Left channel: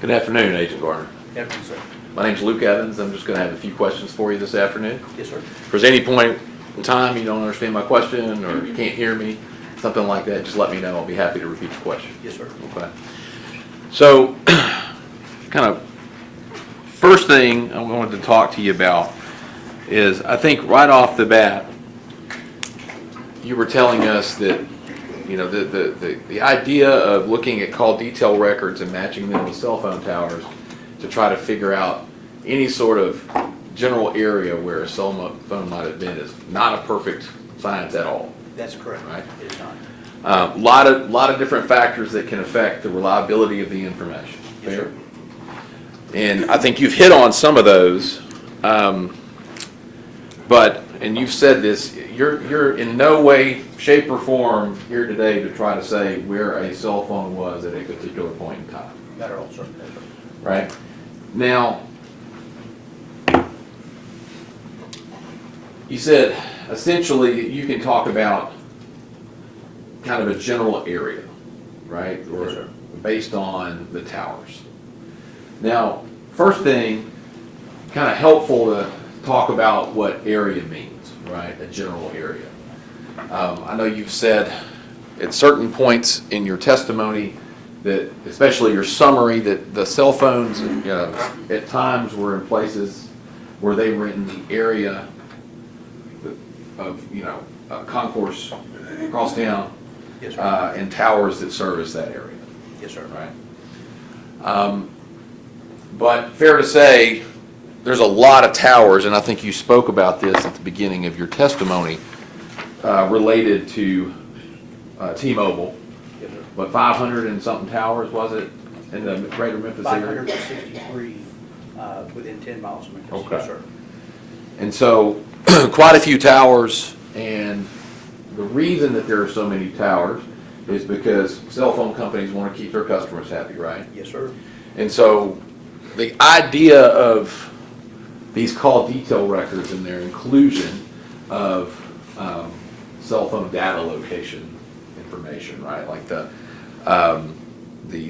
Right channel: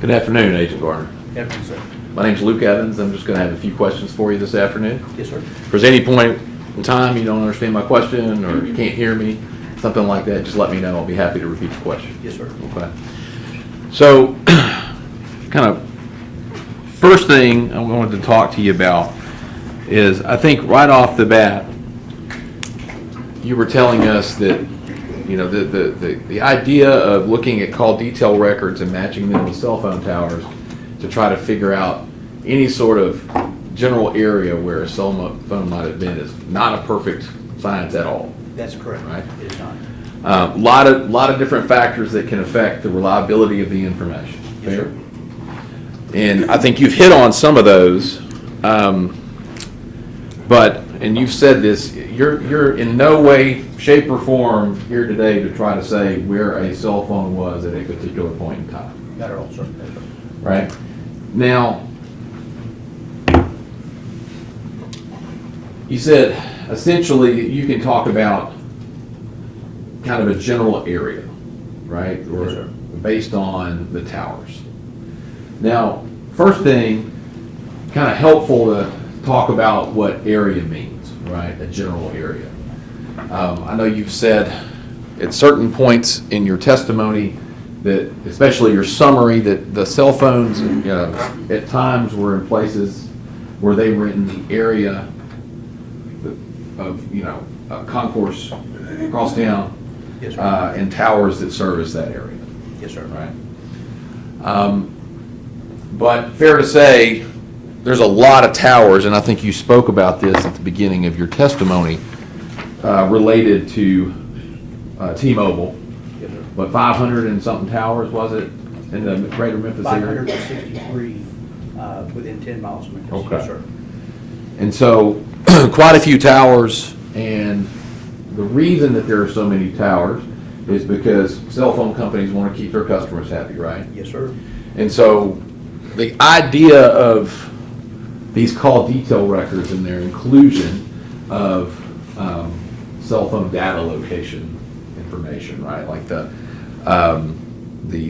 Good afternoon, Agent Garner. Afternoon, sir. My name's Luke Evans. I'm just going to have a few questions for you this afternoon. Yes, sir. If there's any point in time you don't understand my question or you can't hear me, something like that, just let me know. I'll be happy to repeat the question. Yes, sir. Okay. So, kind of first thing I wanted to talk to you about is, I think right off the bat, you were telling us that, you know, the idea of looking at call detail records and matching them with cell phone towers to try to figure out any sort of general area where a cell phone might have been is not a perfect science at all. That's correct. Right. It is not. Lot of different factors that can affect the reliability of the information. Yes, sir. And I think you've hit on some of those, and you've said this, you're in no way, shape, or form here today to try to say where a cell phone was at a particular point in time. Not at all, sir. No, sir. Right? Now, you said essentially you can talk about kind of a general area, right? Or Yes, sir. based on the towers. Now, first thing, kind of helpful to talk about what area means, right? A general area. I know you've said at certain points in your testimony that, especially your summary, that the cell phones at times were in places where they were in the area of, concourse across town, Yes, sir. and towers that service that area. Yes, sir. Right? But fair to say, there's a lot of towers, and I think you spoke about this at the beginning of your testimony, related to T-Mobile. Yes, sir. What, 500 and something towers, was it, in the greater Memphis area? 563 within 10 miles of Memphis. Okay. Yes, sir. And so, quite a few towers, and the reason that there are so many towers is because cell phone companies want to keep their customers happy, right? Yes, sir. And so, the idea of these call detail records and their inclusion of cell phone data location information, right? Like the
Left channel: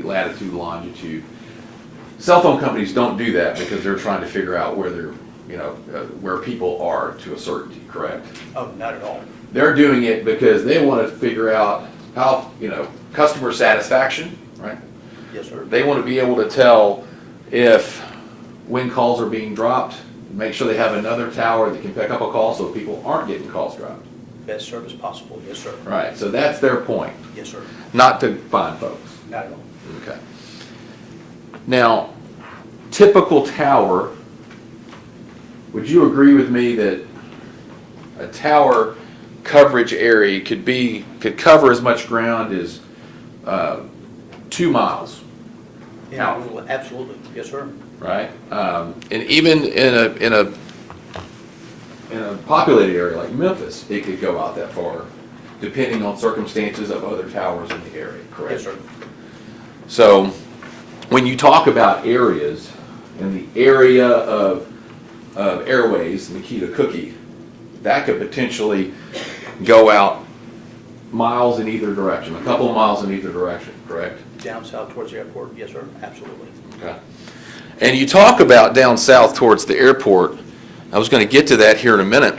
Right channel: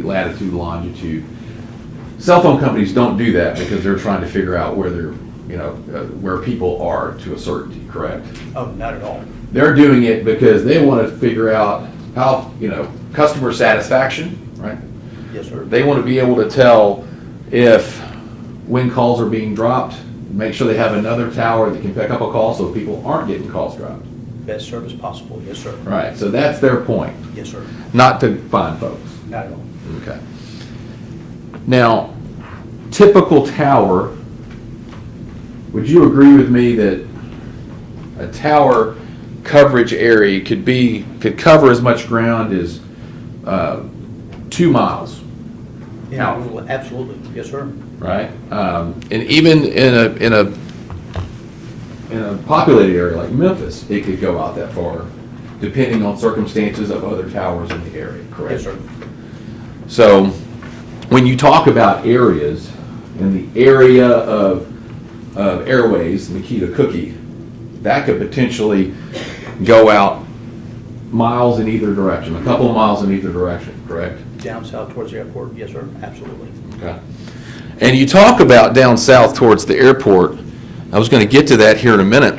latitude, longitude. Cell phone companies don't do that because they're trying to figure out where they're, where people are to a certainty, correct? Oh, not at all. They're doing it because they want to figure out how, customer satisfaction, right? Yes, sir. They want to be able to tell when calls are being dropped, make sure they have another tower that can pick up a call so people aren't getting calls dropped. Best service possible. Yes, sir. Right, so that's their point, Yes, sir. not to find folks. Not at all. Okay. Now, typical tower, would you agree with me that a tower coverage area could cover as much ground as 2 miles? Yeah, absolutely. Yes, sir. Right? And even in a populated area like Memphis, it could go out that far, depending on circumstances of other towers in the area, correct? Yes, sir. So, when you talk about areas, and the area of airways, Nikita Cookie, that could potentially go out miles in either direction, a couple of miles in either direction, correct? Down south towards the airport. Yes, sir. Absolutely. Okay. And you talk about down south towards the airport. I was going to get to that here in a minute.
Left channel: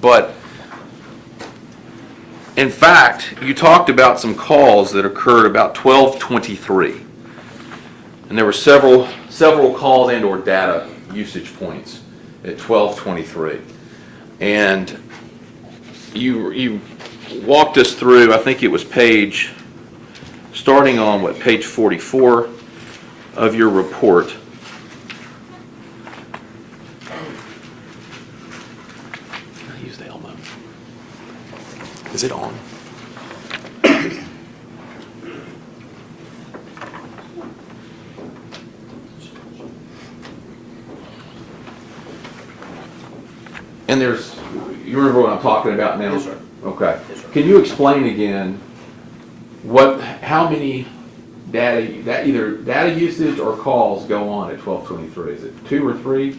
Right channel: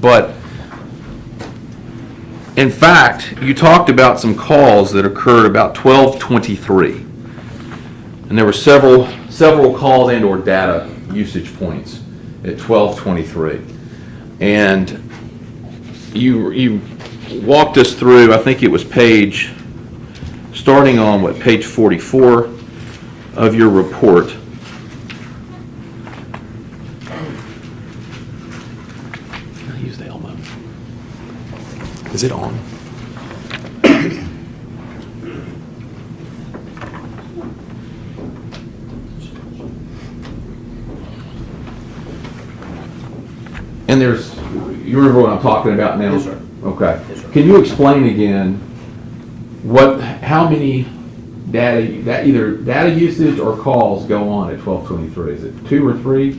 But in fact, you talked about some calls that occurred about 12:23. And there were several calls and or data usage points at 12:23. And you walked us through, I think it was starting on page 44 of your report. Can I use the elbow? Is it on? And you remember what I'm talking about now? Yes, sir. Okay. Yes, sir. Can you explain again how many either data usage or calls go on at 12:23? Is it 2 or 3?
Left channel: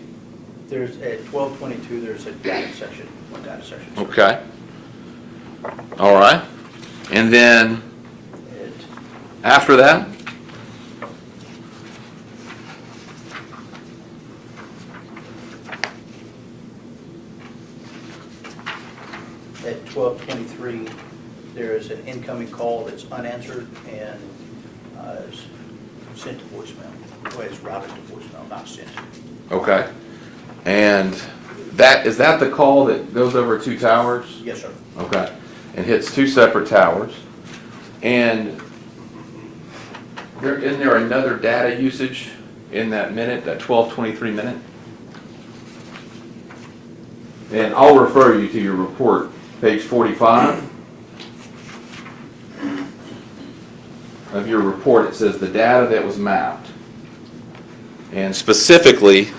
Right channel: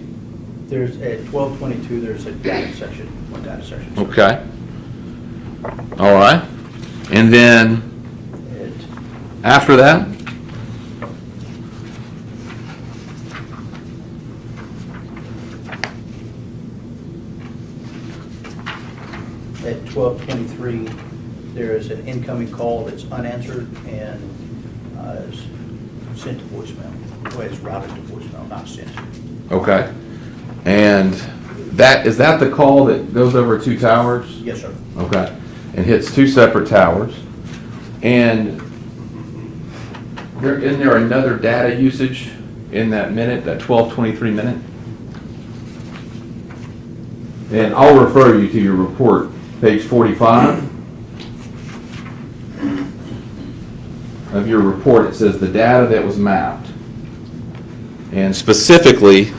There's at 12:22. There's a data section. One data section. Sir. Okay. All right. And then At after that? At 12:23, there is an incoming call that's unanswered and is sent to voicemail. Well, it's routed to voicemail, not sent. Okay. And is that the call that goes over 2 towers? Yes, sir. Okay. And hits 2 separate towers. And isn't there another data usage in that minute, that 12:23 minute? And I'll refer you to your report, page 45 of your report. It says the data that was mapped. And specifically,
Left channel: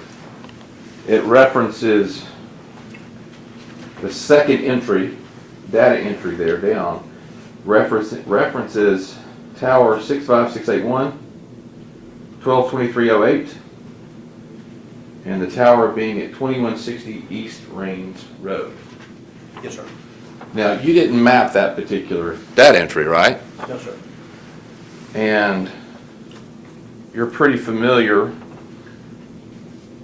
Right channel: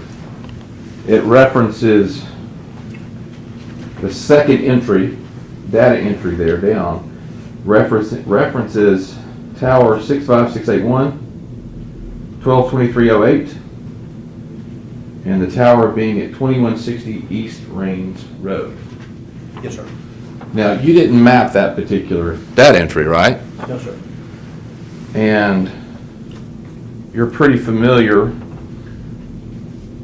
it references the second entry, data entry there down, references tower 65681, 122308, and the tower being at 2160 East Rains Road. Yes, sir. Now, you didn't map that particular data entry, right? No, sir. And you're pretty familiar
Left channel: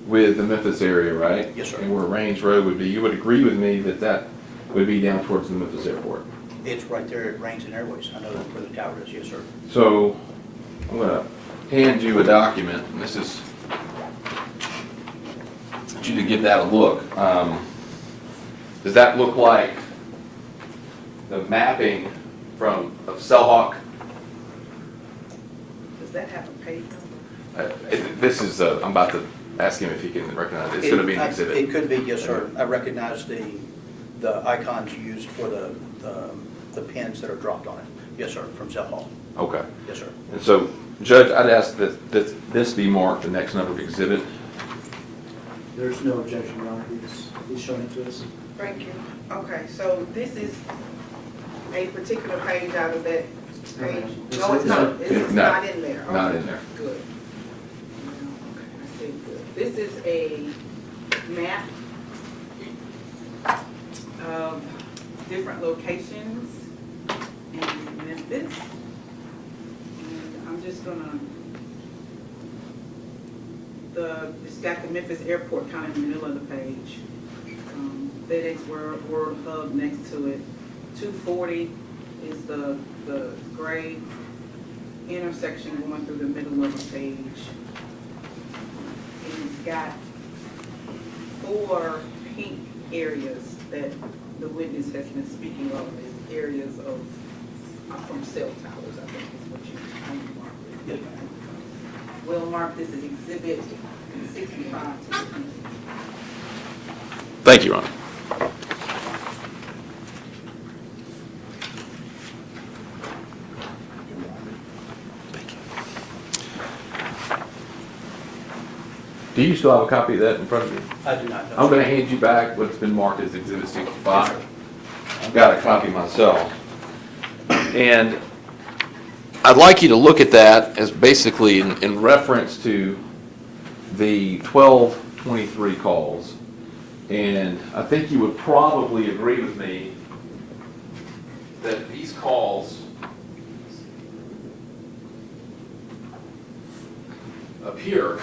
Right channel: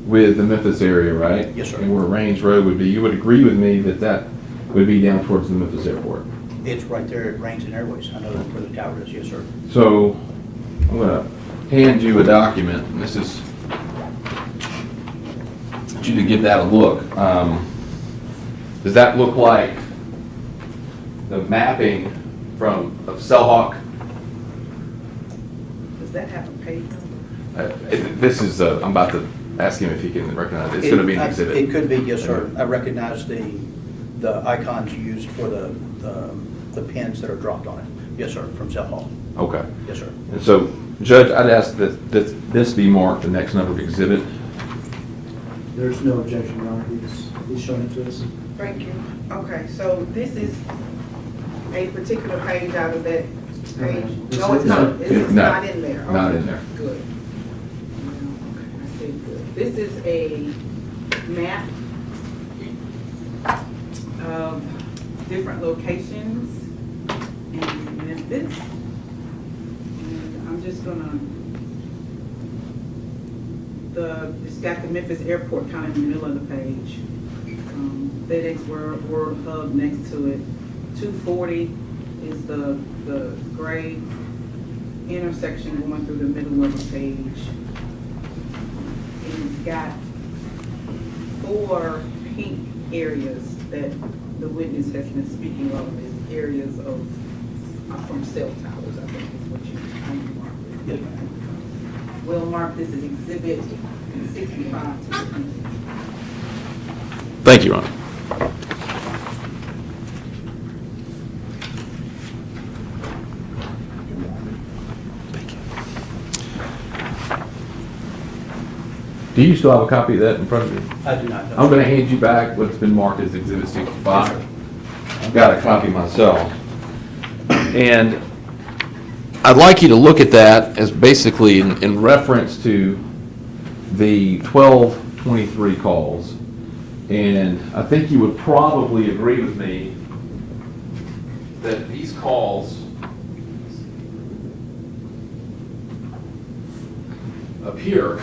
with the Memphis area, right? Yes, sir. And where Rains Road would be. You would agree with me that that would be down towards the Memphis airport. It's right there at Rains and Airways. I know that's where the tower is. Yes, sir. So I'm going to hand you a document, and this is, I want you to give that a look. Does that look like the mapping of Cellhawk? Does that have a page number? This is, I'm about to ask him if he can recognize it. It's going to be an exhibit. It could be, yes, sir. I recognize the icons used for the pins that are dropped on it. Yes, sir, from Cell Hall. Okay. Yes, sir. And so, Judge, I'd ask that this be marked the next number of exhibit. There's no objection, Your Honor. He's showing it to us. Thank you. Okay, so this is a particular page out of that page? No, it's not. It's No, not in there. not Okay, in there. Good. Okay, I see, good. This is a map of different locations in Memphis. And I'm just gonna, it's got the Memphis airport kind of in the middle of the page. FedEx World Hub next to it. 240 is the gray intersection going through the middle of the page. And it's got 4 pink areas that the witness has been speaking of as areas of, from cell towers, I think is what you marked it. Yes, ma'am. We'll mark this as exhibit 65 to the end. Thank you, Ron. Do you still have a copy of that in front of you? I do not know. I'm going to hand you back what's been marked as Exhibit 65. I've got a copy myself. And I'd like you to look at that as basically in reference to the 1223 calls. And I think you would probably agree with me that these calls appear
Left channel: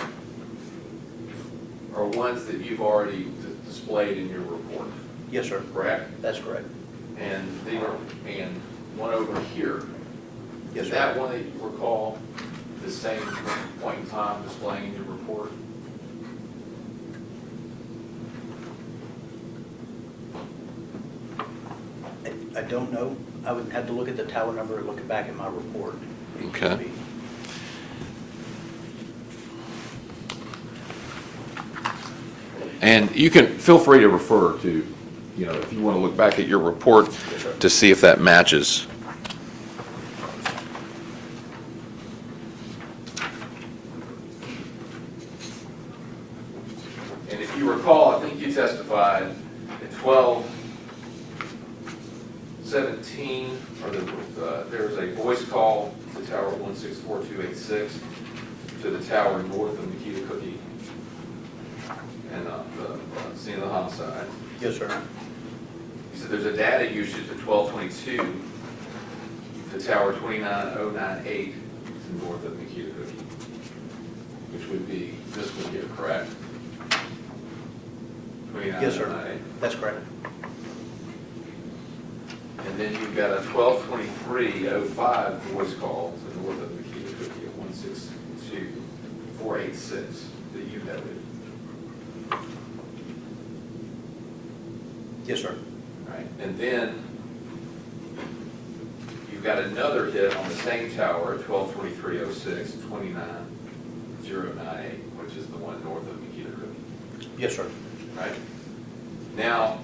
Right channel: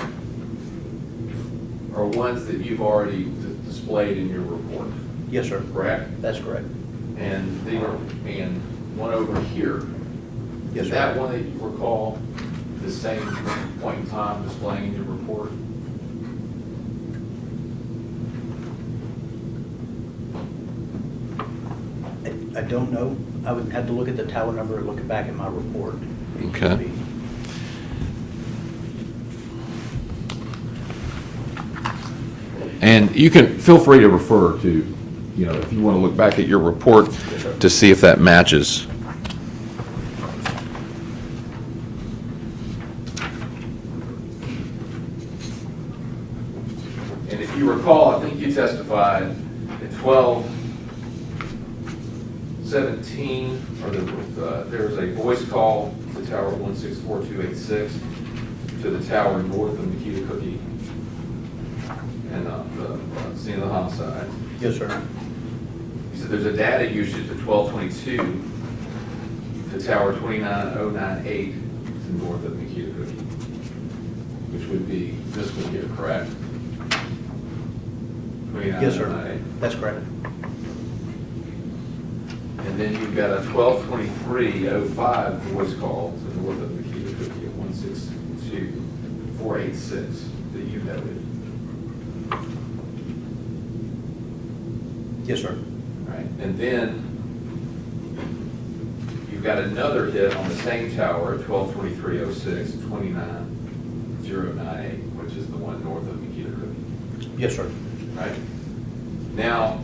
are ones that you've already displayed in your report, Yes, sir. correct? That's correct. And one over here. Yes, Is sir. that one that you recall the same point in time displaying in your report? I don't know. I would have to look at the tower number and look back at my report. Okay. And you can feel free to refer to, if you want to look back at your report Yes, sir. to see if that matches. And if you recall, I think you testified at 12:17, there was a voice call to Tower 164286 to the tower north of Nikita Cookie and the scene of the homicide. Yes, sir. He said there's a data usage at 1222 to tower 29098 to north of Nikita Cookie, which would be this one here, correct? Yes, sir. 29098. That's correct. And then you've got a 122305 voice call to the north of Makita Cookie at 162486 that you noted. Yes, sir. Right, and then you've got another hit on the same tower at 122306, 29098, which is the one north of Makita Cookie. Yes, sir. Right? Now,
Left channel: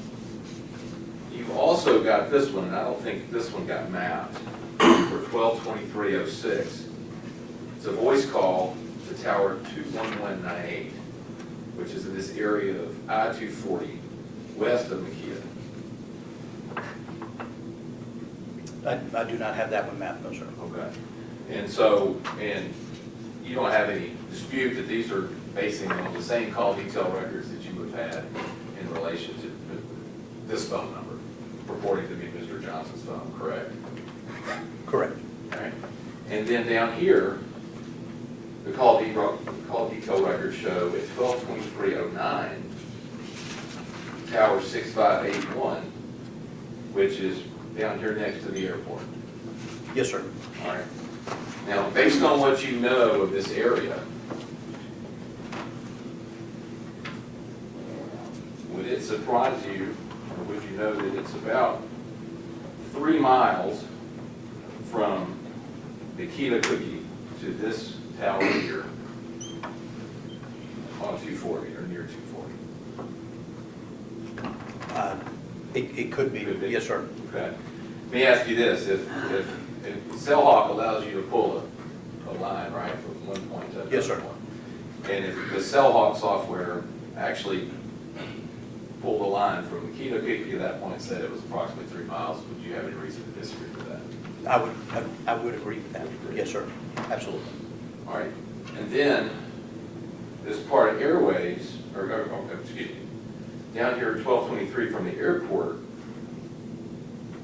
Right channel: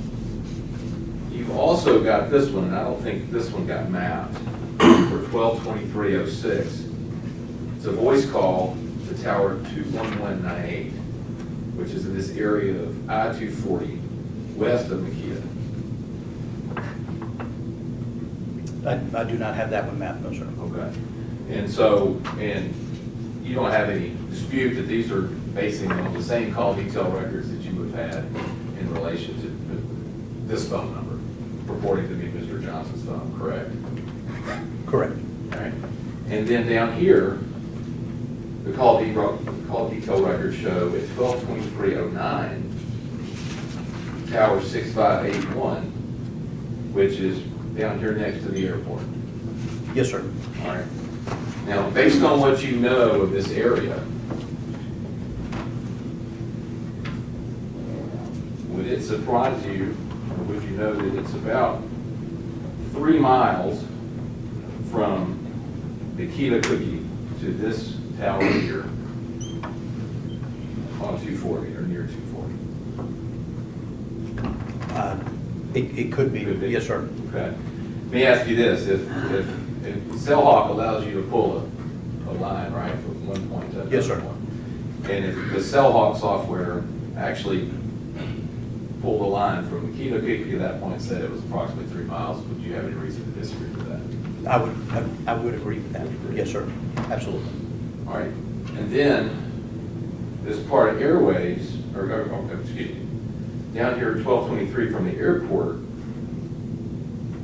you've also got this one, and I don't think this one got mapped, for 122306. It's a voice call to tower 21198, which is in this area of I-240, west of Makita. I do not have that one mapped, no, sir. Okay. And so, and you don't have any dispute that these are basing on the same call detail records that you have had in relation to this phone number, purporting to be Mr. Johnson's phone, correct? Correct. All right. And then down here, the call detail records show at 122309, tower 6581, which is down here next to the airport. Yes, sir. All right. Now, based on what you know of this area, would it surprise you, or would you know that it's about 3 miles from Makita Cookie to this tower here on 240 or near 240? It could be. Could be. Yes, sir. Okay. Let me ask you this, if Cellhawk allows you to pull a line, right, from one point to another Yes, sir. point, and if the Cellhawk software actually pulled a line from Makita Cookie to that point and said it was approximately 3 miles, would you have any reason to disagree with that? I would agree with that. Yes, sir. Absolutely. All right, and then this part of airways, excuse me, down here at 1223 from the airport,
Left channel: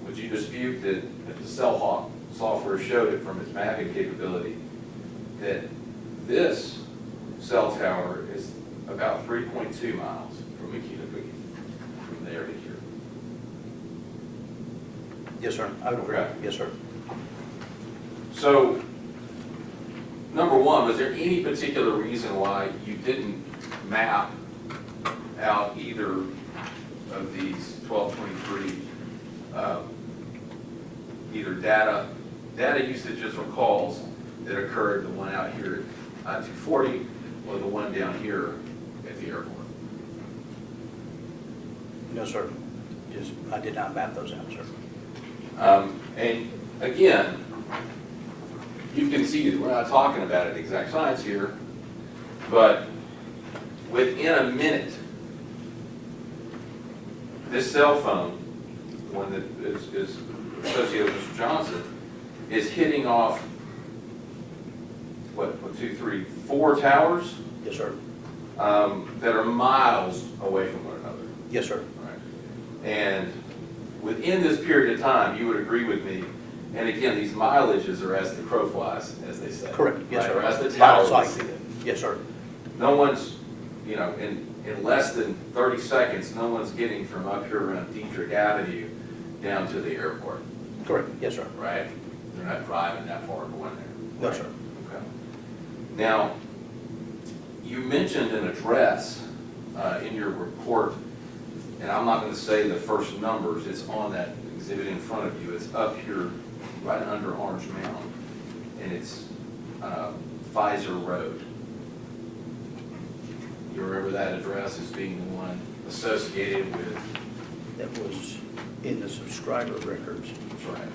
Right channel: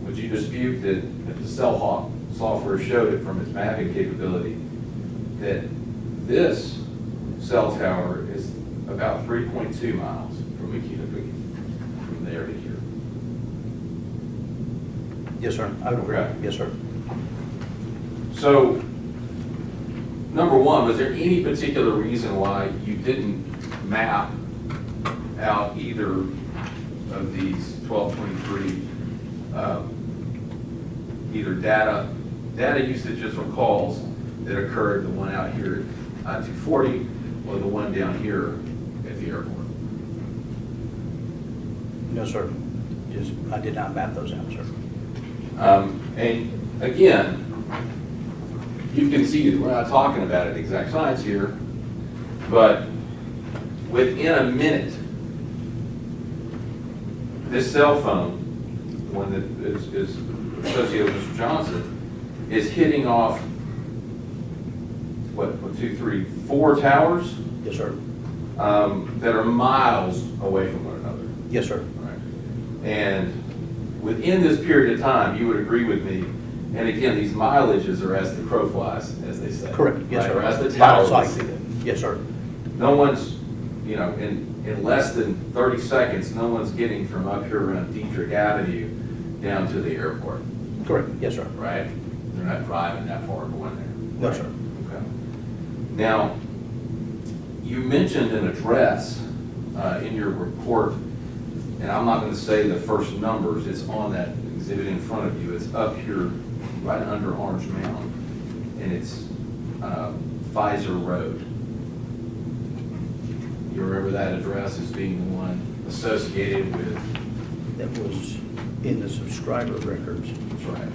would you dispute that if the Cellhawk software showed it from its mapping capability, that this cell tower is about 3.2 miles from Makita Cookie, from there to here? Yes, sir. I would agree. Okay. Yes, sir. So, number one, was there any particular reason why you didn't map out either of these 1223, either data usages or calls that occurred, the one out here at I-240 or the one down here at the airport? No, sir. I did not map those out, sir. And again, you've conceded, we're not talking about it exact science here, but within a minute, this cell phone, the one that is associated with Mr. Johnson, is hitting off, what, 1, 2, 3, 4 towers Yes, sir. that are miles away from one another. Yes, sir. Right. And within this period of time, you would agree with me, and again, these mileages are as the crow flies, as they say. Correct. Yes, right? sir. Or as the Line of tower sight. see it. Yes, sir. No one's, in less than 30 seconds, no one's getting from up here around Dietrich Avenue down to the airport, Correct. Yes, sir. right? They're not driving that far going there. No, sir. Okay. Now, you mentioned an address in your report, and I'm not going to say the first numbers. It's on that exhibit in front of you. It's up here, right under Orange Mound, and it's Pfizer Road. You remember that address as being the one associated with? That was in the subscriber records. That's right.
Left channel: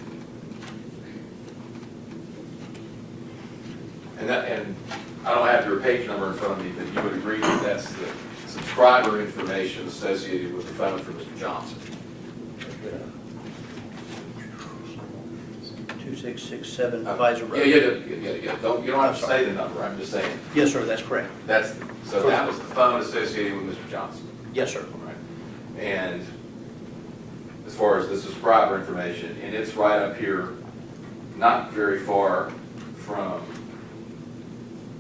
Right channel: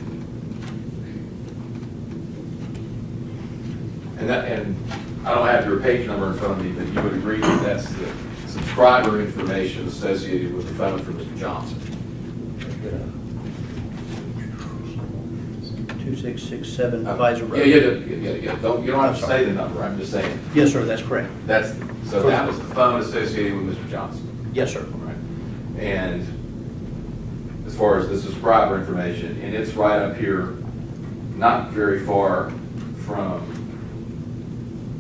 And I don't have your page number in front of me, but you would agree that that's the subscriber information associated with the phone for Mr. Johnson. 2667 Pfizer Road. Yeah. You don't have to I'm sorry. say the number, I'm just saying, Yes, sir, that's correct. so that was the phone associated with Mr. Johnson. Yes, sir. Right. And as far as the subscriber information, and it's right up here, not very far from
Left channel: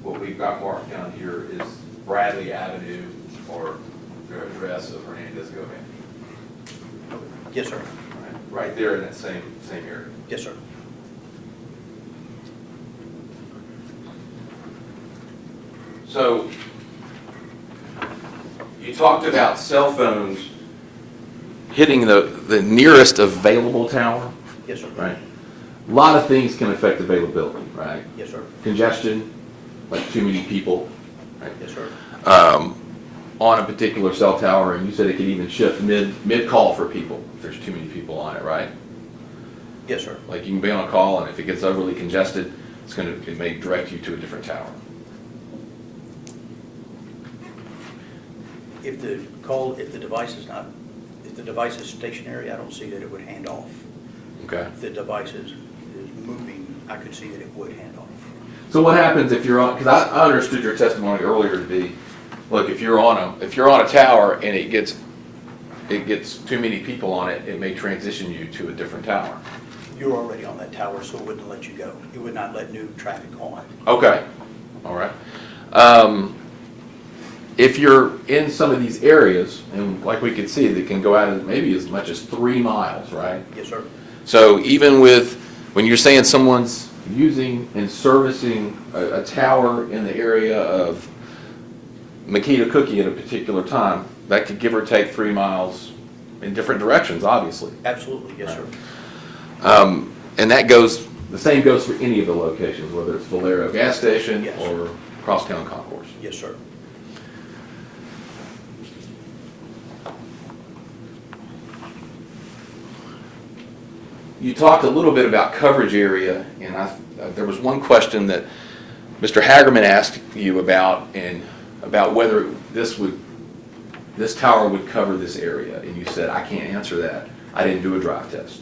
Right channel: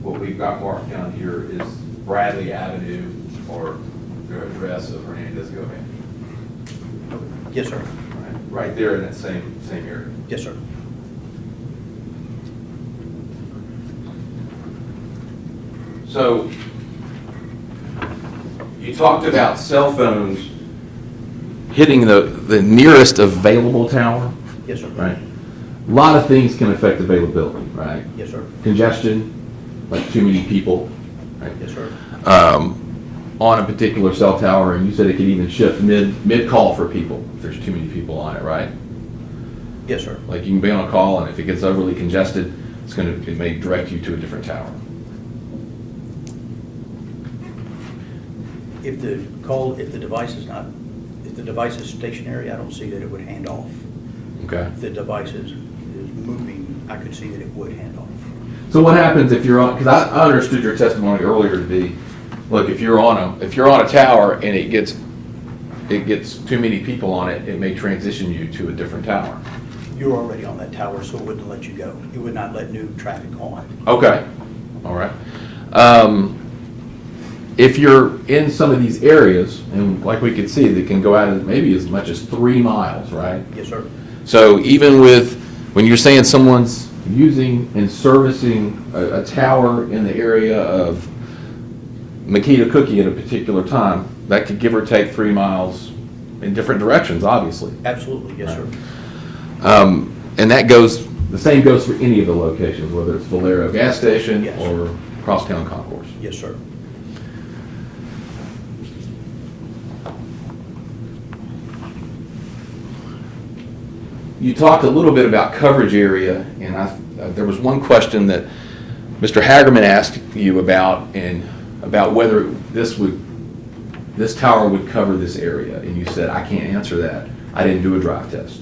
what we've got marked down here is Bradley Avenue, or the address of Hernandez Govan. Yes, sir. Right. right there in that same area. Yes, sir. So, you talked about cell phones hitting the nearest available tower, Yes, sir. right? A lot of things can affect availability, right? Yes, sir. Congestion, like too many people, right? Yes, sir. On a particular cell tower, and you said it could even shift mid-call for people, if there's too many people on it, right? Yes, sir. Like you can be on a call, and if it gets overly congested, it may direct you to a different tower. If the device is stationary, I don't see that it would hand off. Okay. If the device is moving, I could see that it would hand off. So what happens if you're on? Because I understood your testimony earlier to be, look, if you're on a tower and it gets too many people on it, it may transition you to a different tower. You're already on that tower, so it wouldn't let you go. It would not let new traffic on. Okay. All right. If you're in some of these areas, and like we could see, they can go out maybe as much as 3 miles, right? Yes, sir. So even when you're saying someone's using and servicing a tower in the area of Makita Cookie at a particular time, that could give or take 3 miles in different directions, obviously. Absolutely, yes, sir. And the same goes for any of the locations, whether it's Valero gas station Yes. or Crosstown Concourse. Yes, sir. You talked a little bit about coverage area, and there was one question that Mr. Hagerman asked you about whether this tower would cover this area, and you said, I can't answer that. I didn't do a drive test.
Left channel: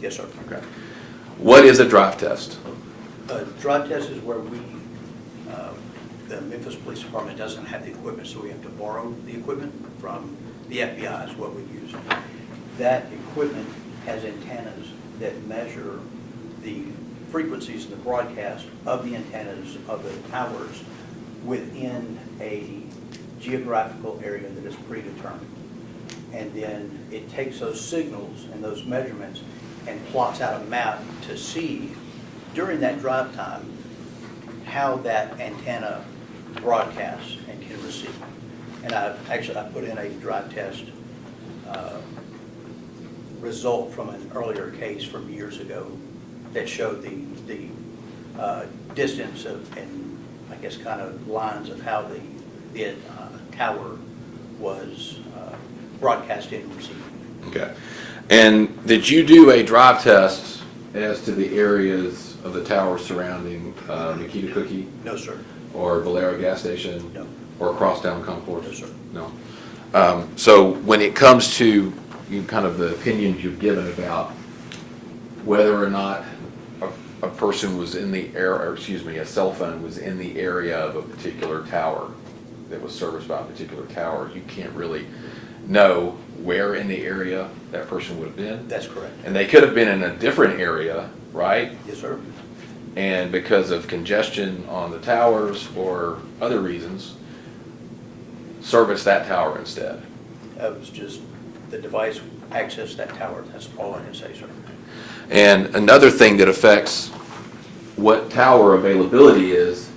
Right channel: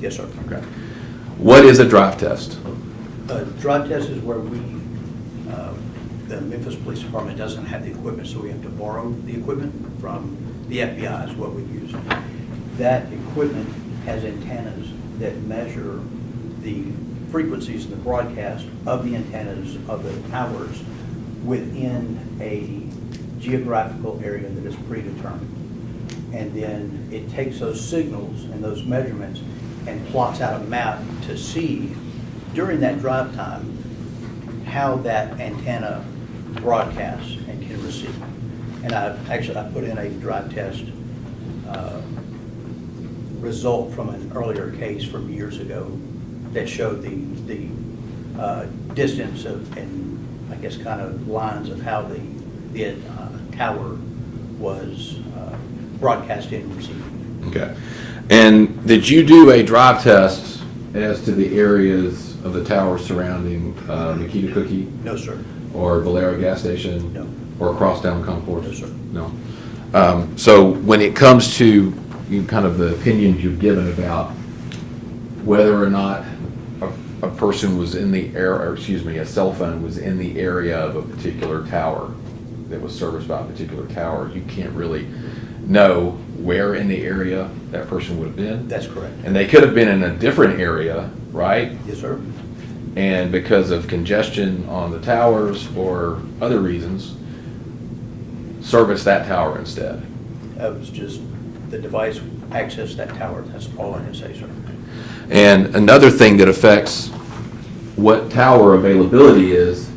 Yes, sir. Okay. What is a drive test? Drive test is where the Memphis Police Department doesn't have the equipment, so we have to borrow the equipment from the FBI is what we use. That equipment has antennas that measure the frequencies in the broadcast of the antennas of the towers within a geographical area that is predetermined. And then it takes those signals and those measurements and plots out a map to see during that drive time how that antenna broadcasts and can receive. And I put in a drive test result from an earlier case from years ago that showed the distance and I guess kind of lines of how the tower was broadcasting and receiving. Okay. And did you do a drive test as to the areas of the tower surrounding Makita Cookie? No, sir. Or Valero gas station? No. Or Crosstown Concourse? No, sir. No. So when it comes to kind of the opinions you've given about whether or not a person was in the area, or excuse me, a cell phone was in the area of a particular tower that was serviced by a particular tower, you can't really know where in the area that person would have been. That's correct. And they could have been in a different area, right? Yes, sir. And because of congestion on the towers or other reasons, service that tower instead. That was just the device accessed that tower. That's all I can say, sir. And another thing that affects what tower availability is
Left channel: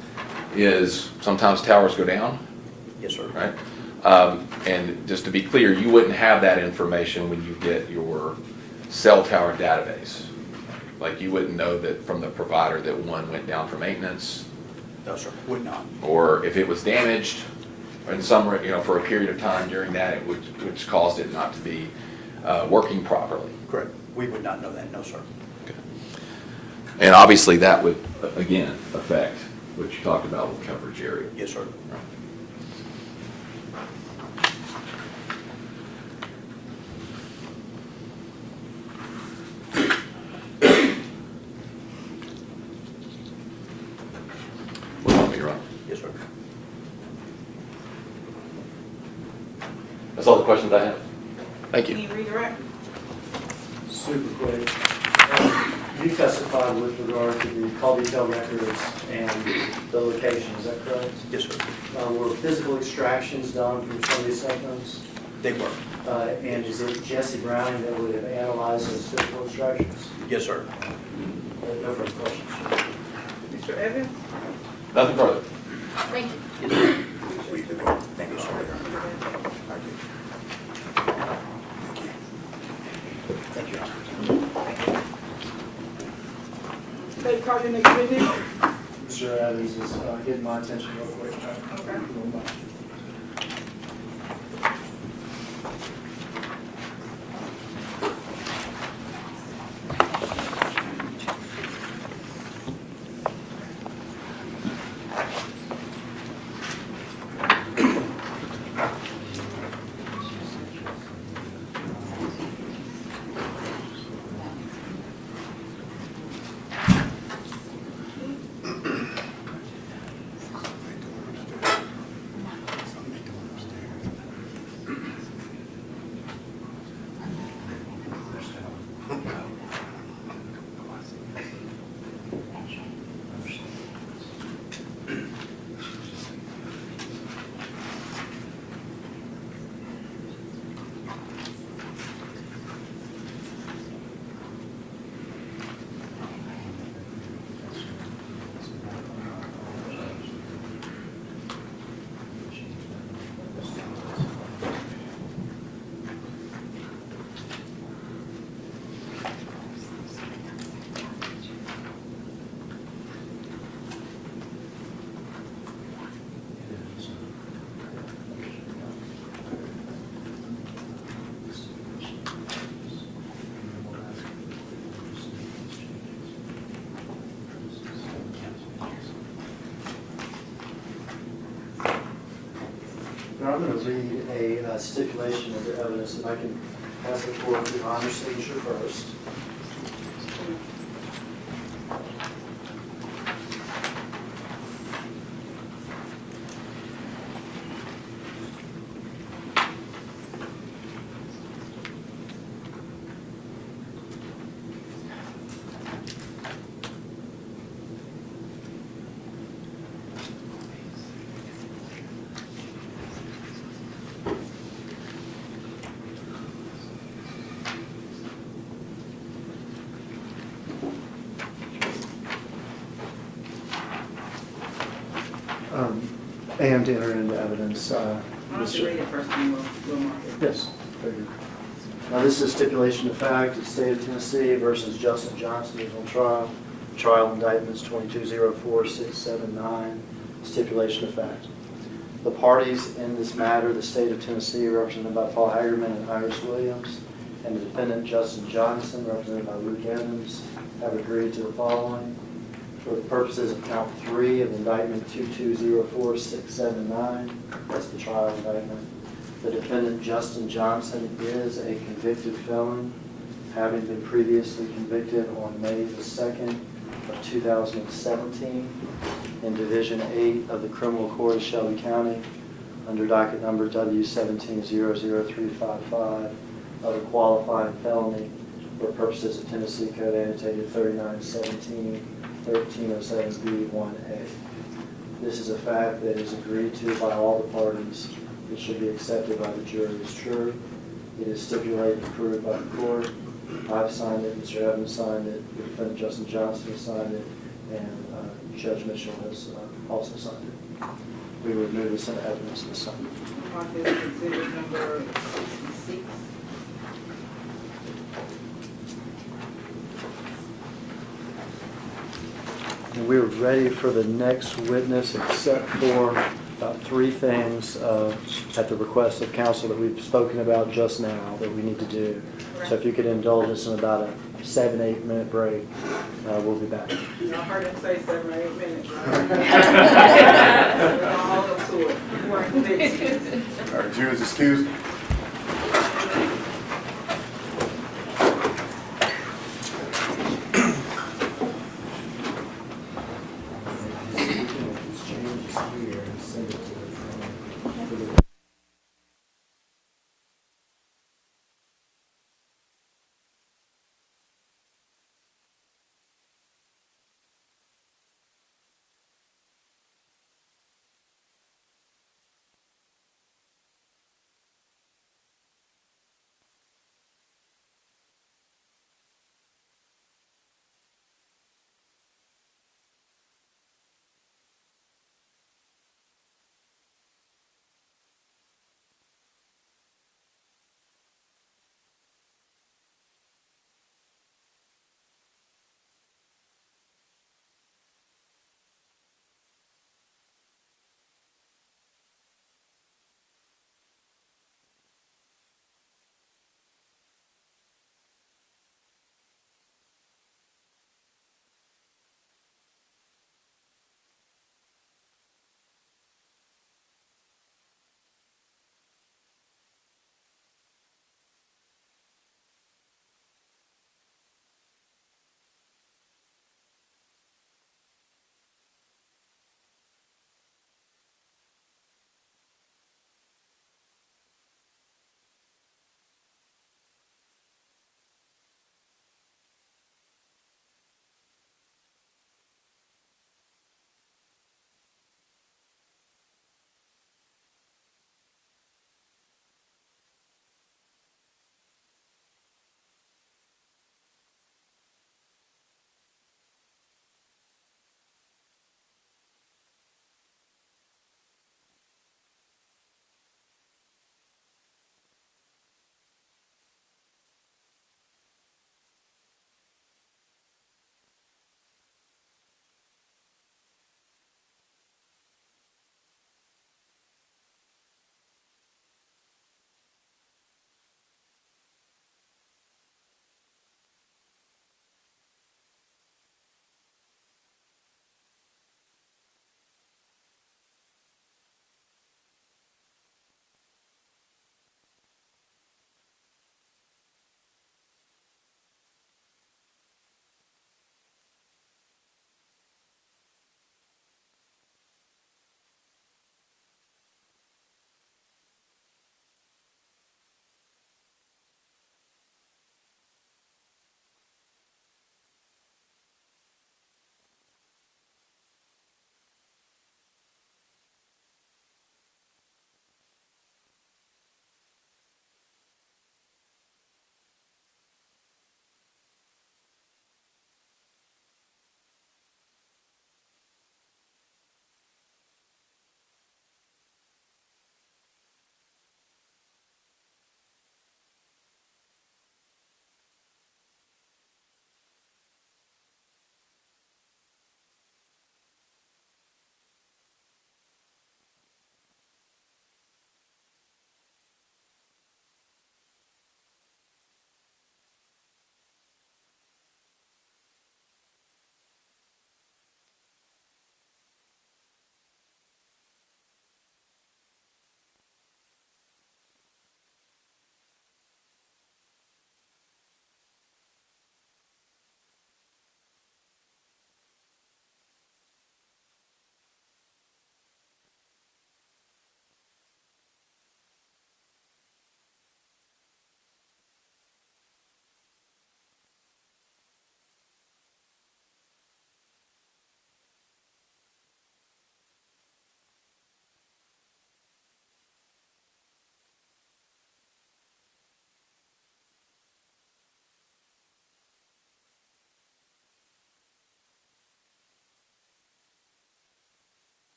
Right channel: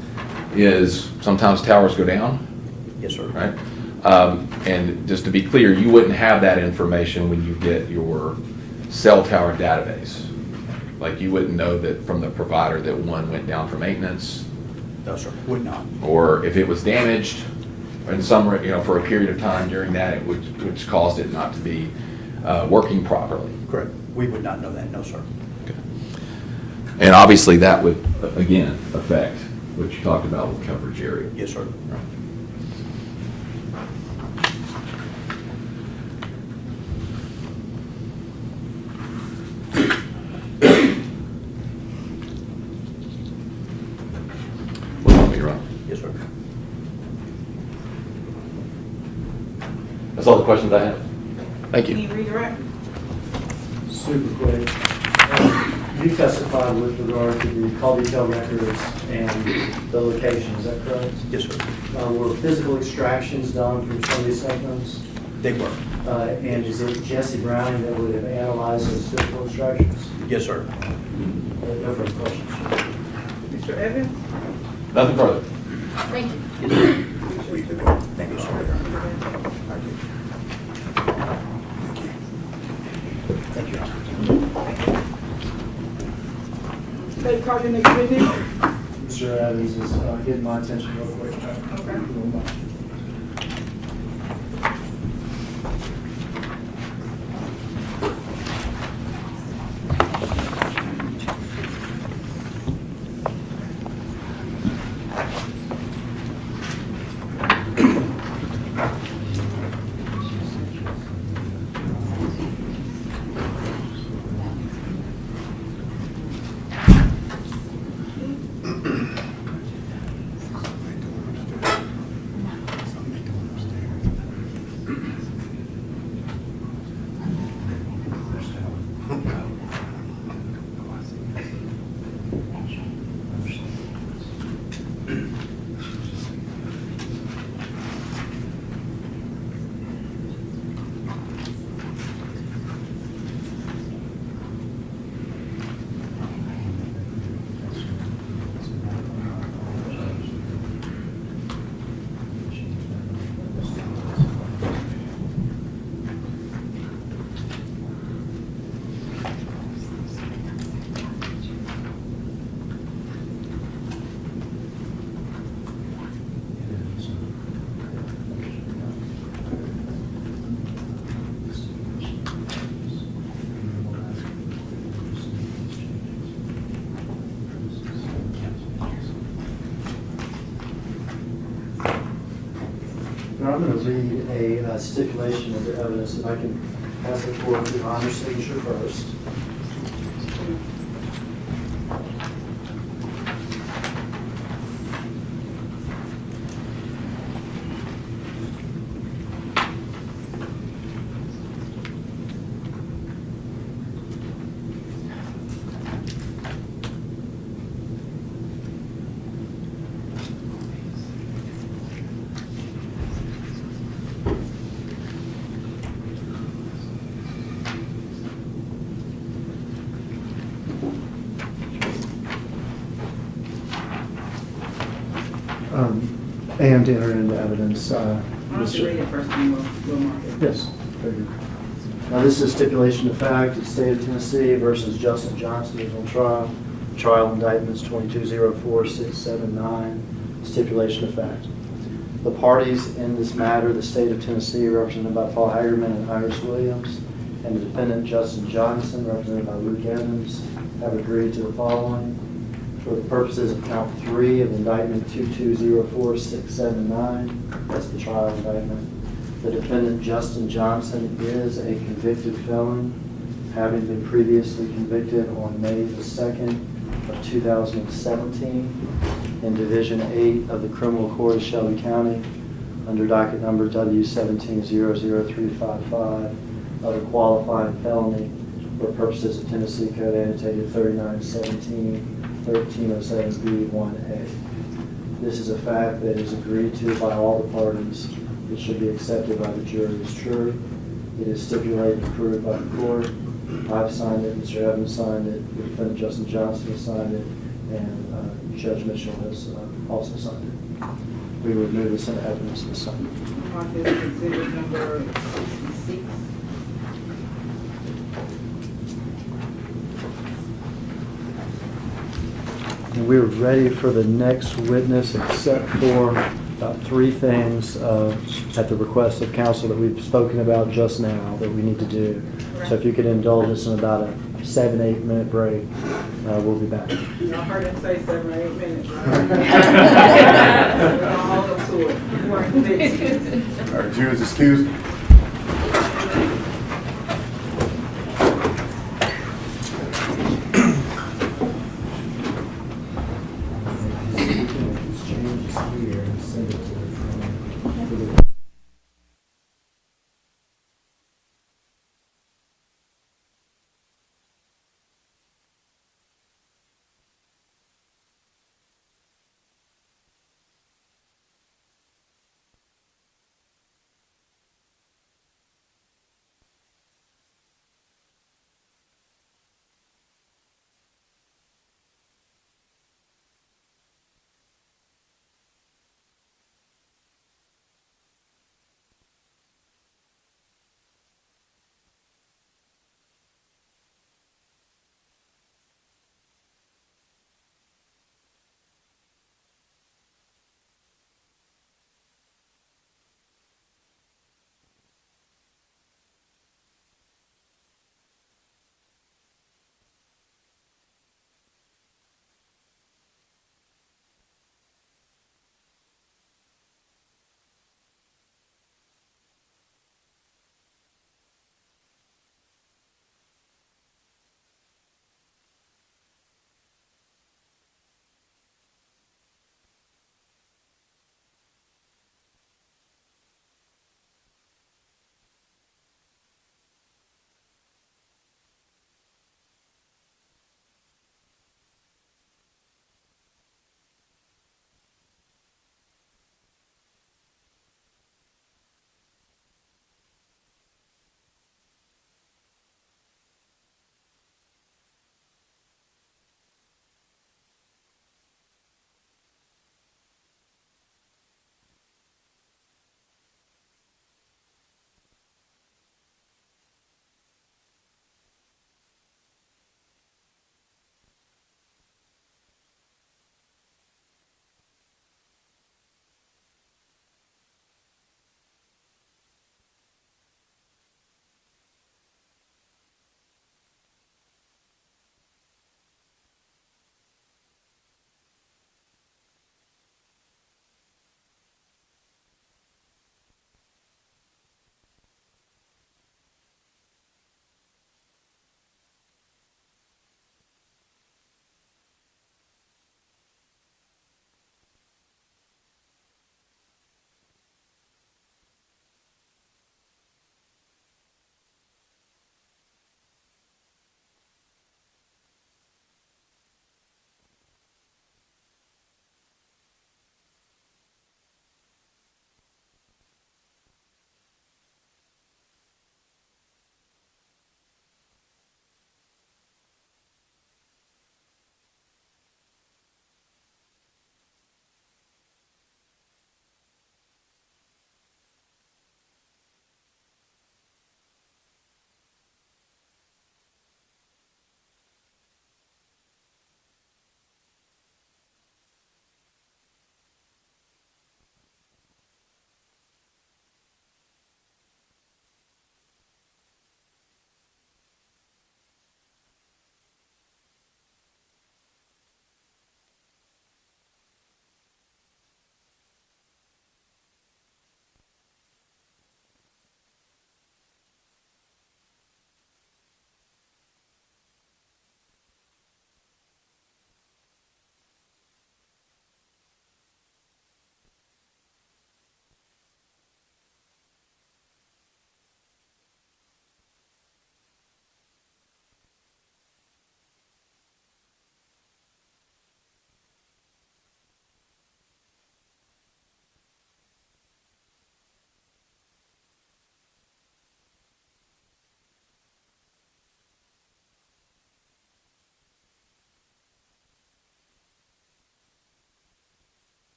sometimes towers go down, Yes, sir. right? And just to be clear, you wouldn't have that information when you get your cell tower database. Like you wouldn't know that from the provider that one went down for maintenance, No, sir. Would not. or if it was damaged in some, for a period of time during that, which caused it not to be working properly. Correct. We would not know that. No, sir. And obviously that would, again, affect what you talked about with coverage area. Yes, sir. What about me, Ron? Yes, sir. That's all the questions I have. Thank Can you. you redirect? Super quick. You testified with regard to the call detail records and the location, is that correct? Yes, sir. Were physical extractions done from some of these cell phones? They were. And is it Jesse Browning that would have analyzed those physical instructions? Yes, sir. No further questions. Mr. Evans? Nothing further. Thank you. We could go. Thank you, sir. Thank you. Thank you. State card your next witness. Mr. Evans is getting my attention real quick. Okay. Now, I'm going to read a stipulation of the evidence, and I can ask the court to honor signature first. And to enter into evidence. Why don't you read it first and we'll mark it? Yes, very good. Now, this is stipulation of fact, the state of Tennessee versus Justin Johnson is on trial. Trial indictments 2204-679, stipulation of fact. The parties in this matter, the state of Tennessee, represented by Paul Hagerman and Iris Williams, and the defendant Justin Johnson, represented by Luke Evans, have agreed to the following. For the purposes of count 3 of indictment 2204-679, that's the trial indictment, the defendant Justin Johnson is a convicted felon, having been previously convicted on May the 2nd of 2017 in Division 8 of the Criminal Court of Shelby County under docket number W1700355 of a qualifying felony for purposes of Tennessee Code annotated 3917-1307B1A. This is a fact that is agreed to by all the parties. It should be accepted by the jury as true. It is stipulated and approved by the court. I've signed it, Mr. Evans signed it, the defendant Justin Johnson has signed it, and Judge Mitchell has also signed it. We would move this into evidence this time. Mark this as exhibit number 66. And we're ready for the next witness, except for about 3 things at the request of counsel that we've spoken about just now that we need to do. So if you could indulge us in about a 7-8 minute break, we'll be back. Y'all heard him say 7 or 8 minutes, right? We're gonna hold up to it. We're convinced. All right, Jew is excused.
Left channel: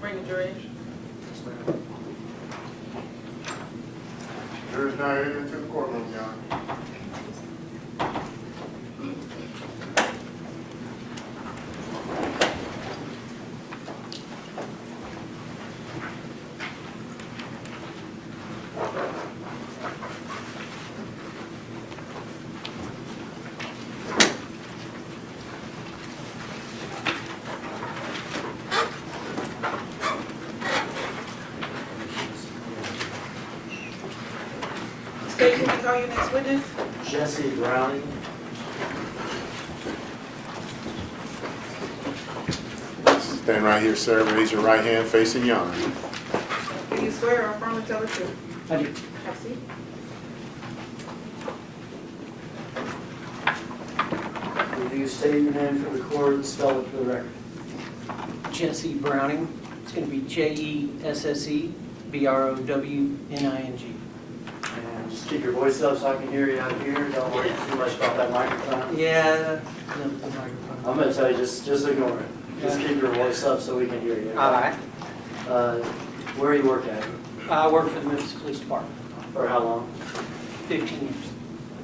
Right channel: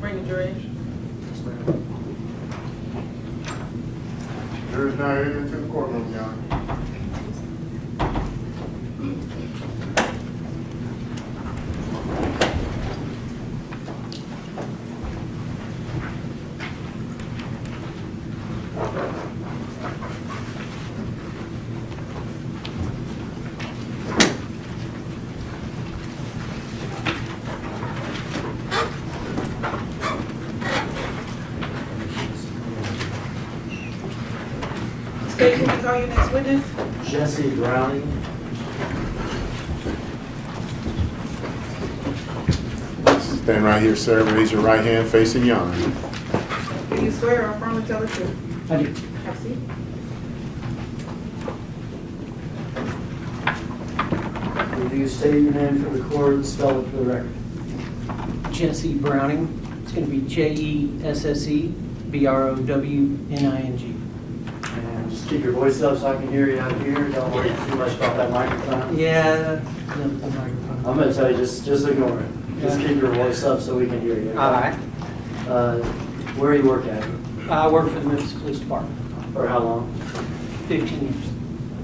Bring the jury in. Jury's now headed into the courtroom, Your Honor. State, can you call your next witness? Jesse Browning. Stand right here, sir. Raise your right hand facing yon. Do you swear or affirm to tell the truth? I do. Have a seat. Will you state your name for the court and spell it for the record? Jesse Browning. It's going to be Jesse Browning. And just keep your voice up so I can hear you out here. Don't worry too much about that microphone. Yeah, the microphone. I'm gonna tell you, just ignore it. Just keep your voice up so we can hear you. All right. Where do you work at? I work for the Memphis Police Department, For how long? 15 years.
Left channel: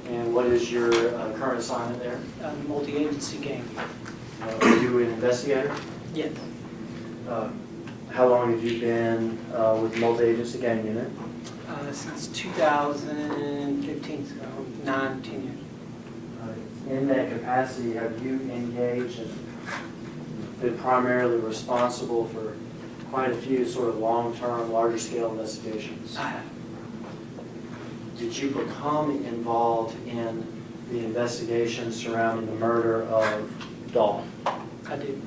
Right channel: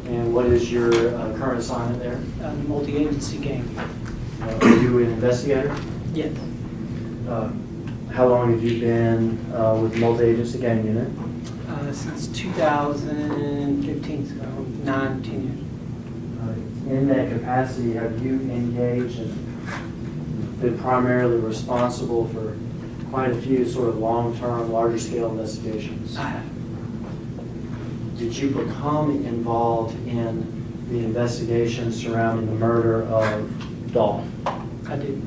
And what is your current assignment there? Multi-agency gang. Are you an investigator? Yes. How long have you been with the multi-agency gang unit? Since 2015, so 9, 10 years. In that capacity, have you engaged and been primarily responsible for quite a few sort of long-term, larger-scale investigations? I have. Did you become involved in the investigation surrounding the murder of Dolph? I did.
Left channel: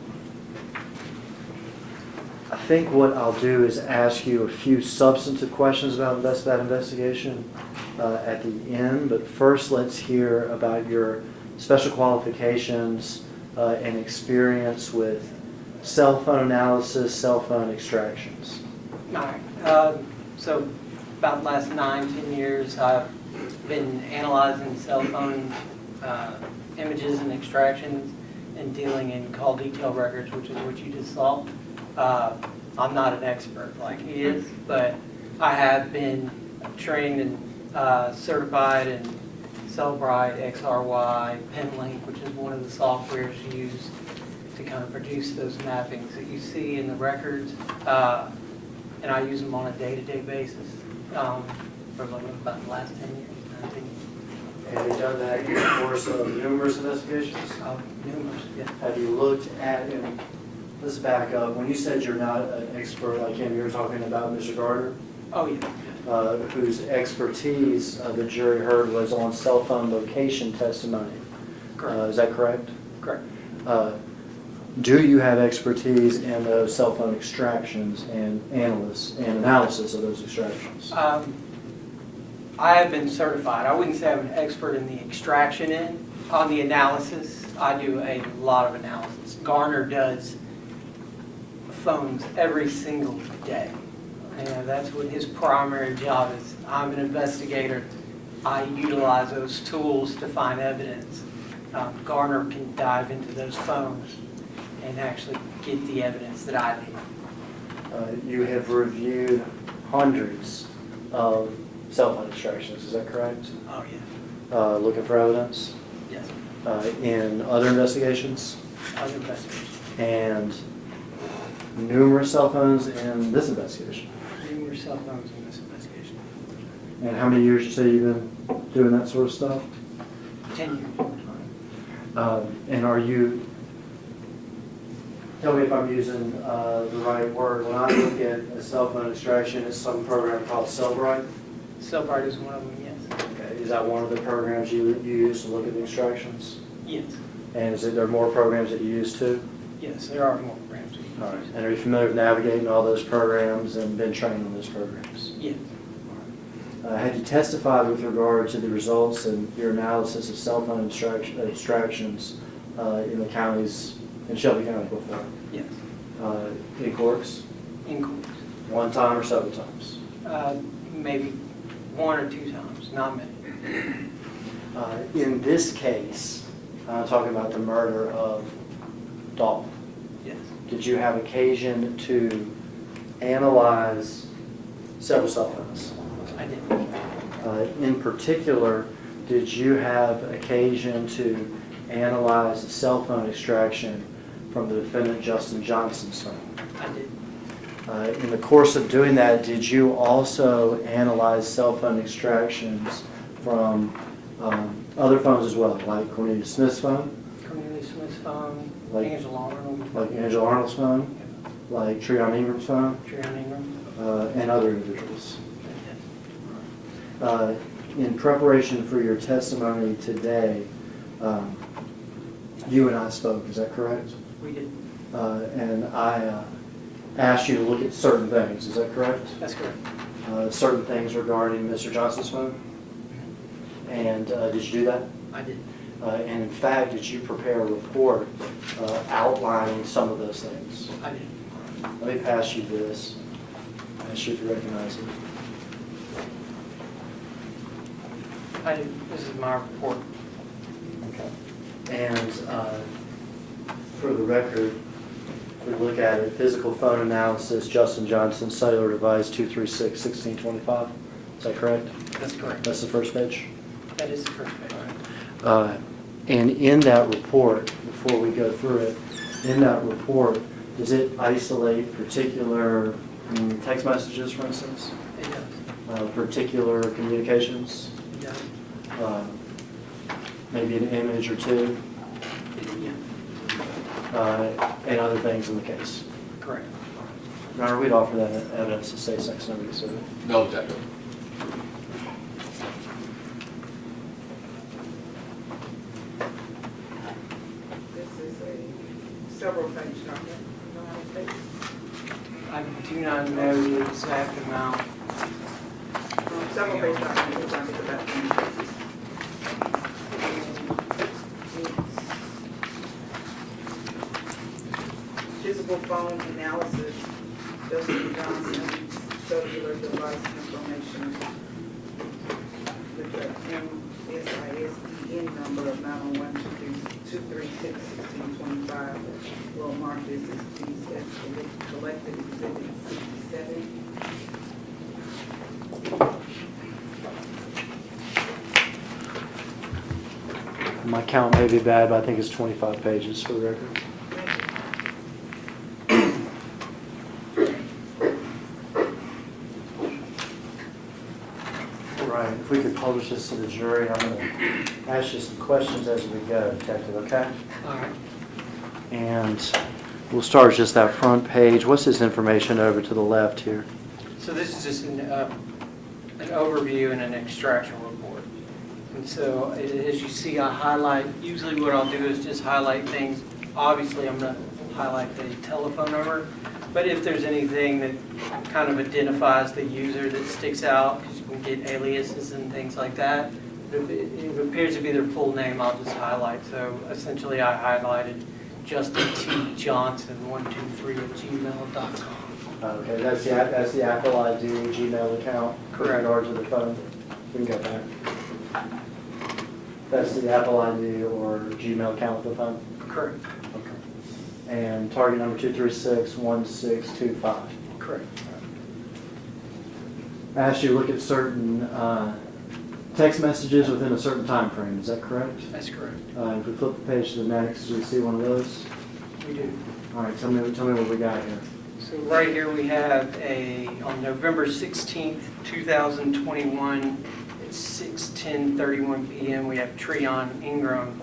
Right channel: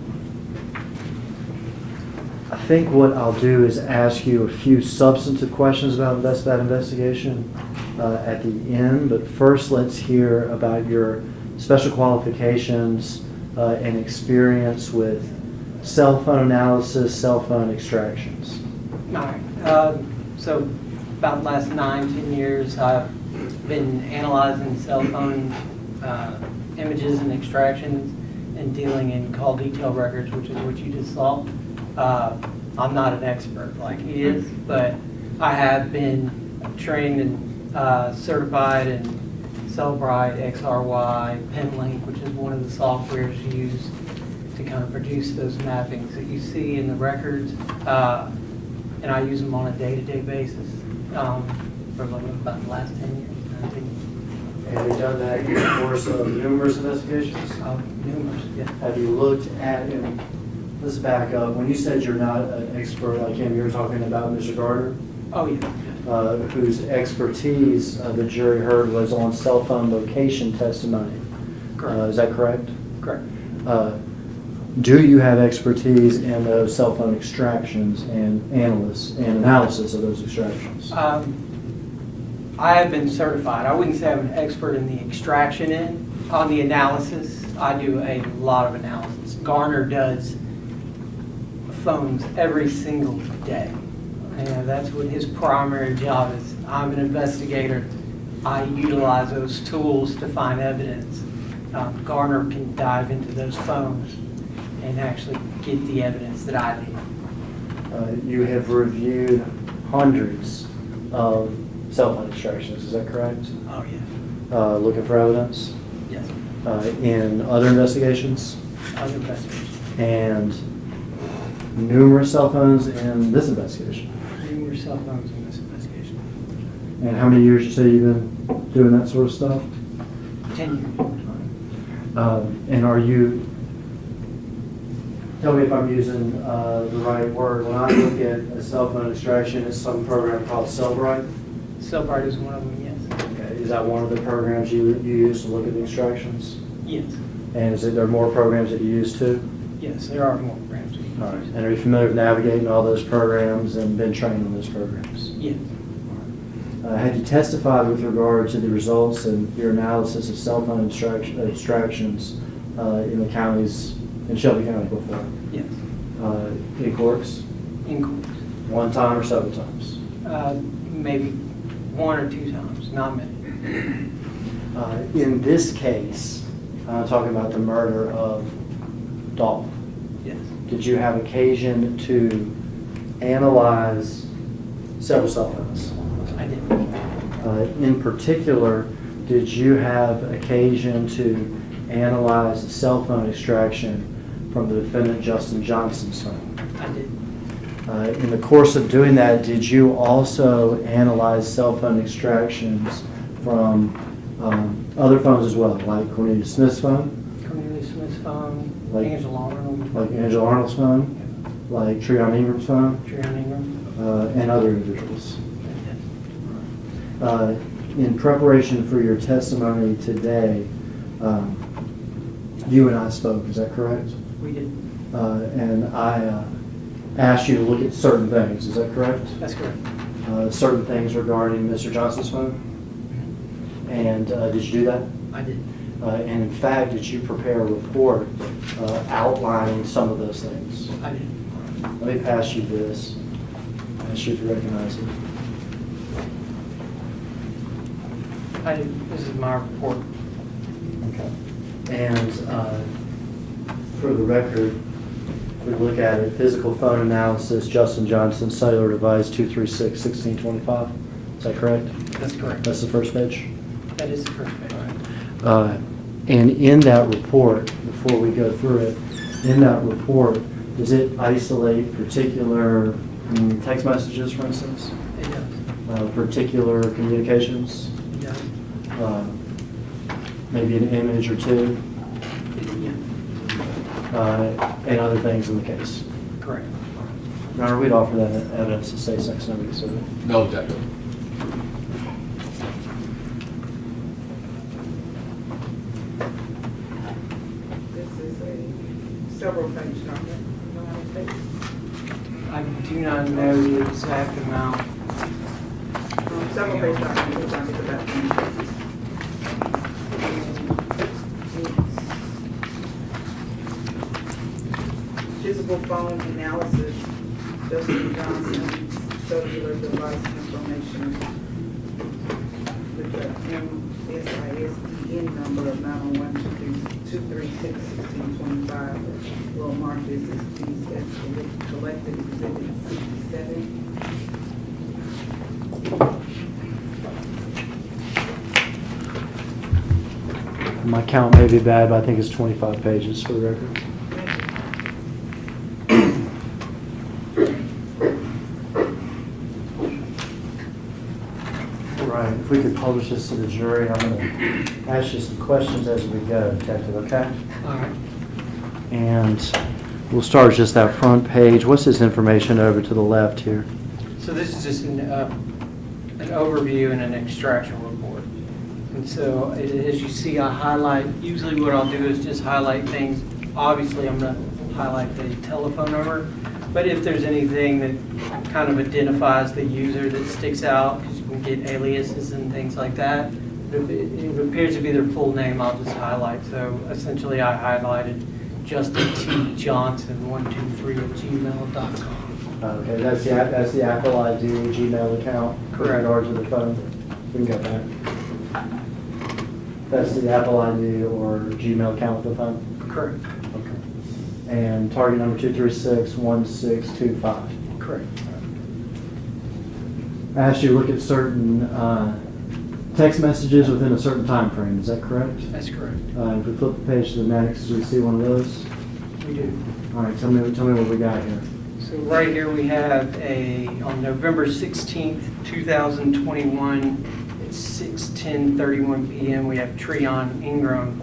I think what I'll do is ask you a few substantive questions about that investigation at the end, but first let's hear about your special qualifications and experience with cell phone analysis, cell phone extractions. All right. So about the last 9, 10 years, I've been analyzing cell phone images and extractions and dealing in call detail records, which is what you just saw. I'm not an expert like he is, but I have been trained and certified in Cellbrite, XRY, PenLink, which is one of the softwares used to kind of produce those mappings that you see in the records. And I use them on a day-to-day basis for about the last 10 years, 19 years. Have you done that in the course of numerous investigations? Numerous, yeah. Have you looked at, and let's back up, when you said you're not an expert like him, you were talking about Mr. Gardner, Oh, yeah. whose expertise the jury heard was on cell phone location testimony. Correct. Is that correct? Correct. Do you have expertise in those cell phone extractions and analysis of those extractions? I have been certified. I wouldn't say I'm an expert in the extraction end. On the analysis, I do a lot of analysis. Garner does phones every single day. And that's what his primary job is. I'm an investigator. I utilize those tools to find evidence. Garner can dive into those phones and actually get the evidence that I need. You have reviewed hundreds of cell phone extractions, is that correct? Oh, yeah. Looking for evidence Yes. in other investigations Other investigations. and numerous cell phones in this investigation. Numerous cell phones in this investigation. And how many years you say you've been doing that sort of stuff? 10 years. And are you, tell me if I'm using the right word, when I look at a cell phone extraction, it's some program called Cellbrite? Cellbrite is one of them, yes. Okay, is that one of the programs you use to look at the extractions? Yes. And is there more programs that you use too? Yes, there are more programs. we use. All right. And are you familiar with navigating all those programs and been trained on those programs? Yes. Have you testified with regard to the results and your analysis of cell phone extractions in the counties, in Shelby County before? Yes. In courts? In courts. One time or several times? Maybe 1 or 2 times, not many. In this case, I'm talking about the murder of Dolph. Yes. Did you have occasion to analyze several cell phones. I did. In particular, did you have occasion to analyze the cell phone extraction from the defendant Justin Johnson's phone? I did. In the course of doing that, did you also analyze cell phone extractions from other phones as well, like Cornelius Smith's phone, Cornelius Smith's phone, Like- Angela Arnold, like Angela Arnold's phone, like Treon Ingram's phone, Trion Ingram. and other individuals? Yes. In preparation for your testimony today, you and I spoke, is that correct? We did. And I asked you to look at certain things, is that correct? That's correct. Certain things regarding Mr. Johnson's phone? And did you do that? I did. And in fact, did you prepare a report outlining some of those things? I did. Let me pass you this. Ask you if you recognize it. This is my report. Okay. And for the record, we look at it, physical phone analysis, Justin Johnson, cellular device 236-1625. Is that correct? That's correct. That's the first page? That is the first page. And in that report, before we go through it, in that report, does it isolate particular text messages, for instance? It does. Particular communications? It does. Maybe an image or two? Yeah. And other things in the case? Correct. Your Honor, we'd offer that evidence to say sex number, so. No objection. This is a several page document. You know how many pages? I do not know the exact amount. Several page document, looks like it's about 20 pages. Physical phone analysis, Justin Johnson, cellular device information with the MSISDN number of 901-236-1625. We'll mark this as piece as collected exhibit 67. My count may be bad, but I think it's 25 pages for the record. Right, if we could publish this to the jury, I'm going to ask you some questions as we go, Detective, okay? All right. And we'll start with just that front page. What's this information over to the left here? So this is just an overview and an extraction report. And so as you see, I highlight, usually what I'll do is just highlight things. Obviously, I'm going to highlight the telephone number, but if there's anything that kind of identifies the user that sticks out, because you can get aliases and things like that, if it appears to be their full name, I'll just highlight. So essentially, I highlighted Justin T. Johnson 123@gmail.com. Okay, that's the Apple ID Gmail account with Correct. regard to the phone. We can go back. That's the Apple ID or Gmail account with the phone? Correct. Okay. And target number 236-1625. Correct. I asked you to look at certain text messages within a certain time frame. Is that correct? That's correct. If we flip the page to the next, do you see one of those? We do. All right, tell me what we got here. So right here we have on November 16th, 2021, at 6:10:31 p.m., we have Treon Ingram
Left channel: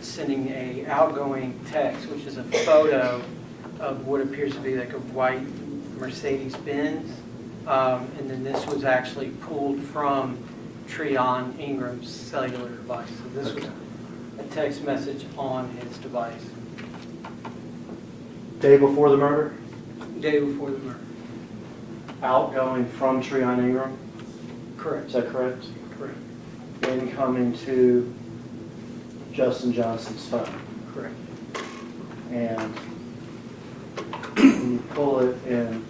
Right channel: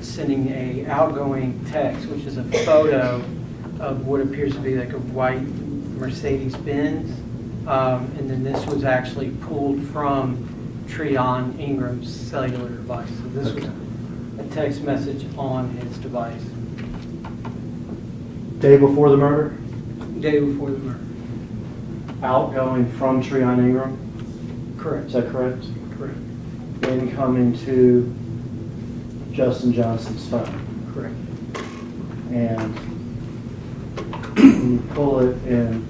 sending a outgoing text, which is a photo of what appears to be like a white Mercedes-Benz. And then this was actually pulled from Treon Ingram's cellular device. So this was a text message on his device. Day before the murder? Day before the murder. Outgoing from Treon Ingram? Correct. Is that correct? Correct. Incoming to Justin Johnson's phone. Correct. And you pull it in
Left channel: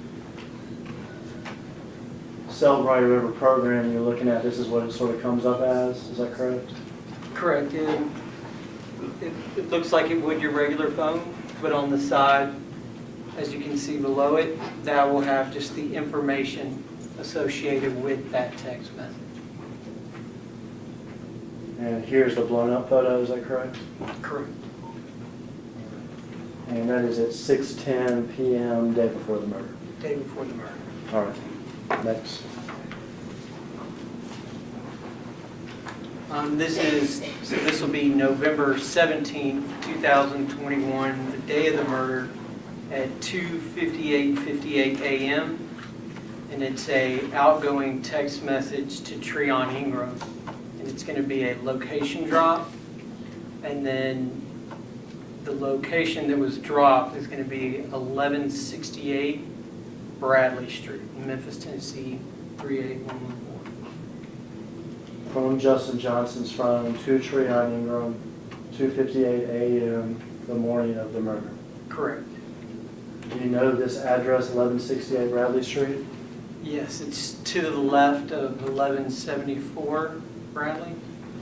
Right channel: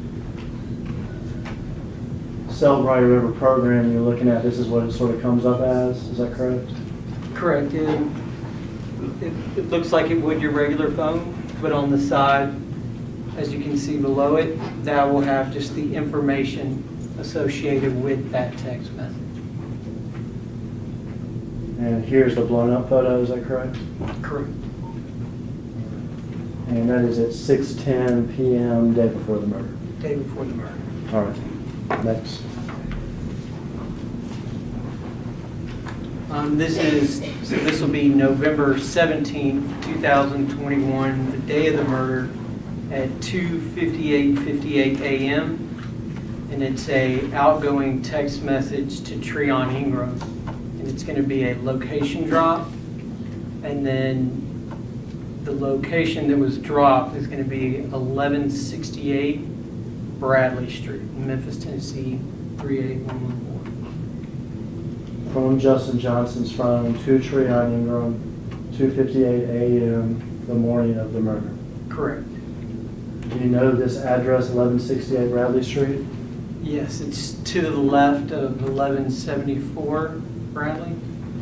Cell Bright River program you're looking at, this is what it sort of comes up as, is that correct? Correct. It looks like it would your regular phone, but on the side as you can see below it, that will have just the information associated with that text message. And here's the blown up photo, is that correct? Correct. And that is at 6:10 PM, day before the murder. Day before the murder. All right, next. This will be November 17th, 2021, the day of the murder at 2:58 a.m. And it's a outgoing text message to Treon Ingram. And it's going to be a location drop. And then the location that was dropped is going to be 1168 Bradley Street, Memphis, Tennessee, 38114. From Justin Johnson's phone to Treon Ingram, 2:58 a.m., the morning of the murder. Correct. Do you know this address, 1168 Bradley Street? Yes, it's to the left of 1174 Bradley.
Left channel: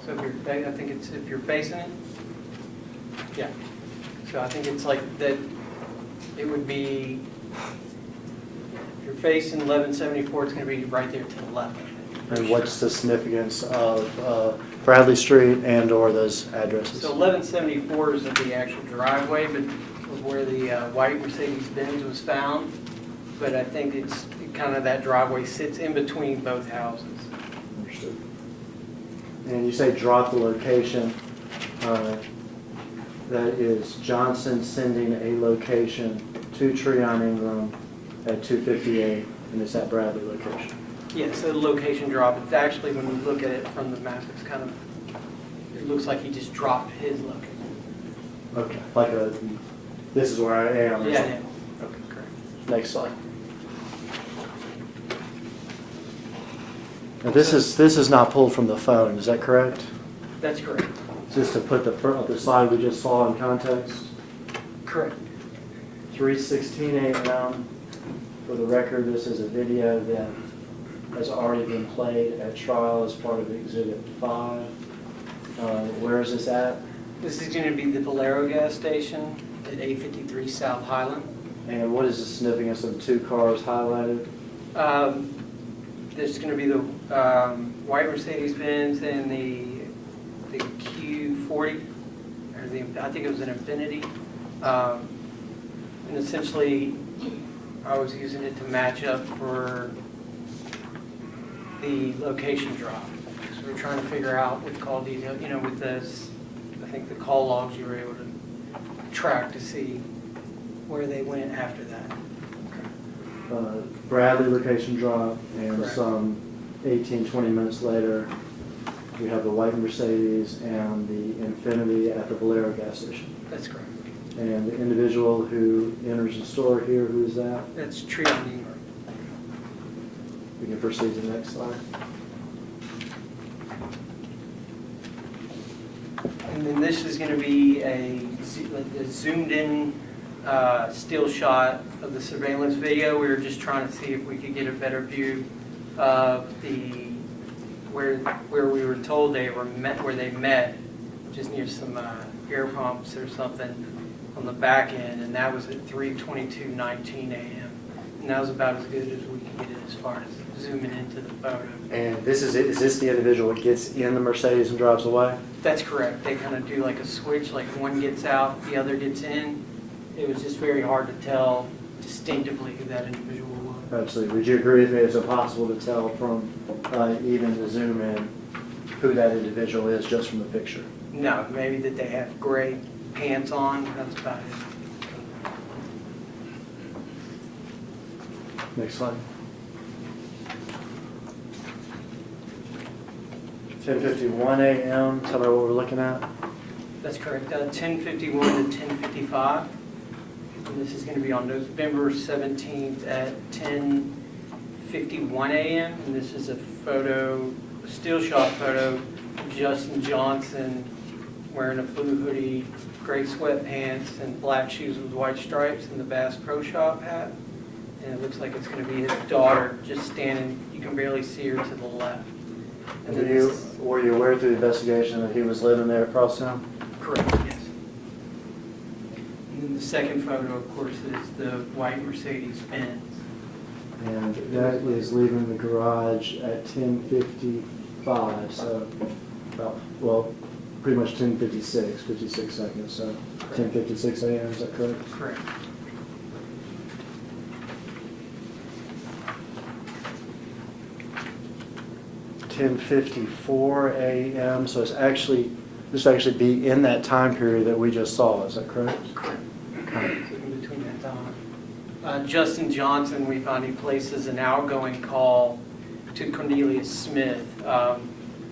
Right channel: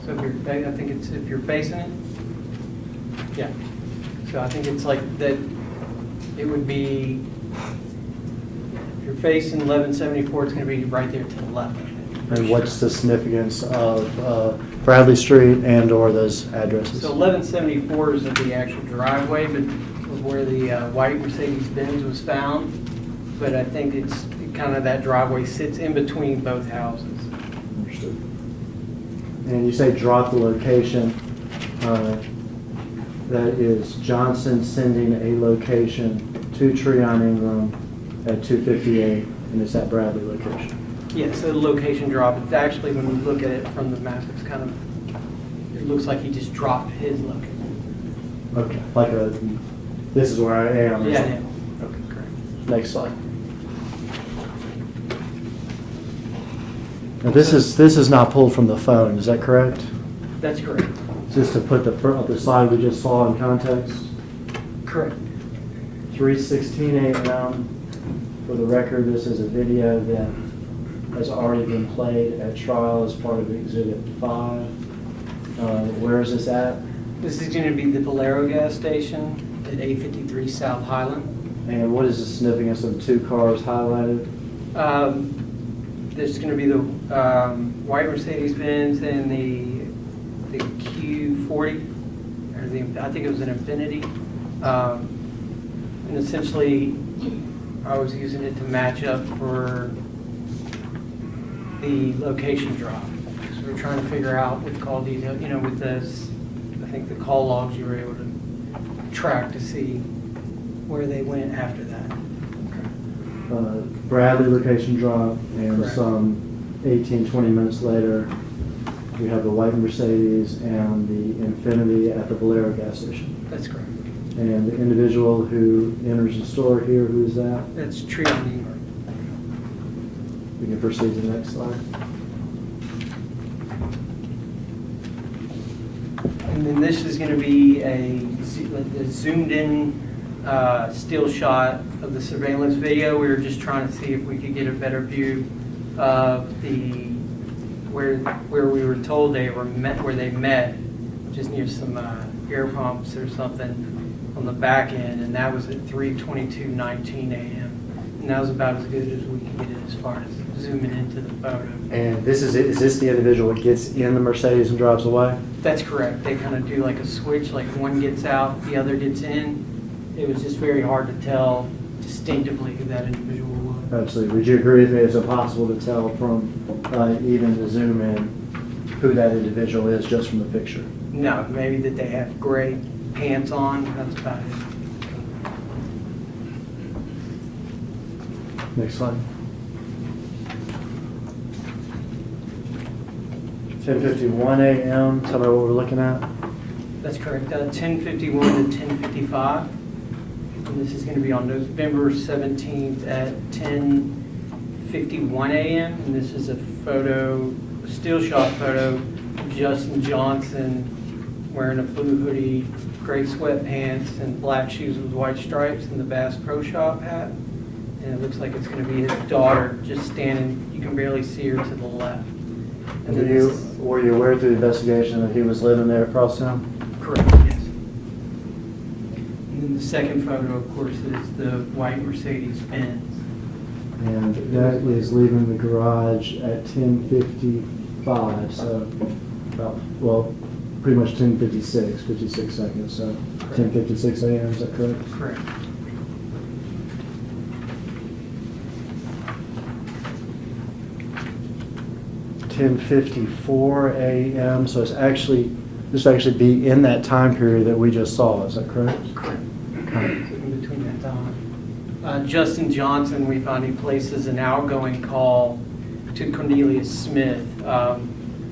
So if you're, I think it's, if you're facing it, yeah. So I think it's like that, it would be, if you're facing 1174, it's going to be right there to the left. And what's the significance of Bradley Street and or those addresses? So 1174 is the actual driveway, but of where the white Mercedes-Benz was found. But I think it's kind of that driveway sits in between both houses. Understood. And you say drop the location. That is Johnson sending a location to Treon Ingram at 2:58, and it's at Bradley location. Yeah, so the location drop, it's actually, when we look at it from the map, it's kind of, it looks like he just dropped his location. Okay, like a, this is where I am. or Yeah, something. yeah. Okay, correct. Next slide. Now this is not pulled from the phone, is that correct? That's correct. Just to put the slide we just saw in context. Correct. 3:16 a.m. For the record, this is a video that has already been played at trial as part of Exhibit 5. Where is this at? This is going to be the Valero gas station at 853 South Highland. And what is the significance of the two cars highlighted? There's going to be the white Mercedes-Benz and the Q40, or I think it was an Infiniti. And essentially, I was using it to match up for the location drop. So we're trying to figure out with call detail, with this, I think the call logs you were able to track to see where they went after that. Bradley location drop, and Correct. some 18, 20 minutes later, we have the white Mercedes and the Infiniti at the Valero gas station. That's correct. And the individual who enters the store here, who is that? That's Treon Ingram. We can proceed to the next slide. And then this is going to be a zoomed in still shot of the surveillance video. We were just trying to see if we could get a better view of where we were told they were met, where they met, just near some air pumps or something on the back end, and that was at 3:22:19 a.m. And that was about as good as we could get it as far as zooming into the photo. And is this the individual that gets in the Mercedes and drives away? That's correct. They kind of do like a switch, like one gets out, the other gets in. It was just very hard to tell distinctively who that individual was. Absolutely. Would you agree with me it's impossible to tell from even the zoom in who that individual is just from the picture? No, maybe that they have gray pants on, that's about it. Next slide. 10:51 a.m. Tell me what we're looking at. That's correct, 10:51 to 10:55. And this is going to be on November 17th at 10:51 a.m. And this is a photo, a still shot photo of Justin Johnson wearing a blue hoodie, gray sweatpants, and black shoes with white stripes, and the Bass Pro Shop hat. And it looks like it's going to be his daughter just standing, you can barely see her to the left. And then Were you aware through the investigation that he was living there across town? Correct, yes. And then the second photo, of course, is the white Mercedes Benz. And that is leaving the garage at 10:55, so about, well, pretty much 10:56, 56 seconds, so 10:56 a.m., is that correct? Correct. $10:54 a.m., so it's actually, this would actually be in that time period that we just saw, is that correct? Correct. In between that time. Justin Johnson, we found he places an outgoing call to Cornelius Smith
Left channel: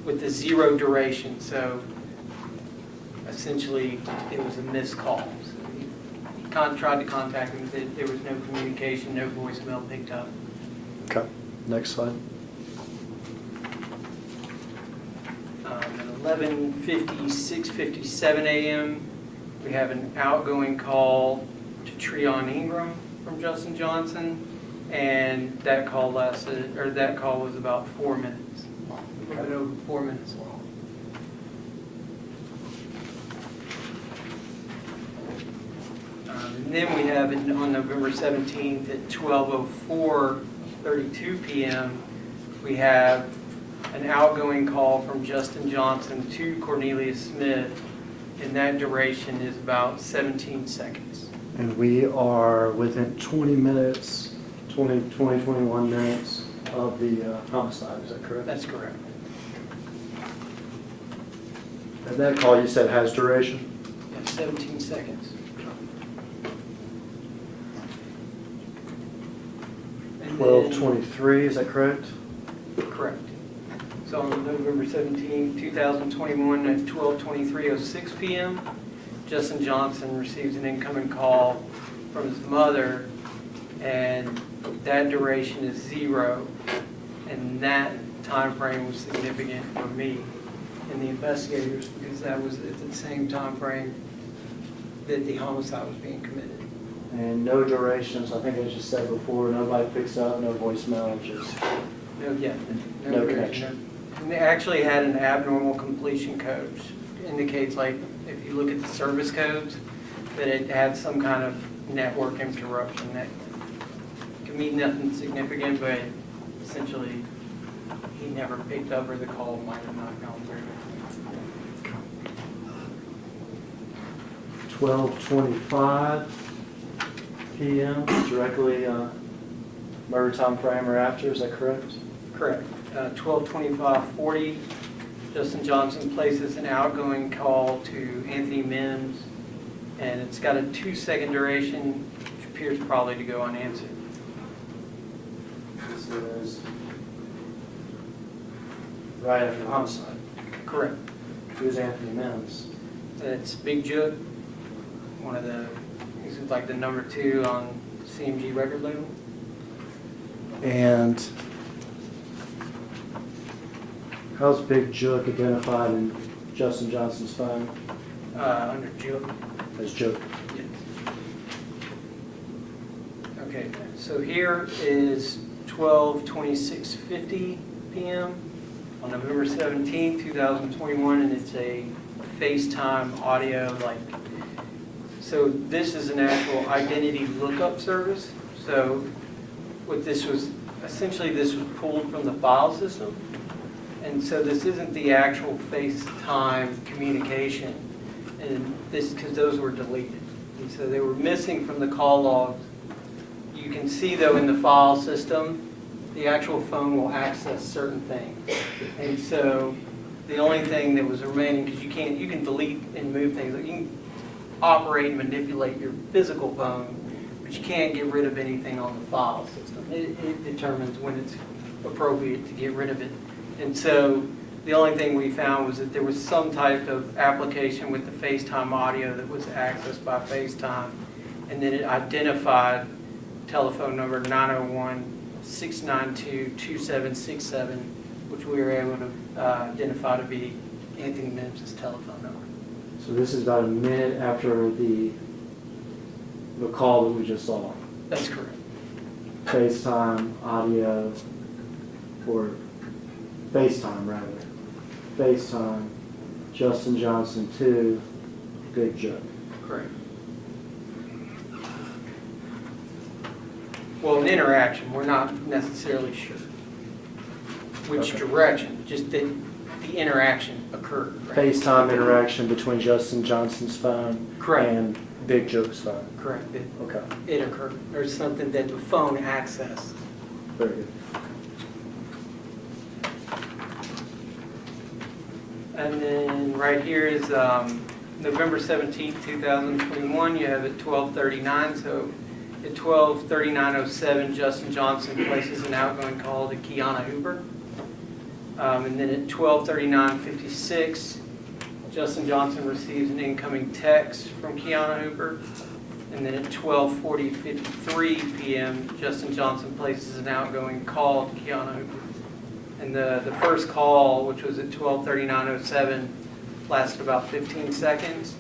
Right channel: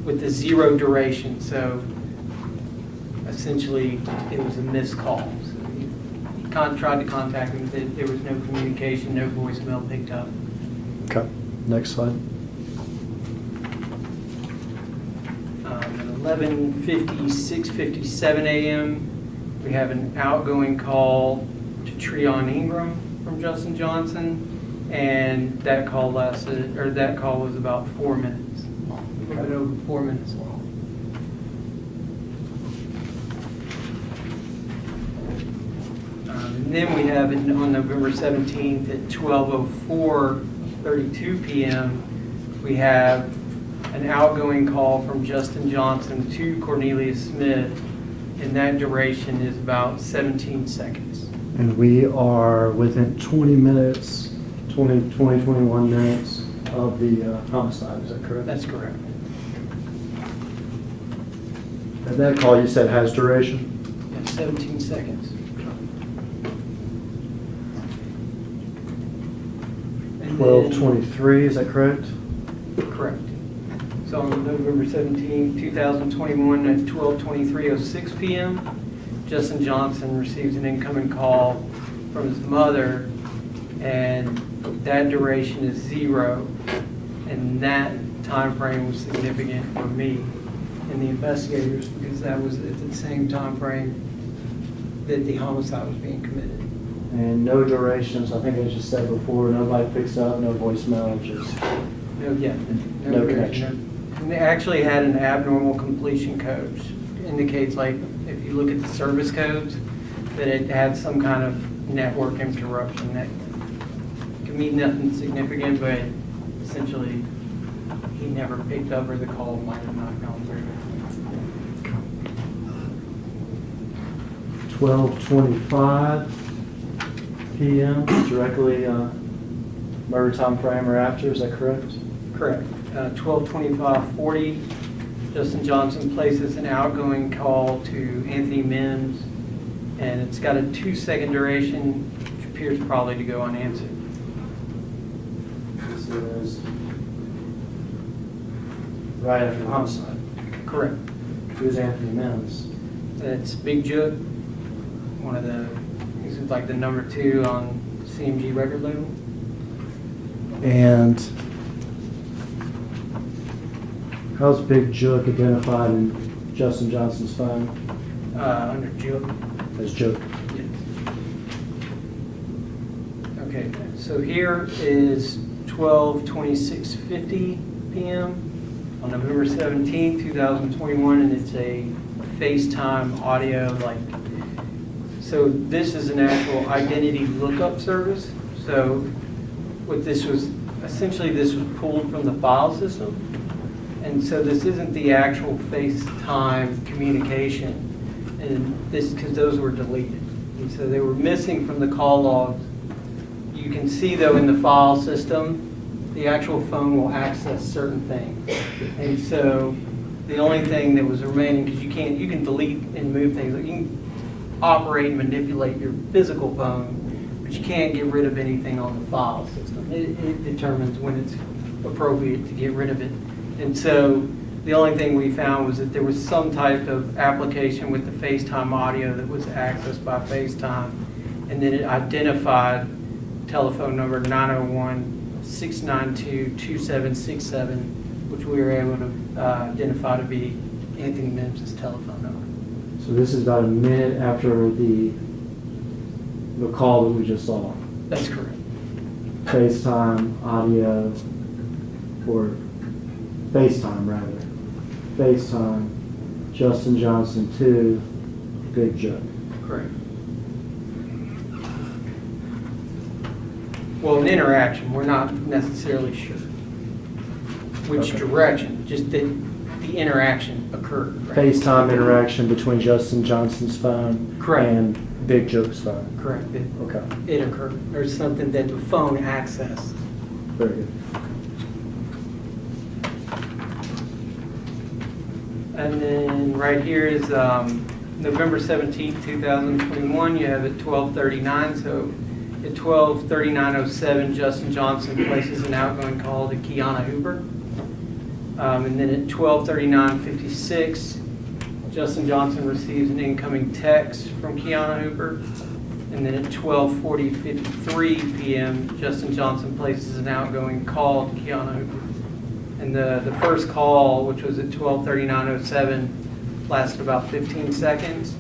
with a 0 duration. So essentially, it was a missed call. So he tried to contact him, but there was no communication, no voicemail picked up. Okay, next slide. At 11:56, 57 a.m., we have an outgoing call to Treon Ingram from Justin Johnson, and that call lasted, or that call was about 4 minutes, a little bit over 4 minutes long. And then we have it on November 17th at 12:04:32 p.m., we have an outgoing call from Justin Johnson to Cornelius Smith, and that duration is about 17 seconds. And we are within 20 minutes, 21 minutes of the homicide, is that correct? That's correct. And that call you said has duration? Yeah, 17 seconds. And then- 12:23, is that correct? Correct. So on November 17, 2021 at 12:23:06 p.m., Justin Johnson receives an incoming call from his mother, and that duration is 0. And that time frame was significant for me and the investigators because that was at the same time frame that the homicide was being committed. And no durations, I think I just said before, nobody picks up, no voicemail, just, No, yeah. No duration. connection. And they actually had an abnormal completion code, which indicates, like, if you look at the service codes, that it had some kind of network interruption. That could mean nothing significant, but essentially, he never picked up, or the call might have not gone through. 12:25 p.m., directly murder time frame or after, is that correct? Correct. 12:25:40, Justin Johnson places an outgoing call to Anthony Mims, and it's got a 2-second duration, which appears probably to go unanswered. This is right after the homicide. Correct. Who's Anthony Mims? It's Big Jook, one of the, he's like the number 2 on CMG record label. And how's Big Jook identified in Justin Johnson's phone Under Jook. as Jook? Yes. Okay, so here is 12:26:50 p.m. on November 17, 2021, and it's a FaceTime audio, so this is an actual identity lookup service. So what this was, essentially this was pulled from the file system, and so this isn't the actual FaceTime communication, and this, because those were deleted, and so they were missing from the call logs. You can see though in the file system, the actual phone will access certain things, and so the only thing that was remaining, because you can delete and move things, you can operate and manipulate your physical phone, but you can't get rid of anything on the file system. It determines when it's appropriate to get rid of it. And so the only thing we found was that there was some type of application with the FaceTime audio that was accessed by FaceTime, and then it identified telephone number 901-692-2767, which we were able to identify to be Anthony Mims' telephone number. So this is about a minute after the call that we just saw. That's correct. FaceTime audio, or FaceTime rather. FaceTime, Justin Johnson to Big Jook. Correct. well, an interaction, we're not necessarily sure which Okay. direction, just that the interaction occurred. right? FaceTime interaction between Justin Johnson's phone Correct. and Big Joe's phone. Correct, Okay, it occurred, or something that the phone accessed. very good. And then right here is November 17th, 2021, you have at 12:39, so at 12:39:07, Justin Johnson places an outgoing call to Kiana Hooper. And then at 12:39:56, Justin Johnson receives an incoming text from Kiana Hooper. And then at 12:53 p.m., Justin Johnson places an outgoing call to Kiana Hooper. And the first call, which was at 12:39:07, lasted about 15 seconds.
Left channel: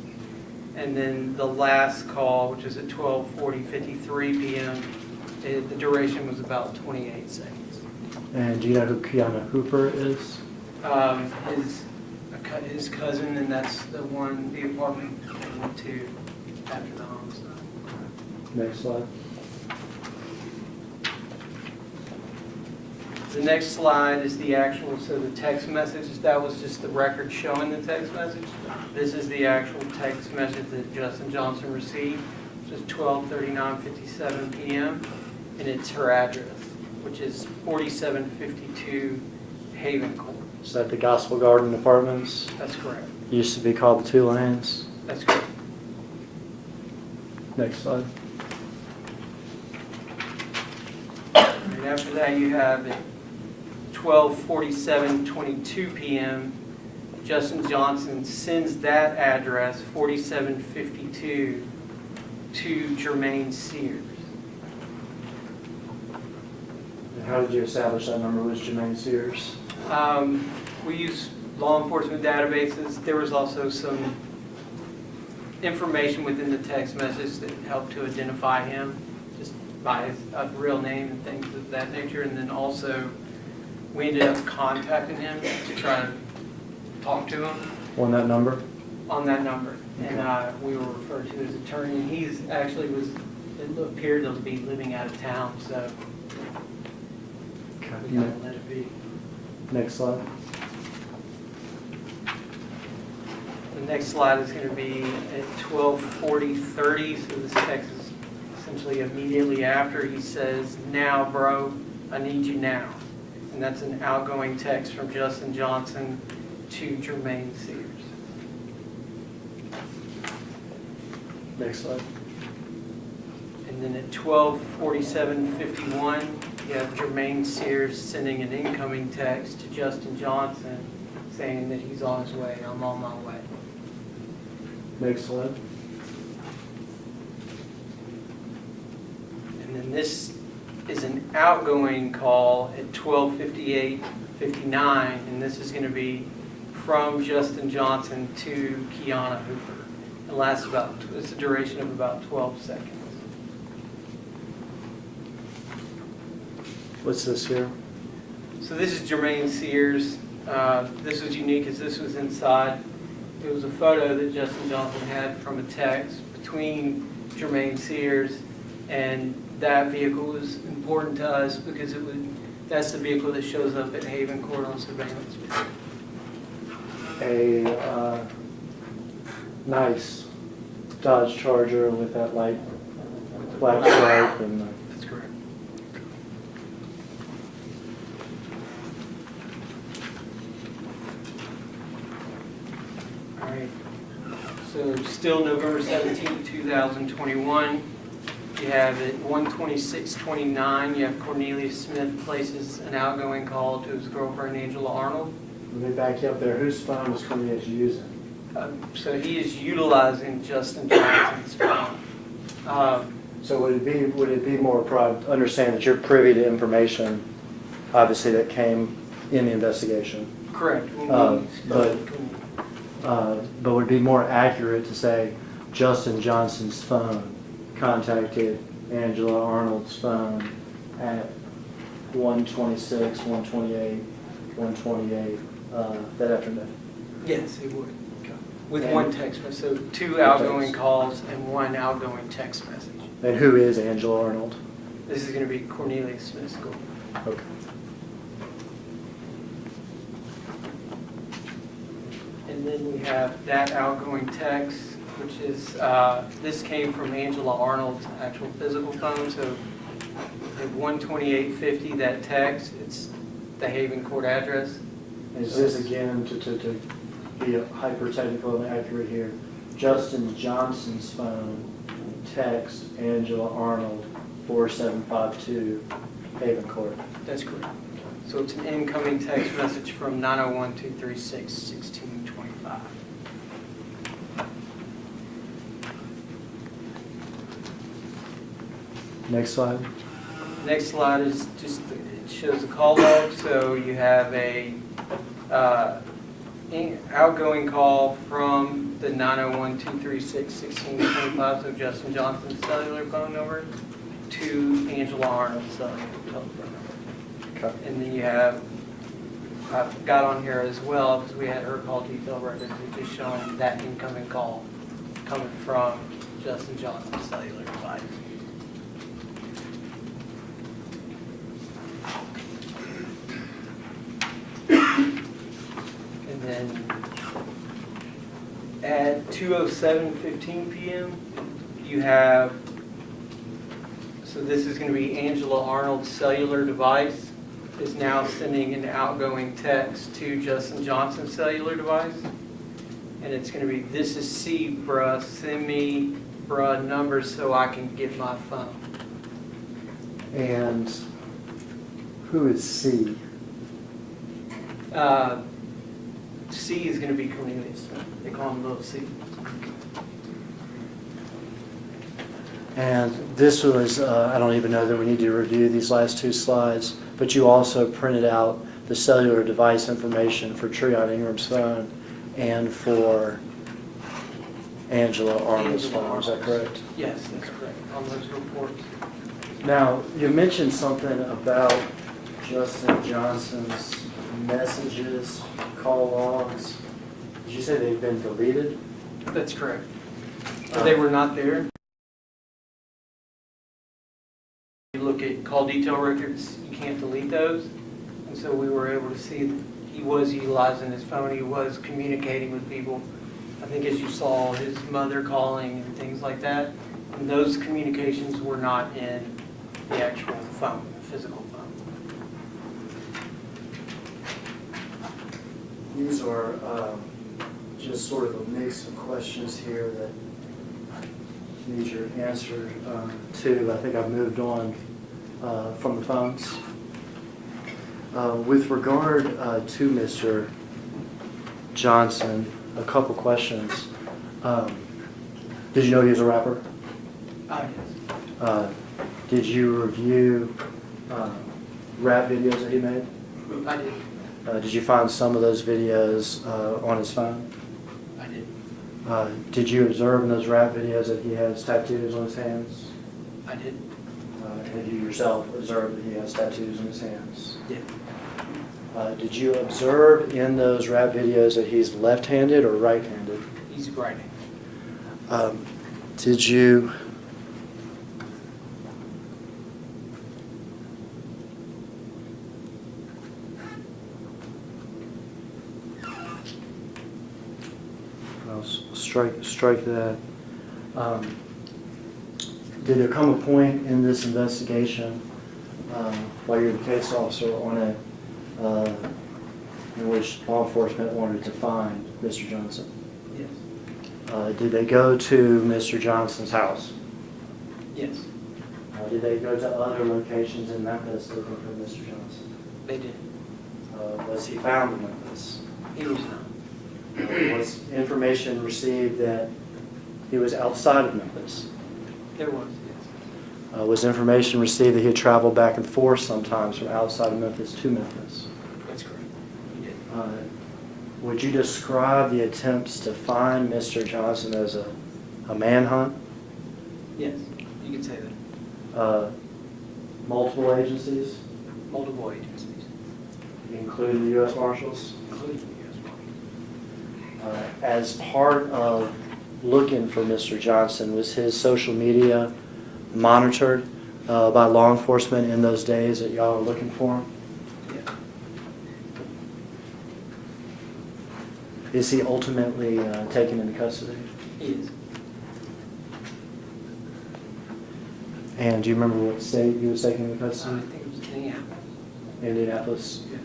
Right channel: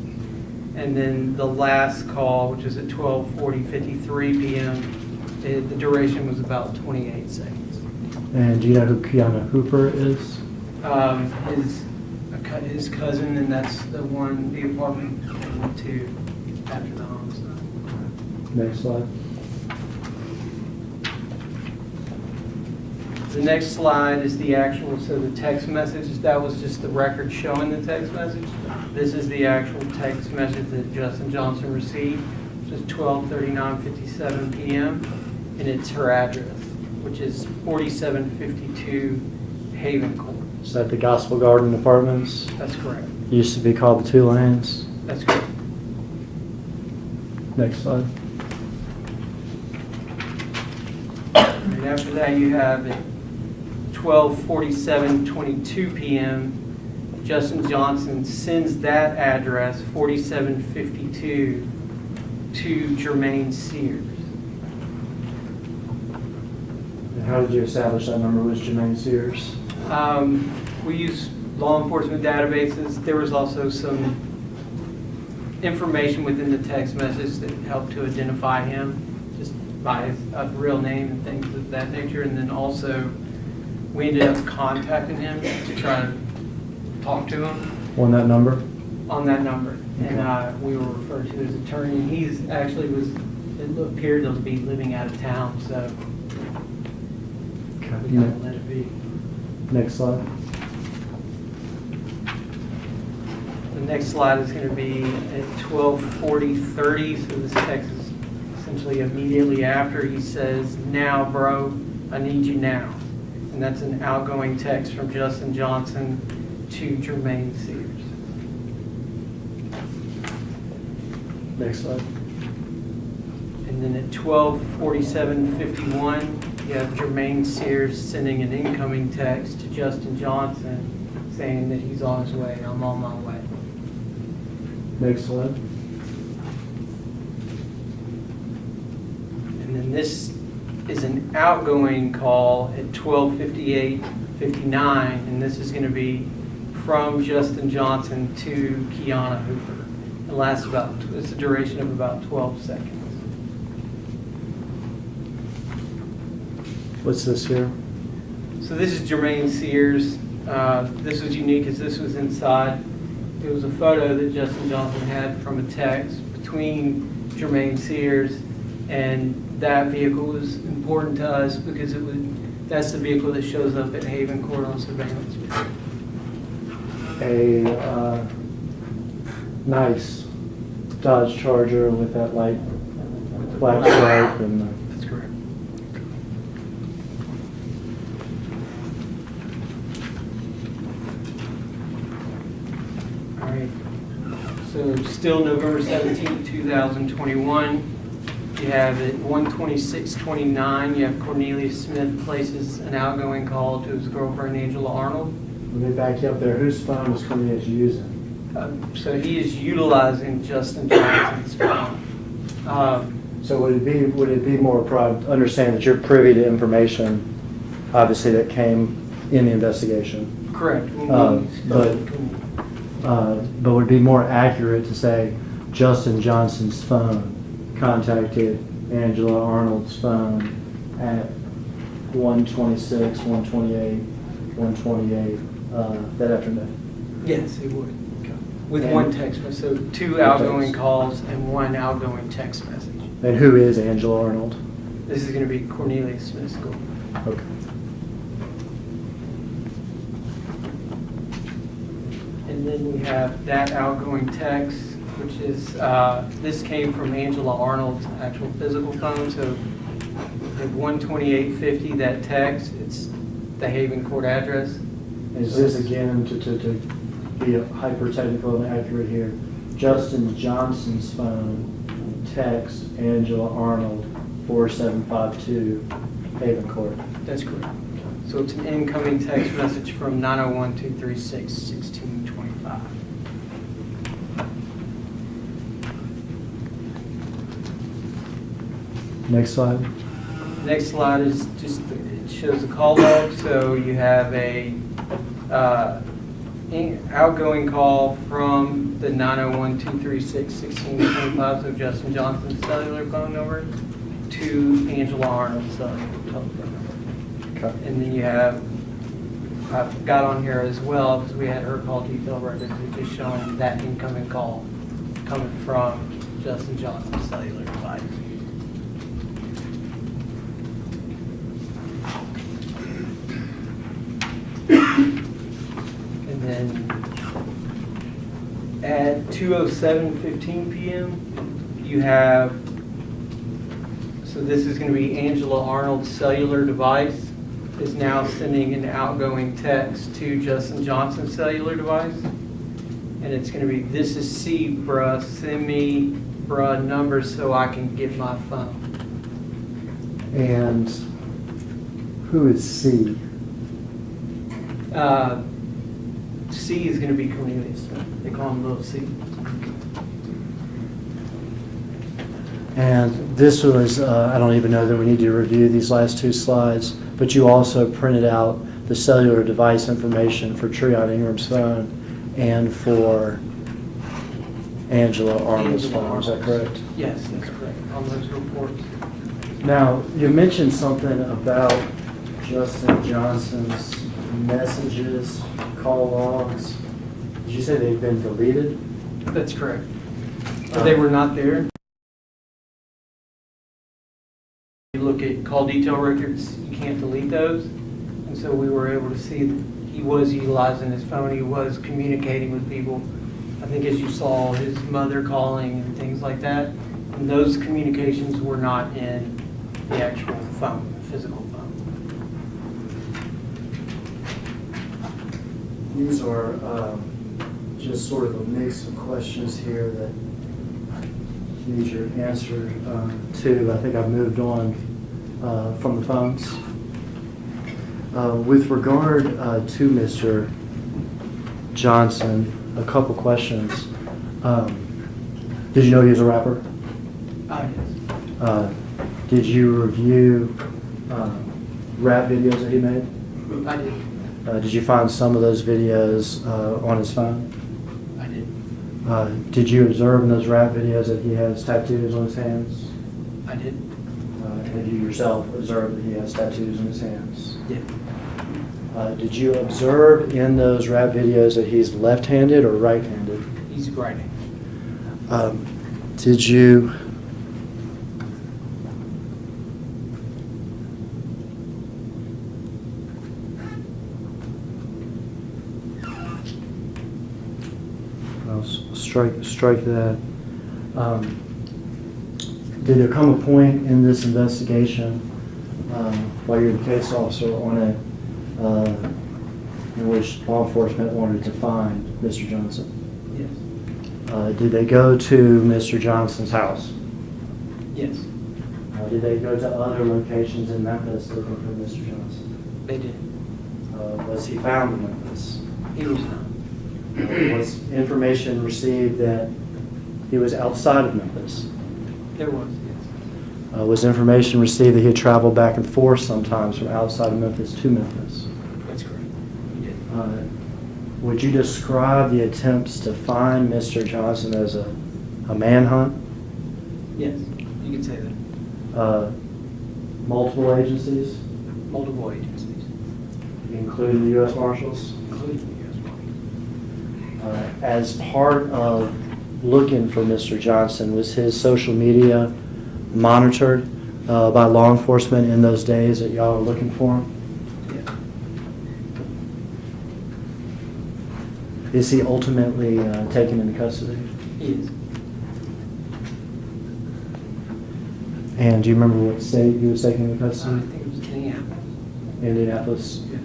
And then the last call, which was at 12:53 p.m., the duration was about 28 seconds. And do you know who Kiana Hooper is? His cousin, and that's the apartment they went to after the homicide. Next slide. The next slide is the actual, so the text message, that was just the record showing the text message. This is the actual text message that Justin Johnson received, which is 12:39:57 p.m. And it's her address, which is 4752 Haven Court. Is that the Gospel Garden Apartments? That's correct. Used to be called the Two Lanes. That's correct. Next slide. And after that, you have at 12:47:22 p.m., Justin Johnson sends that address, 4752, to Jermaine Sears. And how did you establish that number was Jermaine Sears? We use law enforcement databases. There was also some information within the text message that helped to identify him, just by his real name and things of that nature. And then also, we ended up contacting him to try to talk to him On that number? on that number. And we were referred to his attorney. He's actually it appeared to be living out of town, so we kind of let it be. Next slide. The next slide is going to be at 12:40:30, so this text is essentially immediately after. He says, "Now, bro, I need you now." And that's an outgoing text from Justin Johnson to Jermaine Sears. Next slide. And then at 12:47:51, you have Jermaine Sears sending an incoming text to Justin Johnson saying that he's on his way, I'm on my way. Next slide. And then this is an outgoing call at 12:58:59, and this is going to be from Justin Johnson to Kiana Hooper. It lasts it's a duration of about 12 seconds. What's this here? So this is Jermaine Sears. This was unique as this was inside. It was a photo that Justin Johnson had from a text between Jermaine Sears, and that vehicle was important to us because that's the vehicle that shows up at Haven Court on surveillance. A nice Dodge Charger with that light black stripe and That's correct. All right. So still November 17th, 2021. You have at 1:26:29, you have Cornelius Smith places an outgoing call to his girlfriend Angela Arnold. let me back you up there. Whose phone was Cornelius using? So he is utilizing Justin Johnson's phone. So would it be more understand that you're privy to information, obviously that came in the investigation, Correct. but would it be more accurate to say Justin Johnson's phone contacted Angela Arnold's phone at 1:26, 1:28, 1:28 that afternoon? Yes, it would. With And- one text message, so two outgoing calls and one outgoing text message. And who is Angela Arnold? This is going to be Cornelius Smith School. Okay. And then we have that outgoing text, which is, this came from Angela Arnold's actual physical phone, so at 12850, that text, it's the Haven Court address. Is this again, to be hyper-technical and accurate here, Justin Johnson's phone, text Angela Arnold, 4752 Haven Court? That's correct. So it's an incoming text message from 901-236-1625. Next slide. Next slide is just, it shows the call log, so you have a outgoing call from the 901-236-1625, so Justin Johnson's cellular phone number, to Angela Arnold's cellular telephone number. Okay. And then you have, I've got on here as well, because we had her call detail records, it's just showing that incoming call coming from Justin Johnson's cellular device. And then at 2:07:15 p.m., you have, so this is going to be Angela Arnold's cellular device is now sending an outgoing text to Justin Johnson's cellular device. And it's going to be, "This is C, bruh, send me, bruh, numbers so I can get my phone." And who is C? C is going to be Cornelius Smith. They call him Little C. And this was, I don't even know that we need to review these last two slides, but you also printed out the cellular device information for Treon Ingram's phone and for Angela Arnold's phone. Is that correct? Yes, that's correct, on those reports. Now, you mentioned something about Justin Johnson's messages, call logs. Did you say they've been deleted? That's correct. They were not there. You look at call detail records, you can't delete those. And so we were able to see that he was utilizing his phone, he was communicating with people. I think as you saw, his mother calling and things like that. And those communications were not in the actual phone, the physical phone. These are just sort of a mix of questions here that need your answer to. I think I've moved on from the phones. With regard to Mr. Johnson, a couple questions. Did you know he was a rapper? Yes. Did you review rap videos that he made? I did. Did you find some of those videos on his phone? I did. Did you observe in those rap videos that he has tattoos on his hands? I did. Have you yourself observed that he has tattoos on his hands? Yeah. Did you observe in those rap videos that he's left-handed or right-handed? He's writing. Did you... I'll strike that. Did there come a point in this investigation, while you're the case officer on it, in which law enforcement wanted to find Mr. Johnson? Yes. Did they go to Mr. Johnson's house? Yes. Did they go to other locations in Memphis looking for Mr. Johnson? They did. Was he found in Memphis? He was not. Was information received that he was outside of Memphis? There was, yes. Was information received that he had traveled back and forth sometimes from outside of Memphis to Memphis? That's correct. He did. Would you describe the attempts to find Mr. Johnson as a manhunt? Yes, you could say that. Multiple agencies, Multiple agencies, including the U.S. Marshals? including the U.S. Marshals. As part of looking for Mr. Johnson, was his social media monitored by law enforcement in those days that y'all are looking for him? Yeah. Is he ultimately taken into custody? He is. And do you remember what state he was taken into I custody? think it was Indianapolis. Indianapolis. Yeah.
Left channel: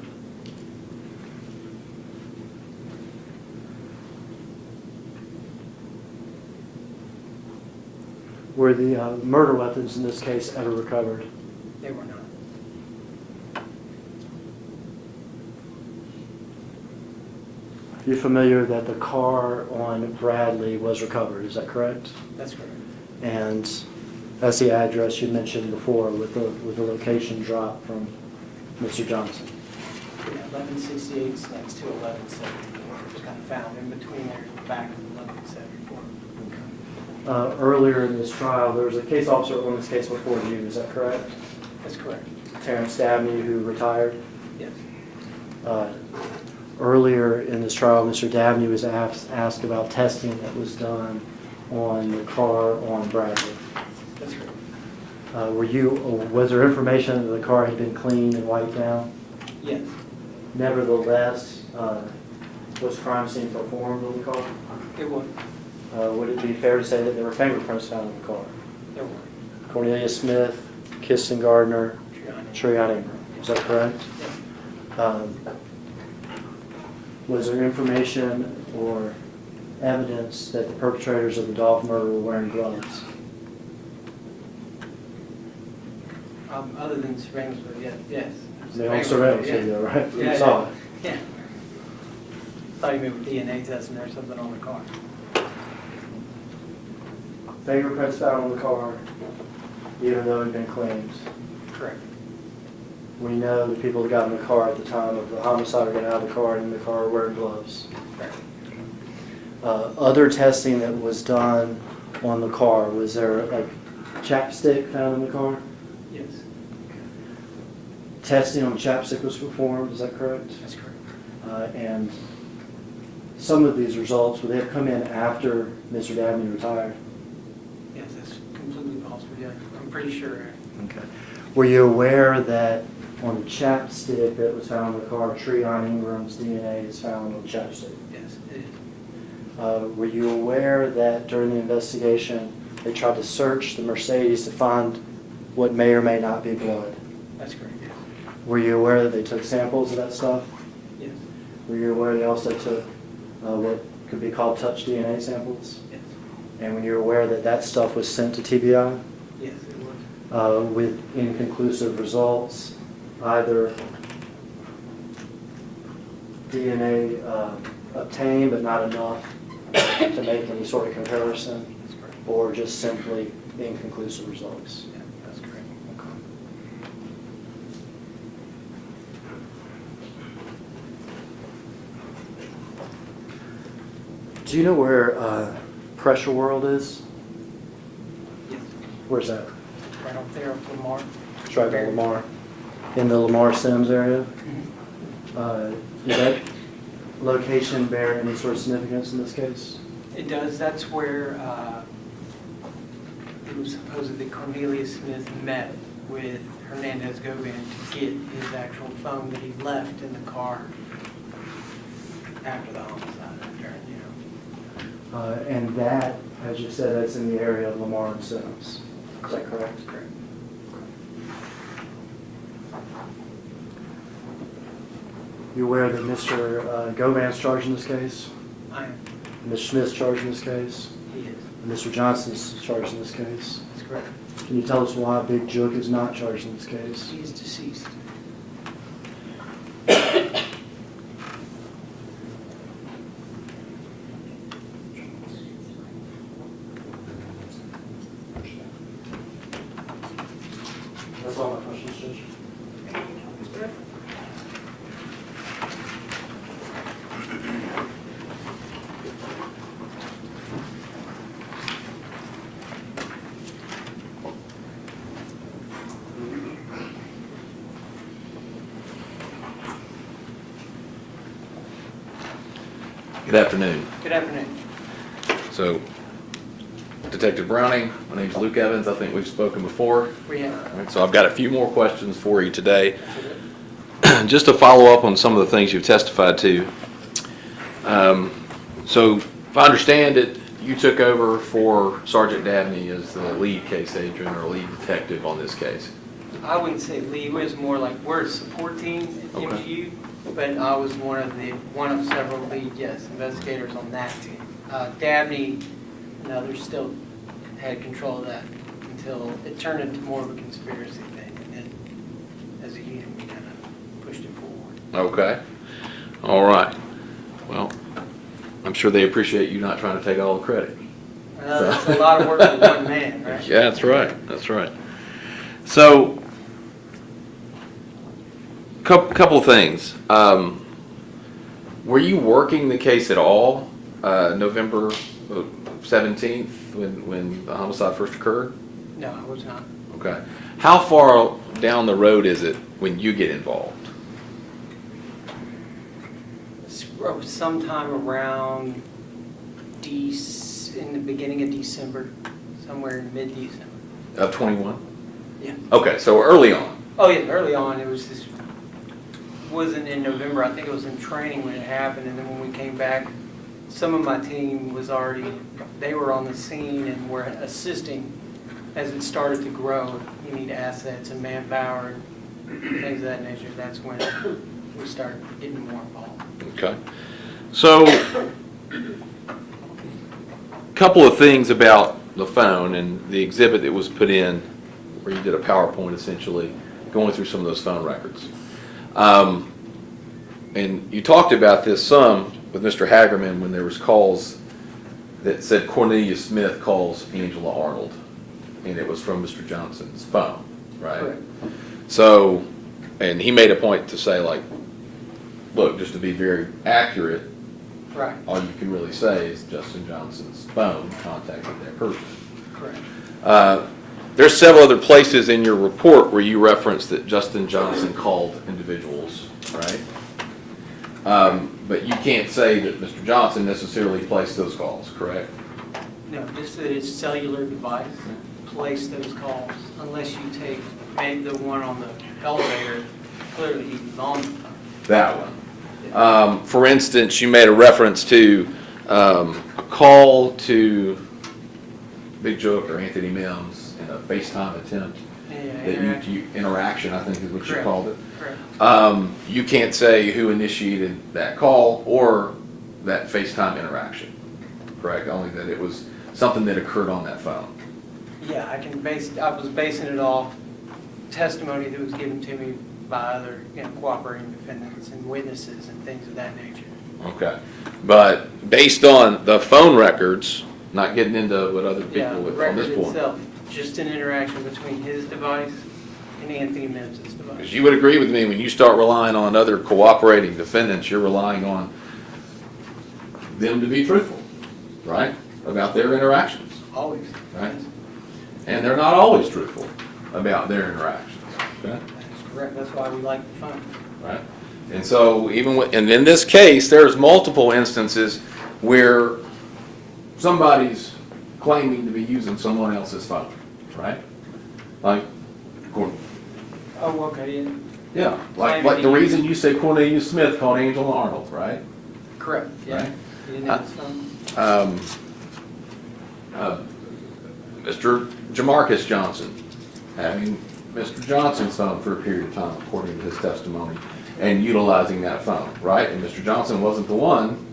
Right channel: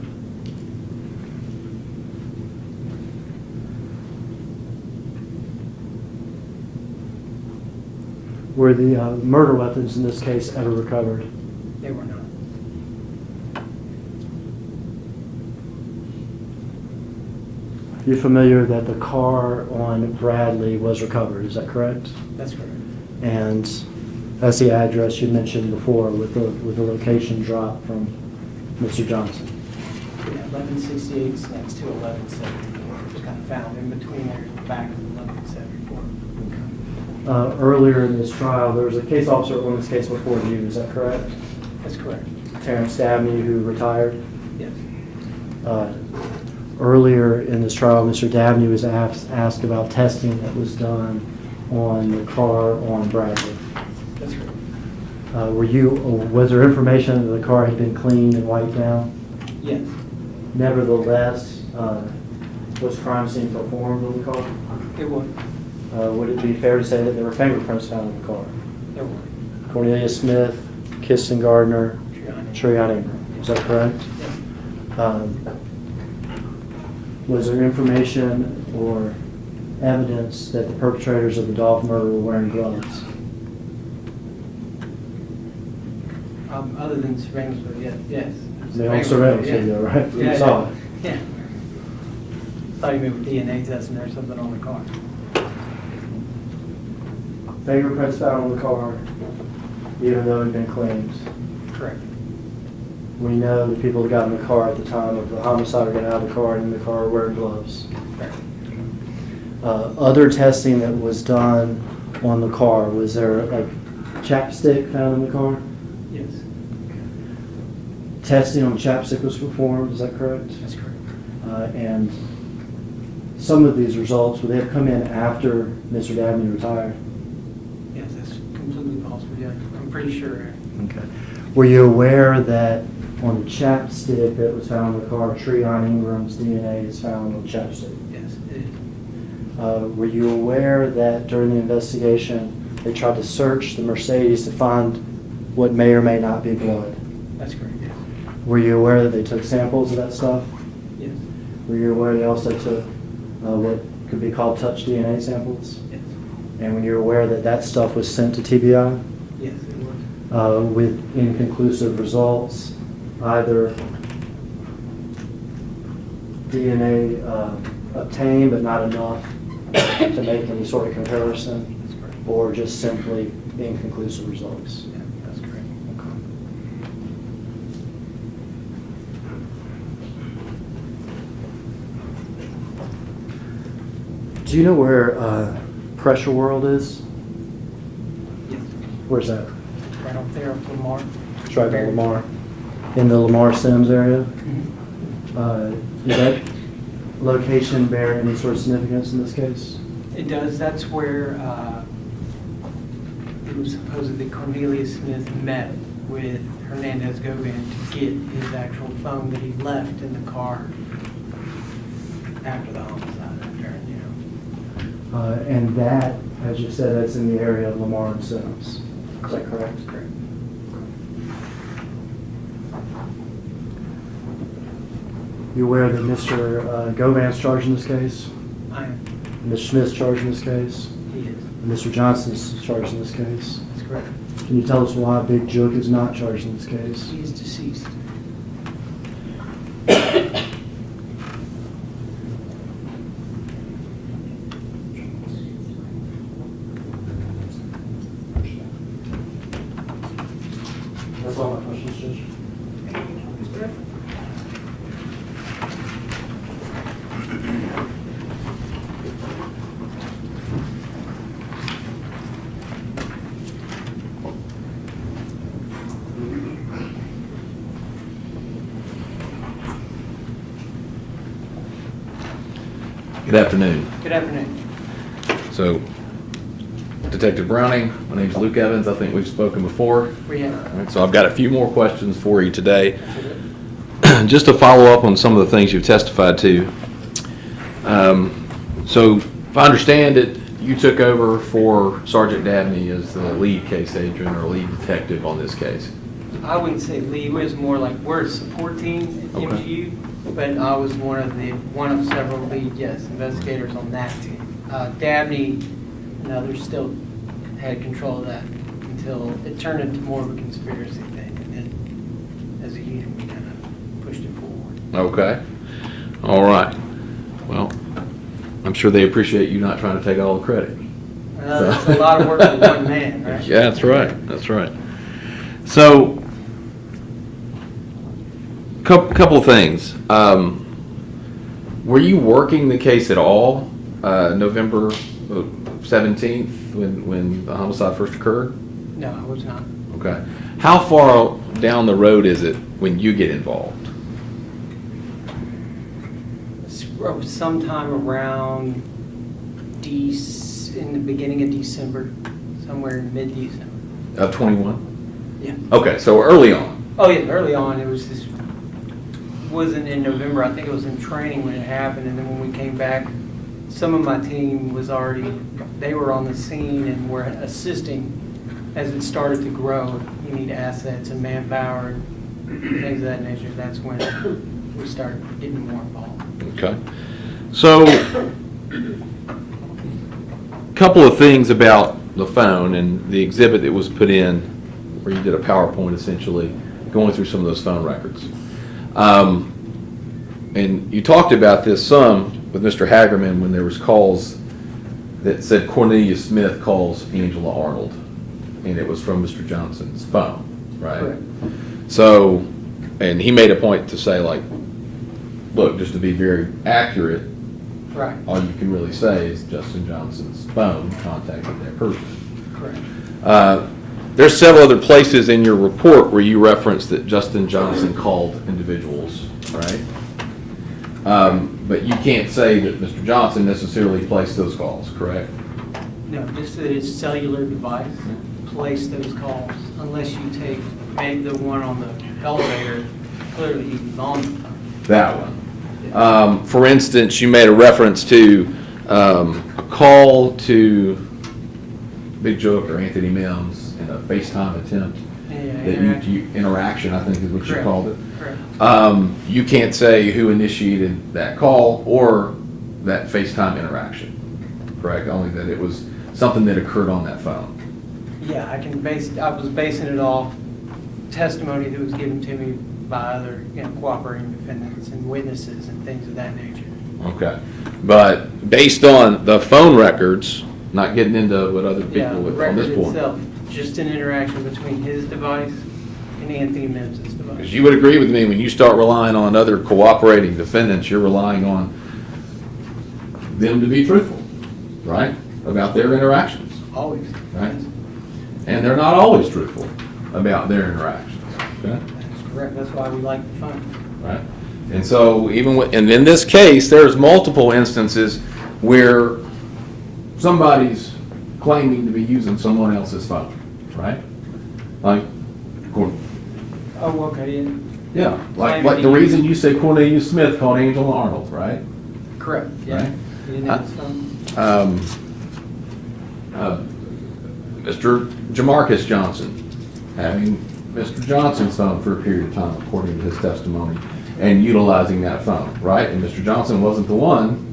Were the murder weapons in this case ever recovered? They were not. You're familiar that the car on Bradley was recovered, is that correct? That's correct. And that's the address you mentioned before with the location drop from Mr. Johnson. Yeah, 1168 is next to 1174. It was kind of found in between there, in the back of 1174. Earlier in this trial, there was a case officer on this case before you, is that correct? That's correct. Terrence Dabney, who retired. Yes. Earlier in this trial, Mr. Dabney was asked about testing that was done on the car on Bradley. That's correct. Was there information that the car had been cleaned and wiped down? Yes. Nevertheless, was crime scene performed on the car? It was. Would it be fair to say that there were fingerprints found in the car? There were. Cornelia Smith, Kirsten Gardner, Treon Ingram, is that correct? Yes. Was there information or evidence that the perpetrators of the Dolph murder were wearing gloves? Other than surveillance, but yes. They on surveillance video, right? You saw it. Yeah. Thought you meant with DNA testing or something on the car. Fingerprints found on the car, even though it had been cleaned. Correct. We know the people that got in the car at the time of the homicide are getting out of the car and in the car wearing gloves. Correct. Other testing that was done on the car, was there like chapstick found in the car? Yes. Testing on chapstick was performed, is that correct? That's correct. And some of these results, would they have come in after Mr. Dabney retired? Yes, that's completely possible, yeah. I'm pretty sure. Okay. Were you aware that on the chapstick that was found in the car, Treon Ingram's DNA is found on the chapstick? Yes, it is. Were you aware that during the investigation, they tried to search the Mercedes to find what may or may not be blood? That's correct, yes. Were you aware that they took samples of that stuff? Yes. Were you aware they also took what could be called touch DNA samples? Yes. And when you're aware that that stuff was sent to TBI Yes, it was. with inconclusive results, either DNA obtained but not enough to make any sort of comparison, That's correct. or just simply inconclusive results? Yeah, that's correct. Do you know where Pressure World is? Yes. Where's that? Right up there, up Lamar. It's right by Lamar. In the Lamar Sims area? Mhm. Does that location bear any sort of significance in this case? It does. That's where it was supposedly Cornelius Smith met with Hernandez Govan to get his actual phone that he left in the car after the homicide. And that, as you said, that's in the area of Lamar and Sims. Is that correct? Correct. You aware that Mr. Govan's charged in this case? I am. Mr. Smith's charged in this case? He is. And Mr. Johnson's charged in this case? That's correct. Can you tell us why Big Jook is not charged in this case? He is deceased. That's all my questions, Judge. Good afternoon. Good afternoon. So, Detective Browning. My name's Luke Evans. I think we've spoken before. We have. All right, so I've got a few more questions for you today. Just to follow up on some of the things you've testified to. So if I understand it, you took over for Sergeant Dabney as the lead case agent or lead detective on this case. I wouldn't say lead, it was more like we're a support team at Okay. MGU, but I was one of several lead, yes, investigators on that team. Dabney and others still had control of that until it turned into more of a conspiracy thing. And then as a unit, we kind of pushed it forward. Okay. All right. Well, I'm sure they appreciate you not trying to take all the credit. It's a lot of work for one man, right? Yeah, that's right. That's right. So, couple of things. Were you working the case at all November 17th when the homicide first occurred? No, I was not. Okay. How far down the road is it when you get involved? Sometime around in the beginning of December, somewhere in mid-December. Of 21? Yeah. Okay, so early on. Oh yeah, early on, it was just, wasn't in November, I think it was in training when it happened, and then when we came back, some of my team was already, they were on the scene and were assisting as it started to grow. You need assets and manpower and things of that nature. That's when we started getting more involved. Okay. So, couple of things about the phone and the exhibit that was put in, where you did a PowerPoint essentially, going through some of those phone records. And you talked about this some with Mr. Hagerman when there was calls that said Cornelius Smith calls Angela Arnold, and it was from Mr. Johnson's phone, right? Correct. So, and he made a point to say, like, look, just to be very accurate, Right, all you can really say is Justin Johnson's phone contacted that person. correct. There's several other places in your report where you reference that Justin Johnson called individuals, right? But you can't say that Mr. Johnson necessarily placed those calls, correct? No, just that his cellular device placed those calls, unless you take maybe the one on the elevator, clearly he was on the phone. That one. For instance, you made a reference to a call to Big Joke or Anthony Mims in a FaceTime attempt. Yeah, Interaction, I think is what you Correct. called it. Correct. You can't say who initiated that call or that FaceTime interaction, correct? Only that it was something that occurred on that phone. Yeah, I was basing it off testimony that was given to me by other, cooperating defendants and witnesses and things of that nature. Okay. But based on the phone records, not getting into what other Yeah, people the would on record this point. itself, just an interaction between his device and Anthony Mims' Because device. you would agree with me, when you start relying on other cooperating defendants, you're relying on them to be truthful, right? About their interactions, Always. right? And they're not always truthful about their interactions, okay? That's correct. That's why we like the phone. Right? And so and in this case, there's multiple instances where somebody's claiming to be using someone else's phone, right? Like, Oh, okay, yeah. yeah, like Claiming the to reason you say Cornelius Smith called Angela Arnold, right? Correct, yeah. Right. He didn't have his phone. Mr. Jamarcus Johnson having Mr. Johnson's phone for a period of time, according to his testimony, and utilizing that phone, right? And Mr. Johnson wasn't the one,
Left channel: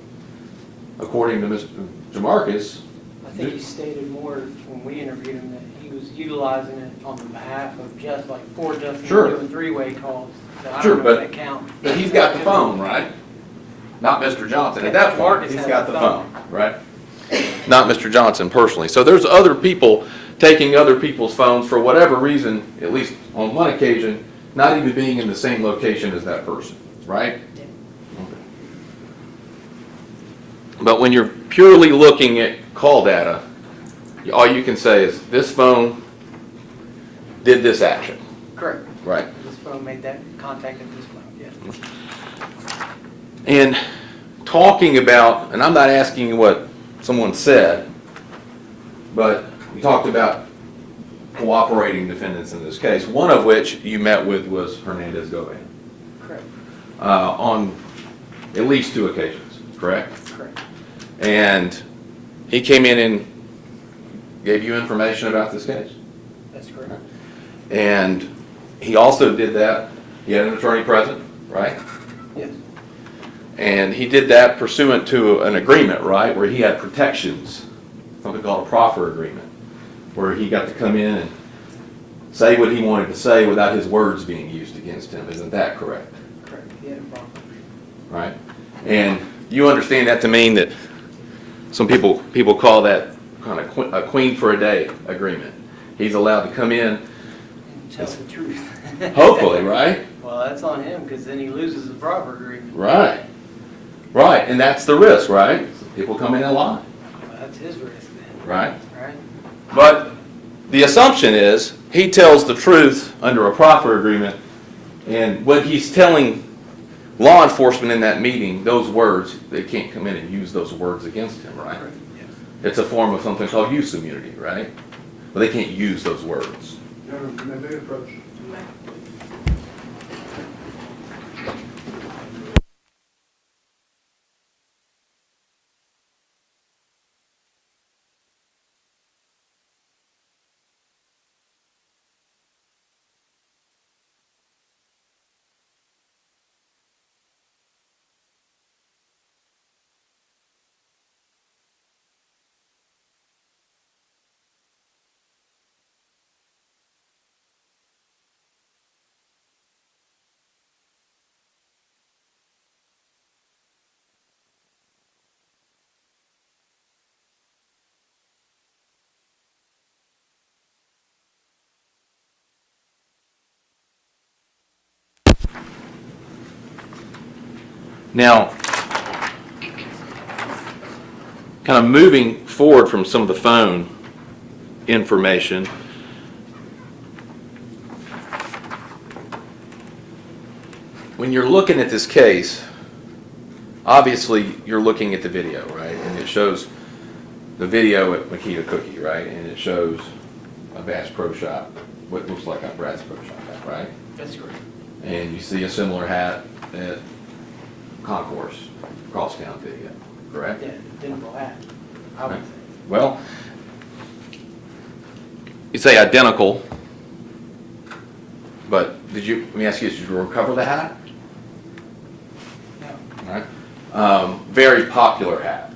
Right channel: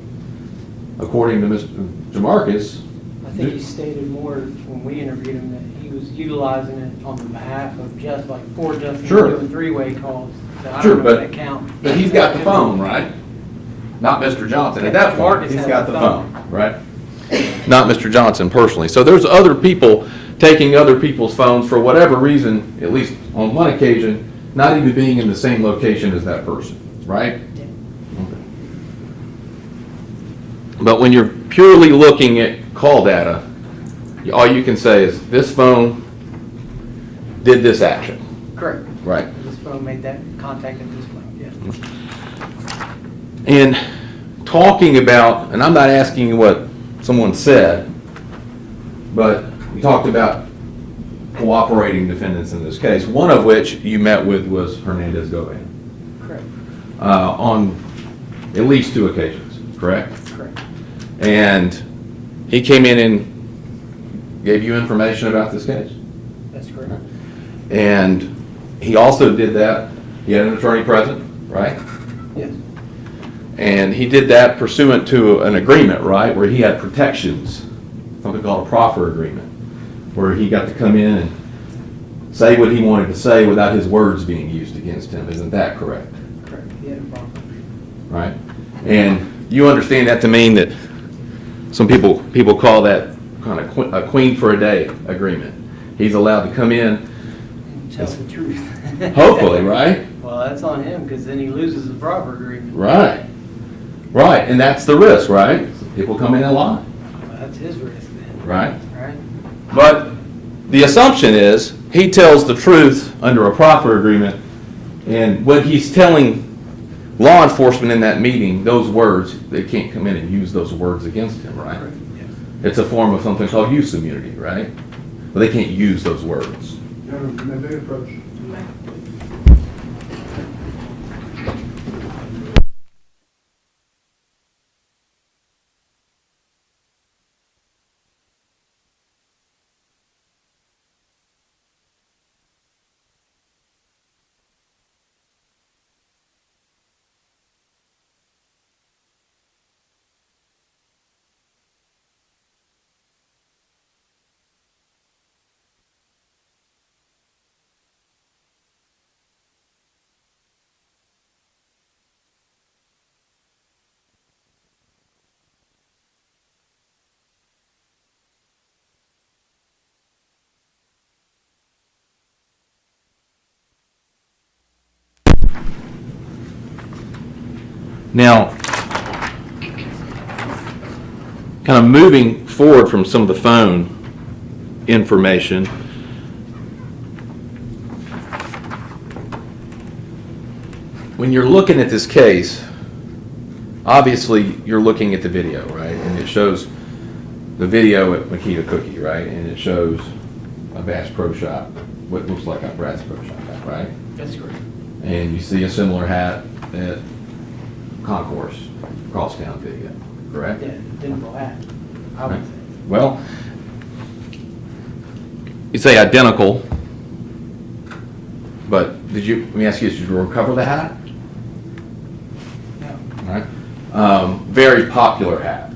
according to Mr. Jamarcus. I think he stated more when we interviewed him that he was utilizing it on the behalf of just like for Justin Sure. doing three-way calls. So I Sure, don't know if but- that count. But he's got the phone, right? Not Mr. Johnson. At that point, Jamarcus he's had got the the phone, right? Not Mr. Johnson personally. So there's other people taking other people's phones for whatever reason, at least on one occasion, not even being in the same location as that person, right? Yeah. Okay. But when you're purely looking at call data, all you can say is, this phone did this action, Correct. right? This phone made that contact at this phone, yeah. And talking about, and I'm not asking you what someone said, but you talked about cooperating defendants in this case, one of which you met with was Hernandez Govan, Correct. on at least 2 occasions, correct? Correct. And he came in and gave you information about this case? That's correct. And he also did that, he had an attorney present, right? Yes. And he did that pursuant to an agreement, right, where he had protections, something called a proffer agreement, where he got to come in and say what he wanted to say without his words being used against him. Isn't that correct? Correct. He had a problem. Right? And you understand that to mean that some people call that kind of a queen for a day agreement. He's allowed to come in, And tell the truth. hopefully, right? Well, that's on him, because then he loses the proper agreement. Right. Right, and that's the risk, right? People come in and lie, Well, that's his risk then. right? Right? But the assumption is he tells the truth under a proffer agreement, and what he's telling law enforcement in that meeting, those words, they can't come in and use those words against him, right? Yes. It's a form of something called use immunity, right? But they can't use those words. Gentlemen, may they approach? Now, kind of moving forward from some of the phone information, when you're looking at this case, obviously you're looking at the video, right? And it shows the video at Makita Cookie, right? And it shows a Bass Pro Shop, what looks like a Bass Pro Shop hat, right? That's correct. And you see a similar hat at Concourse, Crosstown video, correct? Yeah, identical hat, I would say. Well, you say identical, but let me ask you, did you recover the hat? No. All right. Very popular hat.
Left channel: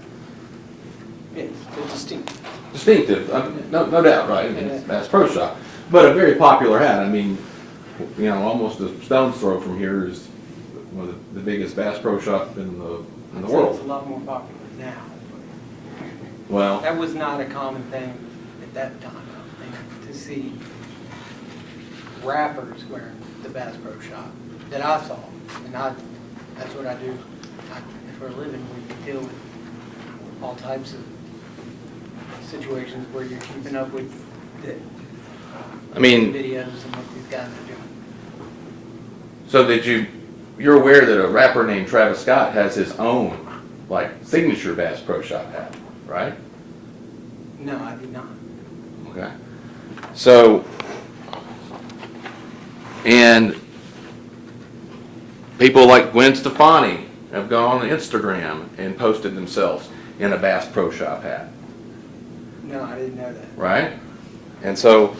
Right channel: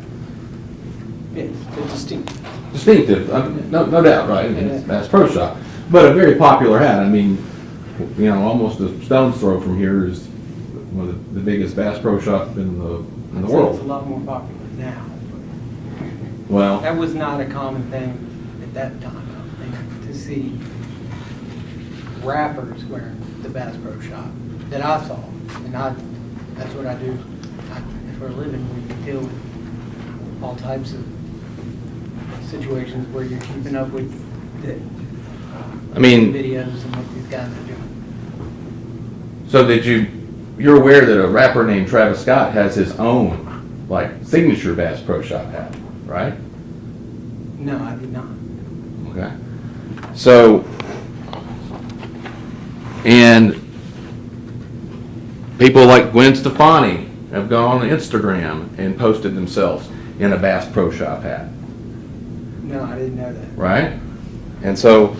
Yes, but distinct. Distinctive, no doubt, right? I mean, it's Bass Pro Shop. But a very popular hat. I mean, you know, almost a stone's throw from here is one of the biggest Bass Pro Shop in the I'd say It's a world. lot more popular now. Well, That was not a common thing at that time, I don't think, to see rappers wearing the Bass Pro Shop that I saw. And that's what I do. For a living, we deal with all types of situations where you're keeping up with the I mean, videos and what these guys are doing. so you're aware that a rapper named Travis Scott has his own, like, signature Bass Pro Shop hat, right? No, I did not. Okay. So, and people like Gwen Stefani have gone on Instagram and posted themselves in a Bass Pro Shop hat, No, I didn't know that. right? And so,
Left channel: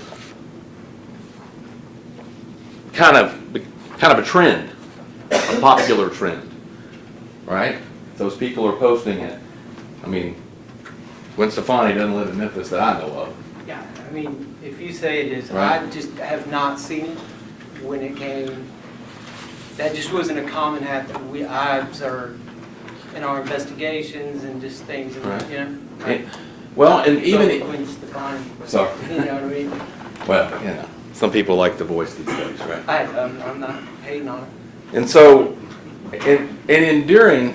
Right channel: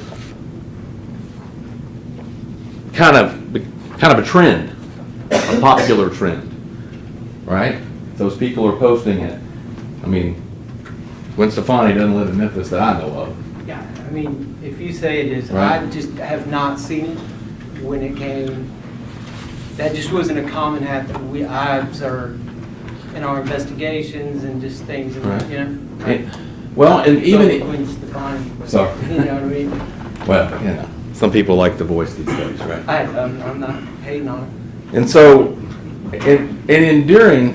kind of a trend, a popular trend, right? Those people are posting it. I mean, Gwen Stefani doesn't live in Memphis that I know of. Yeah, I mean, if you say it is, Right. I just have not seen it when it came. That just wasn't a common hat that I observed in our investigations and just things, Right. you know. And- Well, and even, Gwen Stefani, so, you know what I mean? well, you know, some people like the voice these days, right? I'm not hating on it. And so, during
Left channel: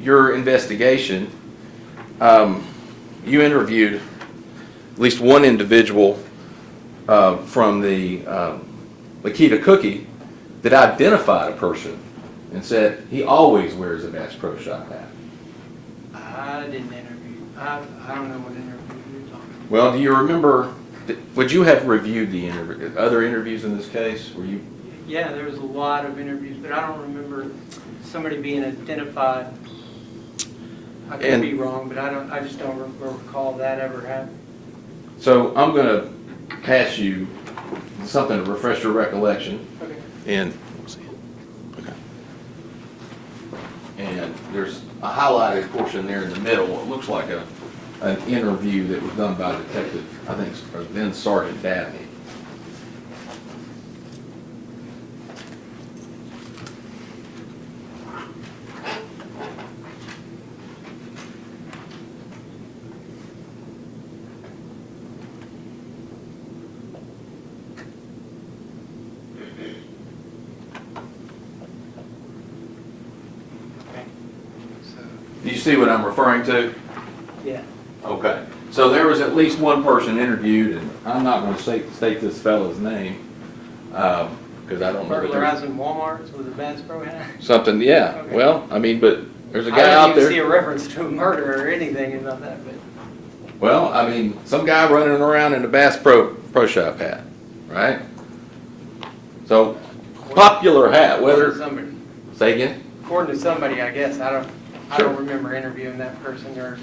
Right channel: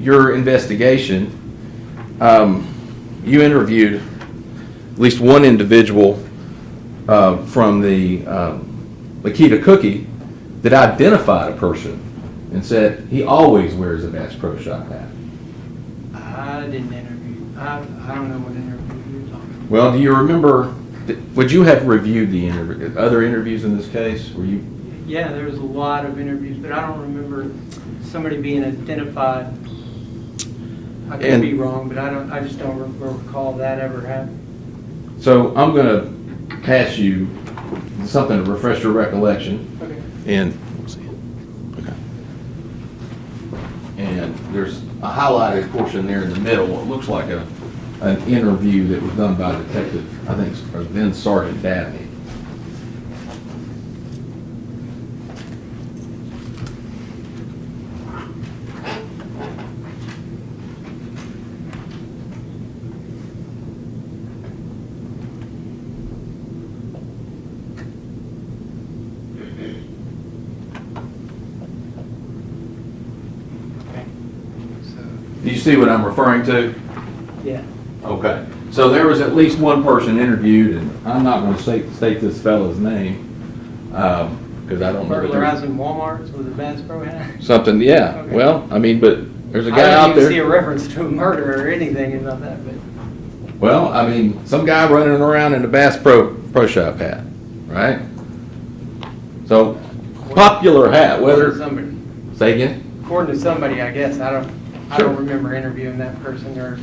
your investigation, you interviewed at least one individual from the Makita Cookie that identified a person and said he always wears a Bass Pro Shop hat. I didn't interview. I don't know what interview you're talking Well, do you remember, would you have reviewed the other interviews in this case? Were you? Yeah, there was a lot of interviews, but I don't remember somebody being identified. I could And- be wrong, but I just don't recall that ever happening. So I'm going to pass you something to refresh your recollection. Okay. And, okay. And there's a highlighted portion there in the middle. It looks like an interview that was done by Detective, I think, or then Sergeant Dabney. Okay. So, Do you see what I'm referring to? yeah. Okay. So there was at least one person interviewed, and I'm not going to state this fellow's name, because I don't know. that there's- Burglarizing Walmarts with a Bass Pro hat. Something, yeah. Okay. Well, I mean, but there's a I guy didn't out even see there. a reference to a murder or anything about that, but Well, I mean, some guy running around in a Bass Pro Shop hat, right? So, popular hat, according to whether, somebody, say again? according to somebody, I guess. I Sure. don't remember interviewing that person or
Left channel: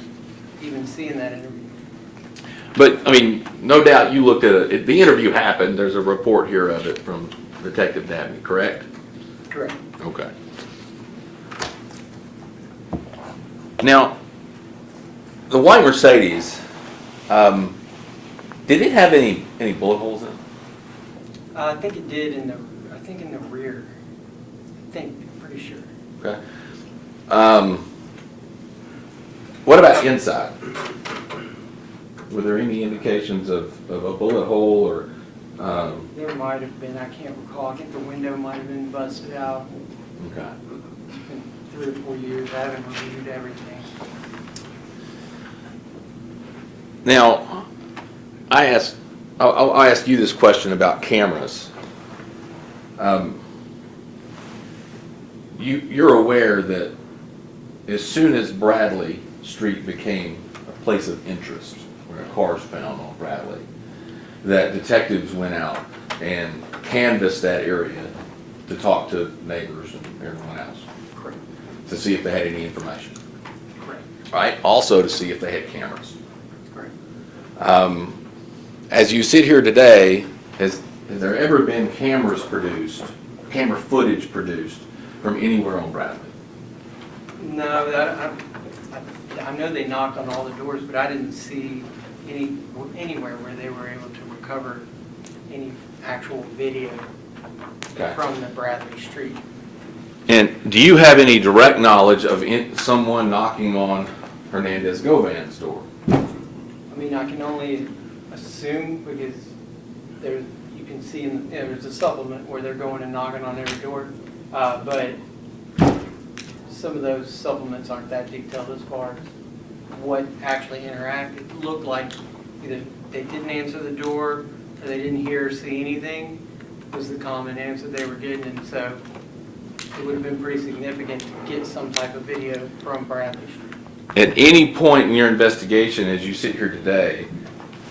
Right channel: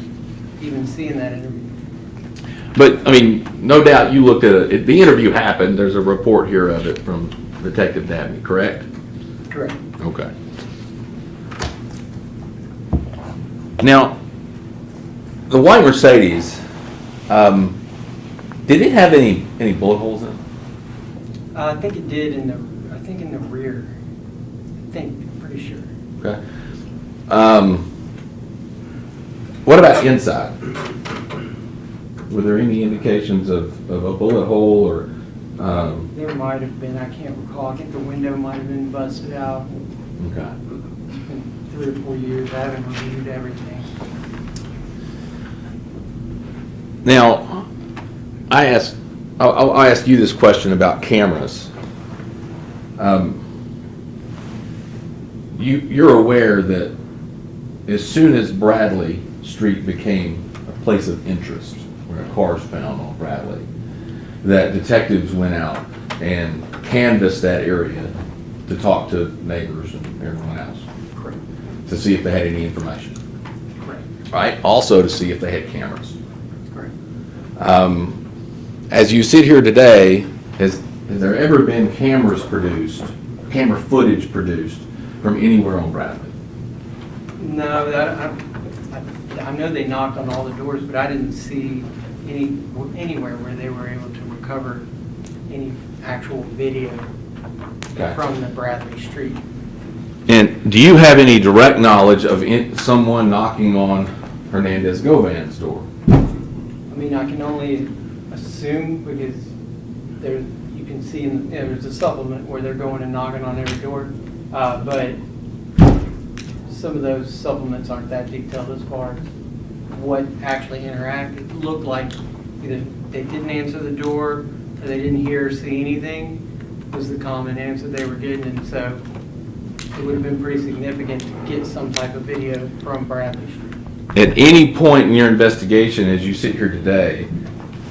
even seeing that interview. But, I mean, no doubt you looked at it. The interview happened. There's a report here of it from Detective Dabney, correct? Correct. Okay. Now, the white Mercedes, did it have any bullet holes in it? I think it did in the rear. Pretty sure. Okay. What about inside? Were there any indications of a bullet hole or? There might have been, I can't recall. I think the window might have been busted out. Okay. It's been 3 or 4 years. I haven't reviewed everything. Now, I'll ask you this question about cameras. You're aware that as soon as Bradley Street became a place of interest, where a car's found on Bradley, that detectives went out and canvassed that area to talk to neighbors and everyone else Correct. to see if they had any information, Correct. right? Also to see if they had cameras. Correct. As you sit here today, has there ever been camera footage produced from anywhere on Bradley? No, I know they knocked on all the doors, but I didn't see anywhere where they were able to recover any actual video Okay. from the Bradley Street. And do you have any direct knowledge of someone knocking on Hernandez Govan's door? I mean, I can only assume because you can see there's a supplement where they're going and knocking on every door, but some of those supplements aren't that detailed as far as what actually interacted. It looked like either they didn't answer the door or they didn't hear or see anything was the common answer they were getting, and so it would have been pretty significant to get some type of video from Bradley Street. At any point in your investigation, as you sit here today,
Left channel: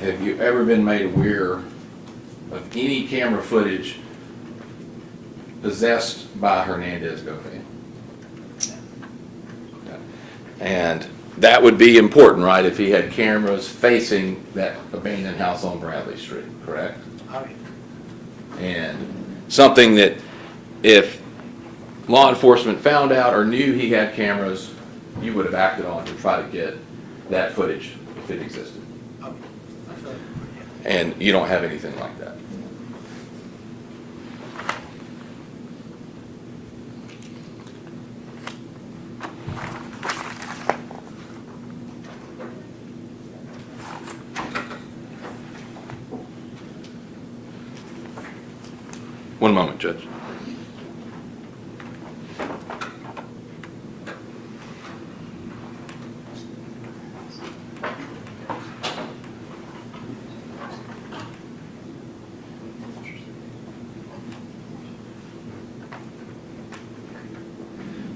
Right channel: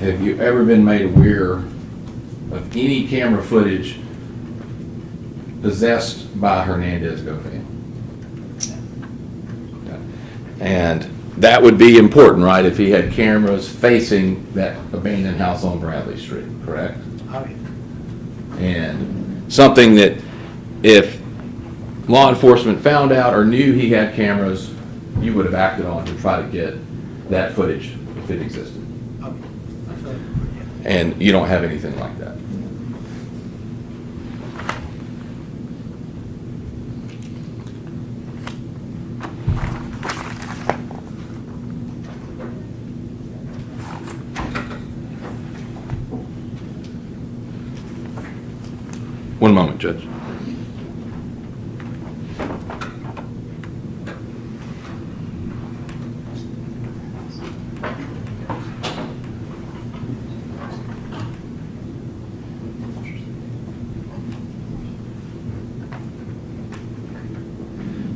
have you ever been made aware of any camera footage possessed by Hernandez Govan? And that would be important, right, if he had cameras facing that abandoned house on Bradley Street, correct? And something that if law enforcement found out or knew he had cameras, you would have acted on to try to get that footage if it existed. I feel like, yeah. And you don't have anything like that. One moment, Judge.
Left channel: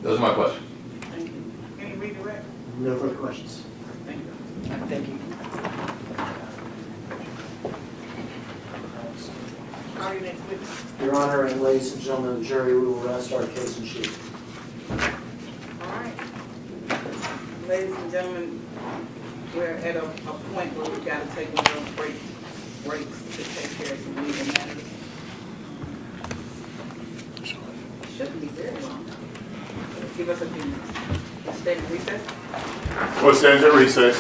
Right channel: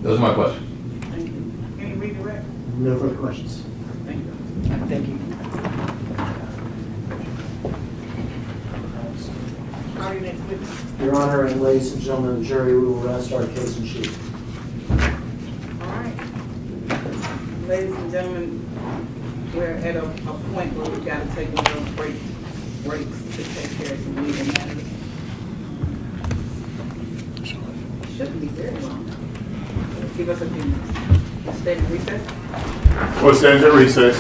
Those are my questions. Thank you. Any redirect? No further questions. Thank you. Thank you. Your Honor, and ladies and gentlemen of the jury, we will rest our case in chief. All right. Ladies and gentlemen, we're at a point where we've got to take one of those breaks to take care of some legal matters. Shouldn't be very long. Give us a few minutes. Stay in recess. What stands at recess?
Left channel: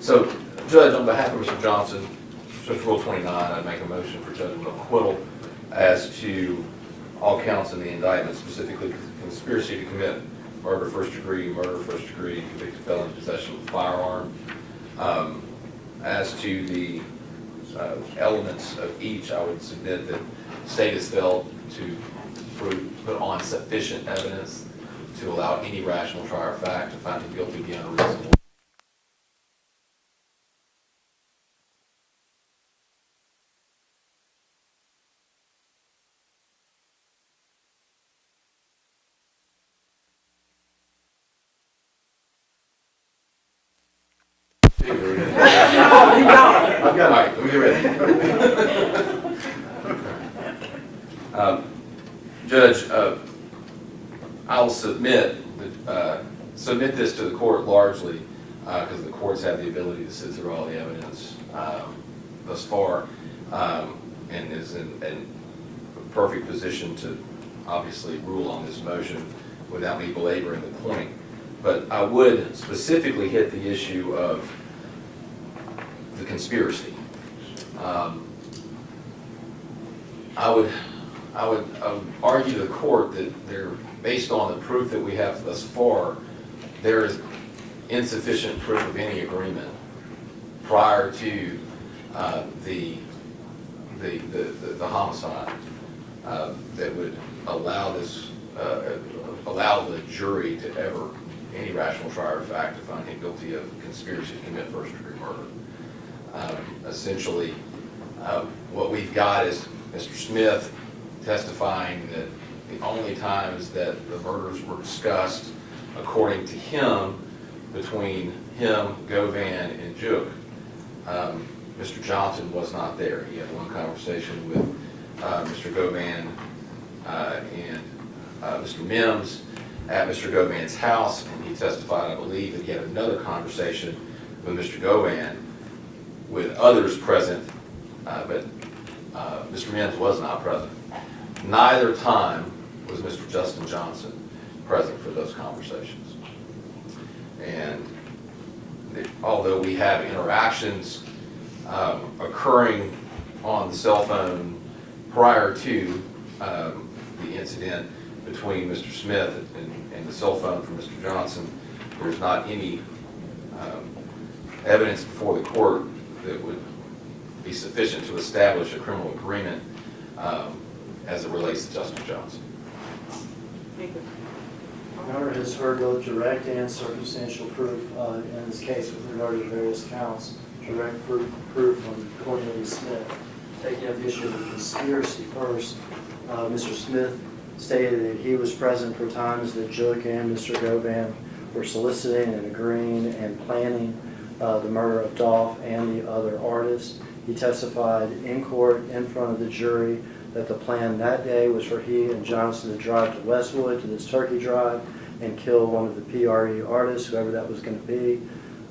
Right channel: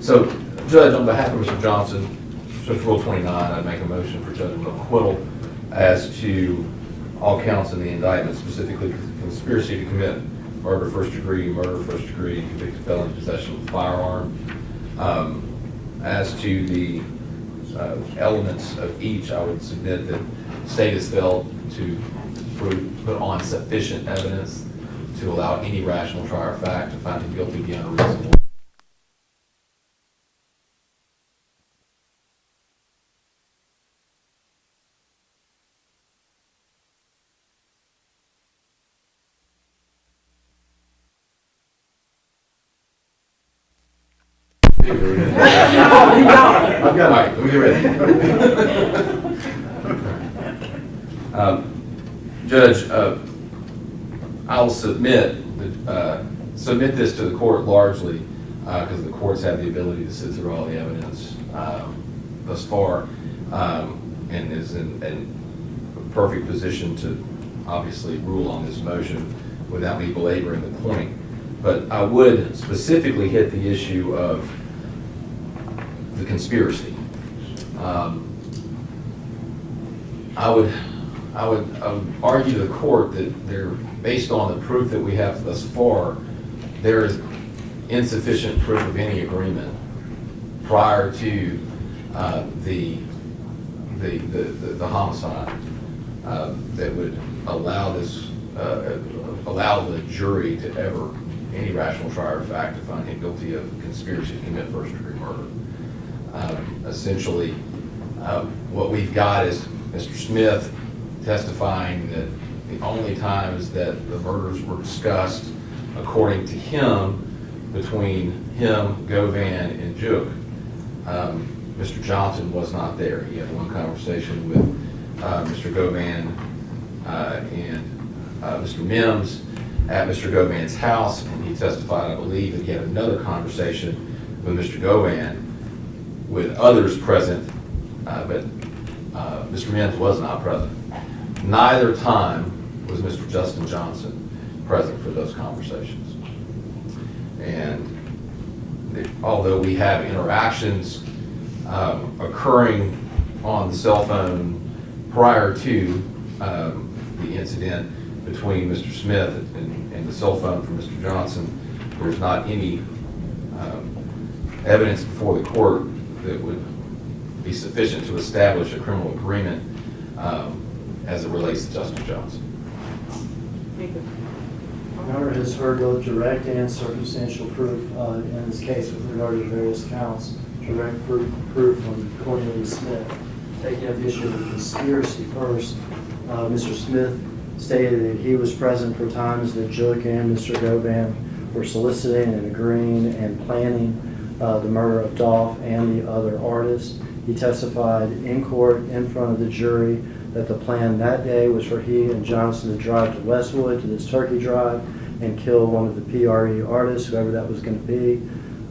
So, Judge, on behalf of Mr. Johnson, Mr. Rule 29, I make a motion for judgment of acquittal as to all counts in the indictment, specifically conspiracy to commit murder first degree, convicted felon in possession of a firearm. As to the elements of each, I would submit that the state has failed to put on sufficient evidence to allow any rational trier of fact to find him guilty beyond a reasonable. I've got All right, let me get ready. Judge, I'll submit this to the court largely because the courts have the ability to sit through all the evidence thus far and is in a perfect position to obviously rule on this motion without me belaboring the point. But I would specifically hit the issue of the conspiracy. I would argue to the court that based on the proof that we have thus far, there is insufficient proof of any agreement prior to the homicide that would allow the jury to ever, any rational trier of fact, to find him guilty of conspiracy to commit first-degree murder. Essentially, what we've got is Mr. Smith testifying that the only times that the murders were discussed, according to him, between him, Govan, and Juk, Mr. Johnson was not there. He had one conversation with Mr. Govan and Mr. Mims at Mr. Govan's house, and he testified, I believe, that he had another conversation with Mr. Govan with others present, but Mr. Mims was not present. Neither time was Mr. Justin Johnson present for those conversations. And although we have interactions occurring on the cell phone prior to the incident between Mr. Smith and the cell phone from Mr. Johnson, there's not any evidence before the court that would be sufficient to establish a criminal agreement as it relates to Justin Johnson. Thank you. Your Honor has heard both direct and circumstantial proof in this case with regard to various counts. Direct proof from Cornelius Smith. Taking up the issue of the conspiracy first, Mr. Smith stated that he was present for times that Juk and Mr. Govan were soliciting and agreeing and planning the murder of Dolph and the other artists. He testified in court in front of the jury that the plan that day was for he and Johnson to drive to Westwood to this turkey drive and kill one of the PRE artists, whoever that was going to be.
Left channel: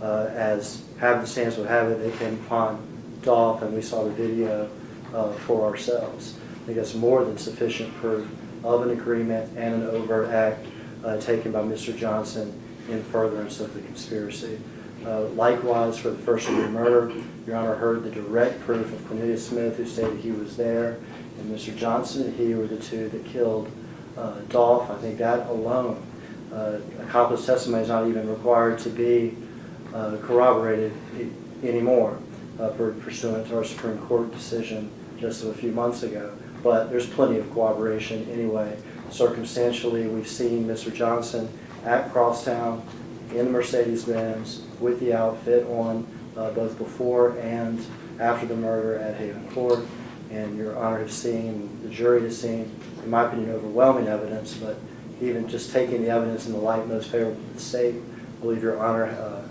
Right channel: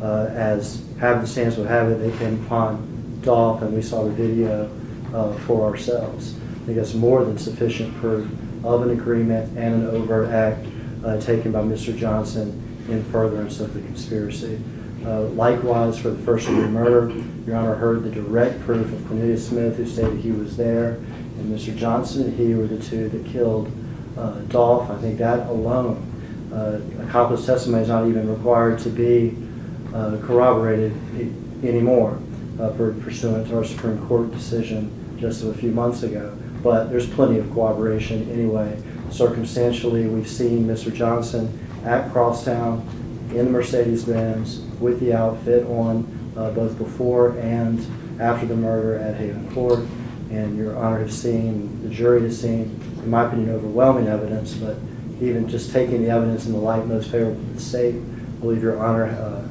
As happenstance would have it, they came upon Dolph and we saw the video for ourselves. I think that's more than sufficient proof of an agreement and an overt act taken by Mr. Johnson in furtherance of the conspiracy. Likewise, for the first-degree murder, Your Honor heard the direct proof of Cornelius Smith, who stated he was there, and Mr. Johnson and he were the two that killed Dolph. I think that alone, accomplice testimony is not even required to be corroborated anymore pursuant to our Supreme Court decision just a few months ago. But there's plenty of corroboration anyway. Circumstantially, we've seen Mr. Johnson at Crosstown in the Mercedes-Benz with the outfit on both before and after the murder at Haven Court. And Your Honor has seen, the jury has seen, in my opinion, overwhelming evidence, but even just taking the evidence in the light most favorable to the state, I believe Your Honor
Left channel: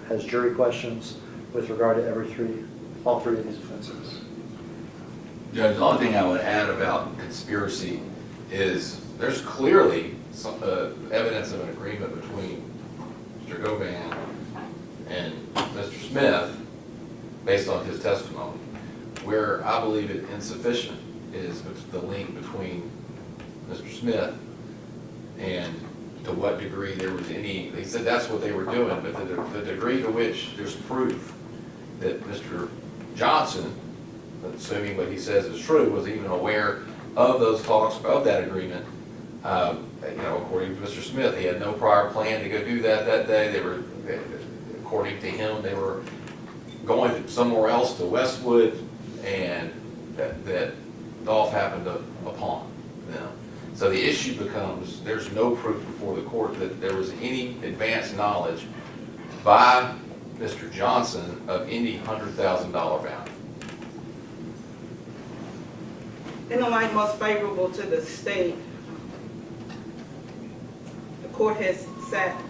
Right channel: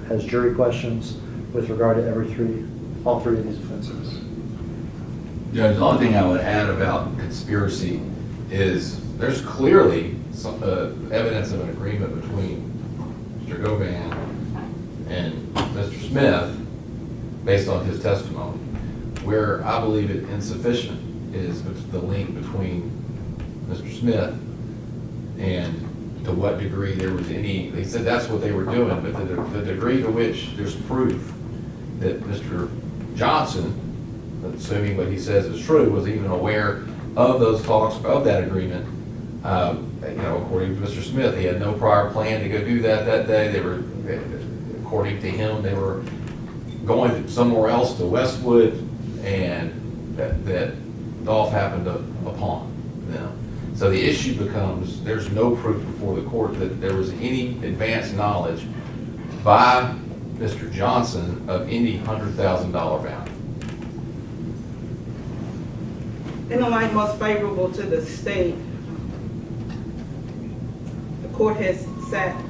has jury questions with regard to all three of these offenses. Judge, the only thing I would add about conspiracy is there's clearly some evidence of an agreement between Mr. Govan and Mr. Smith based on his testimony. Where I believe it insufficient is the link between Mr. Smith and to what degree there was any, they said that's what they were doing, but the degree to which there's proof that Mr. Johnson, assuming what he says is true, was even aware of those talks, of that agreement. According to Mr. Smith, he had no prior plan to go do that day. They were, according to him, they were going somewhere else to Westwood, and that Dolph happened upon them. So the issue becomes, there's no proof before the court that there was any advanced knowledge by Mr. Johnson of any $100,000 value. In the light most favorable to the state, the court has sat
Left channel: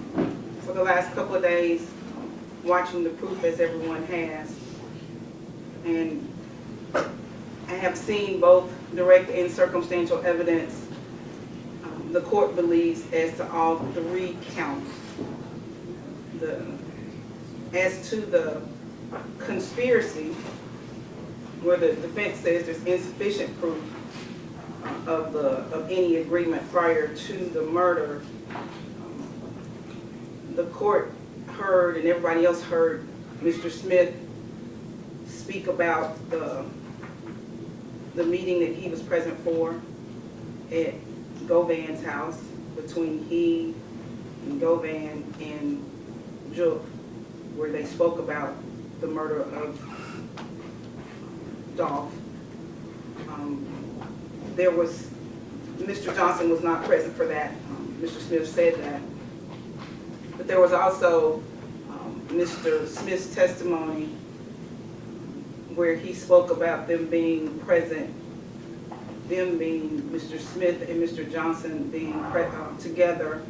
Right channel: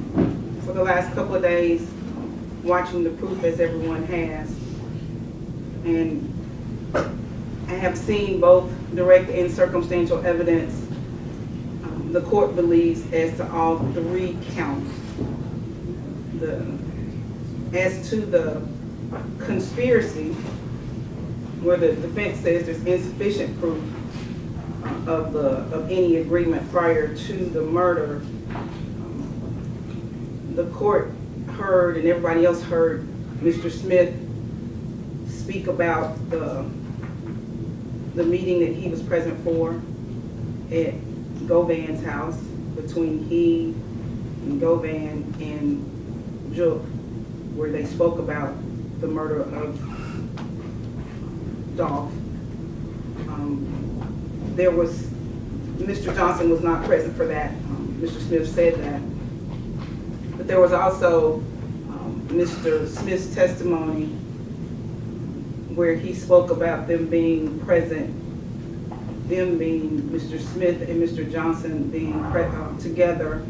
for the last couple of days watching the proof as everyone has. And I have seen both direct and circumstantial evidence. The court believes as to all three counts. As to the conspiracy, where the defense says there's insufficient proof of any agreement prior to the murder, the court heard and everybody else heard Mr. Smith speak about the meeting that he was present for at Govan's house between he and Govan and Jook, where they spoke about the murder of Dolph. There was, Mr. Johnson was not present for that. Mr. Smith said that. But there was also Mr. Smith's testimony where he spoke about them being present, them being Mr. Smith and Mr. Johnson being together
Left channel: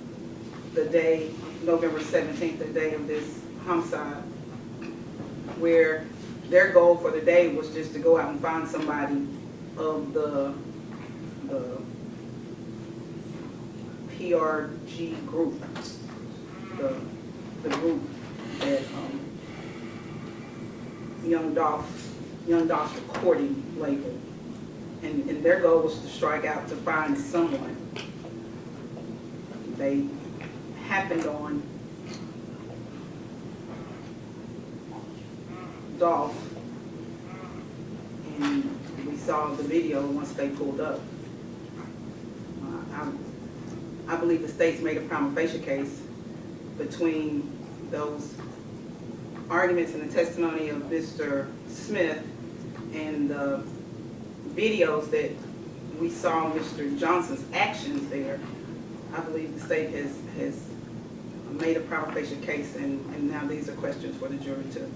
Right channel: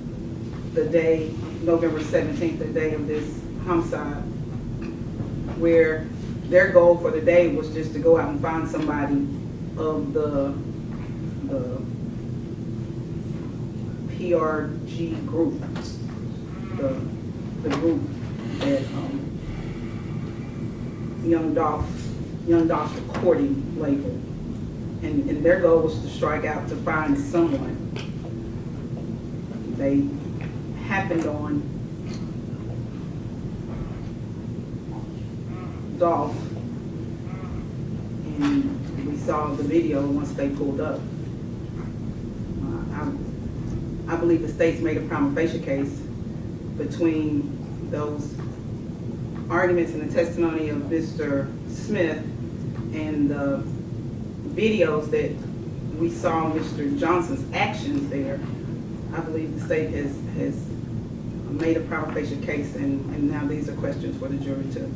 the day, November 17th, the day of this homicide, where their goal for the day was just to go out and find somebody of the PRG group, the group that Young Dolph's recording label. And their goal was to strike out to find someone. They happened on Dolph, and we saw the video once they pulled up. I believe the state's made a prima facie case between those arguments and the testimony of Mr. Smith and the videos that we saw Mr. Johnson's actions there. I believe the state has made a prima facie case, and now these are questions for the jury to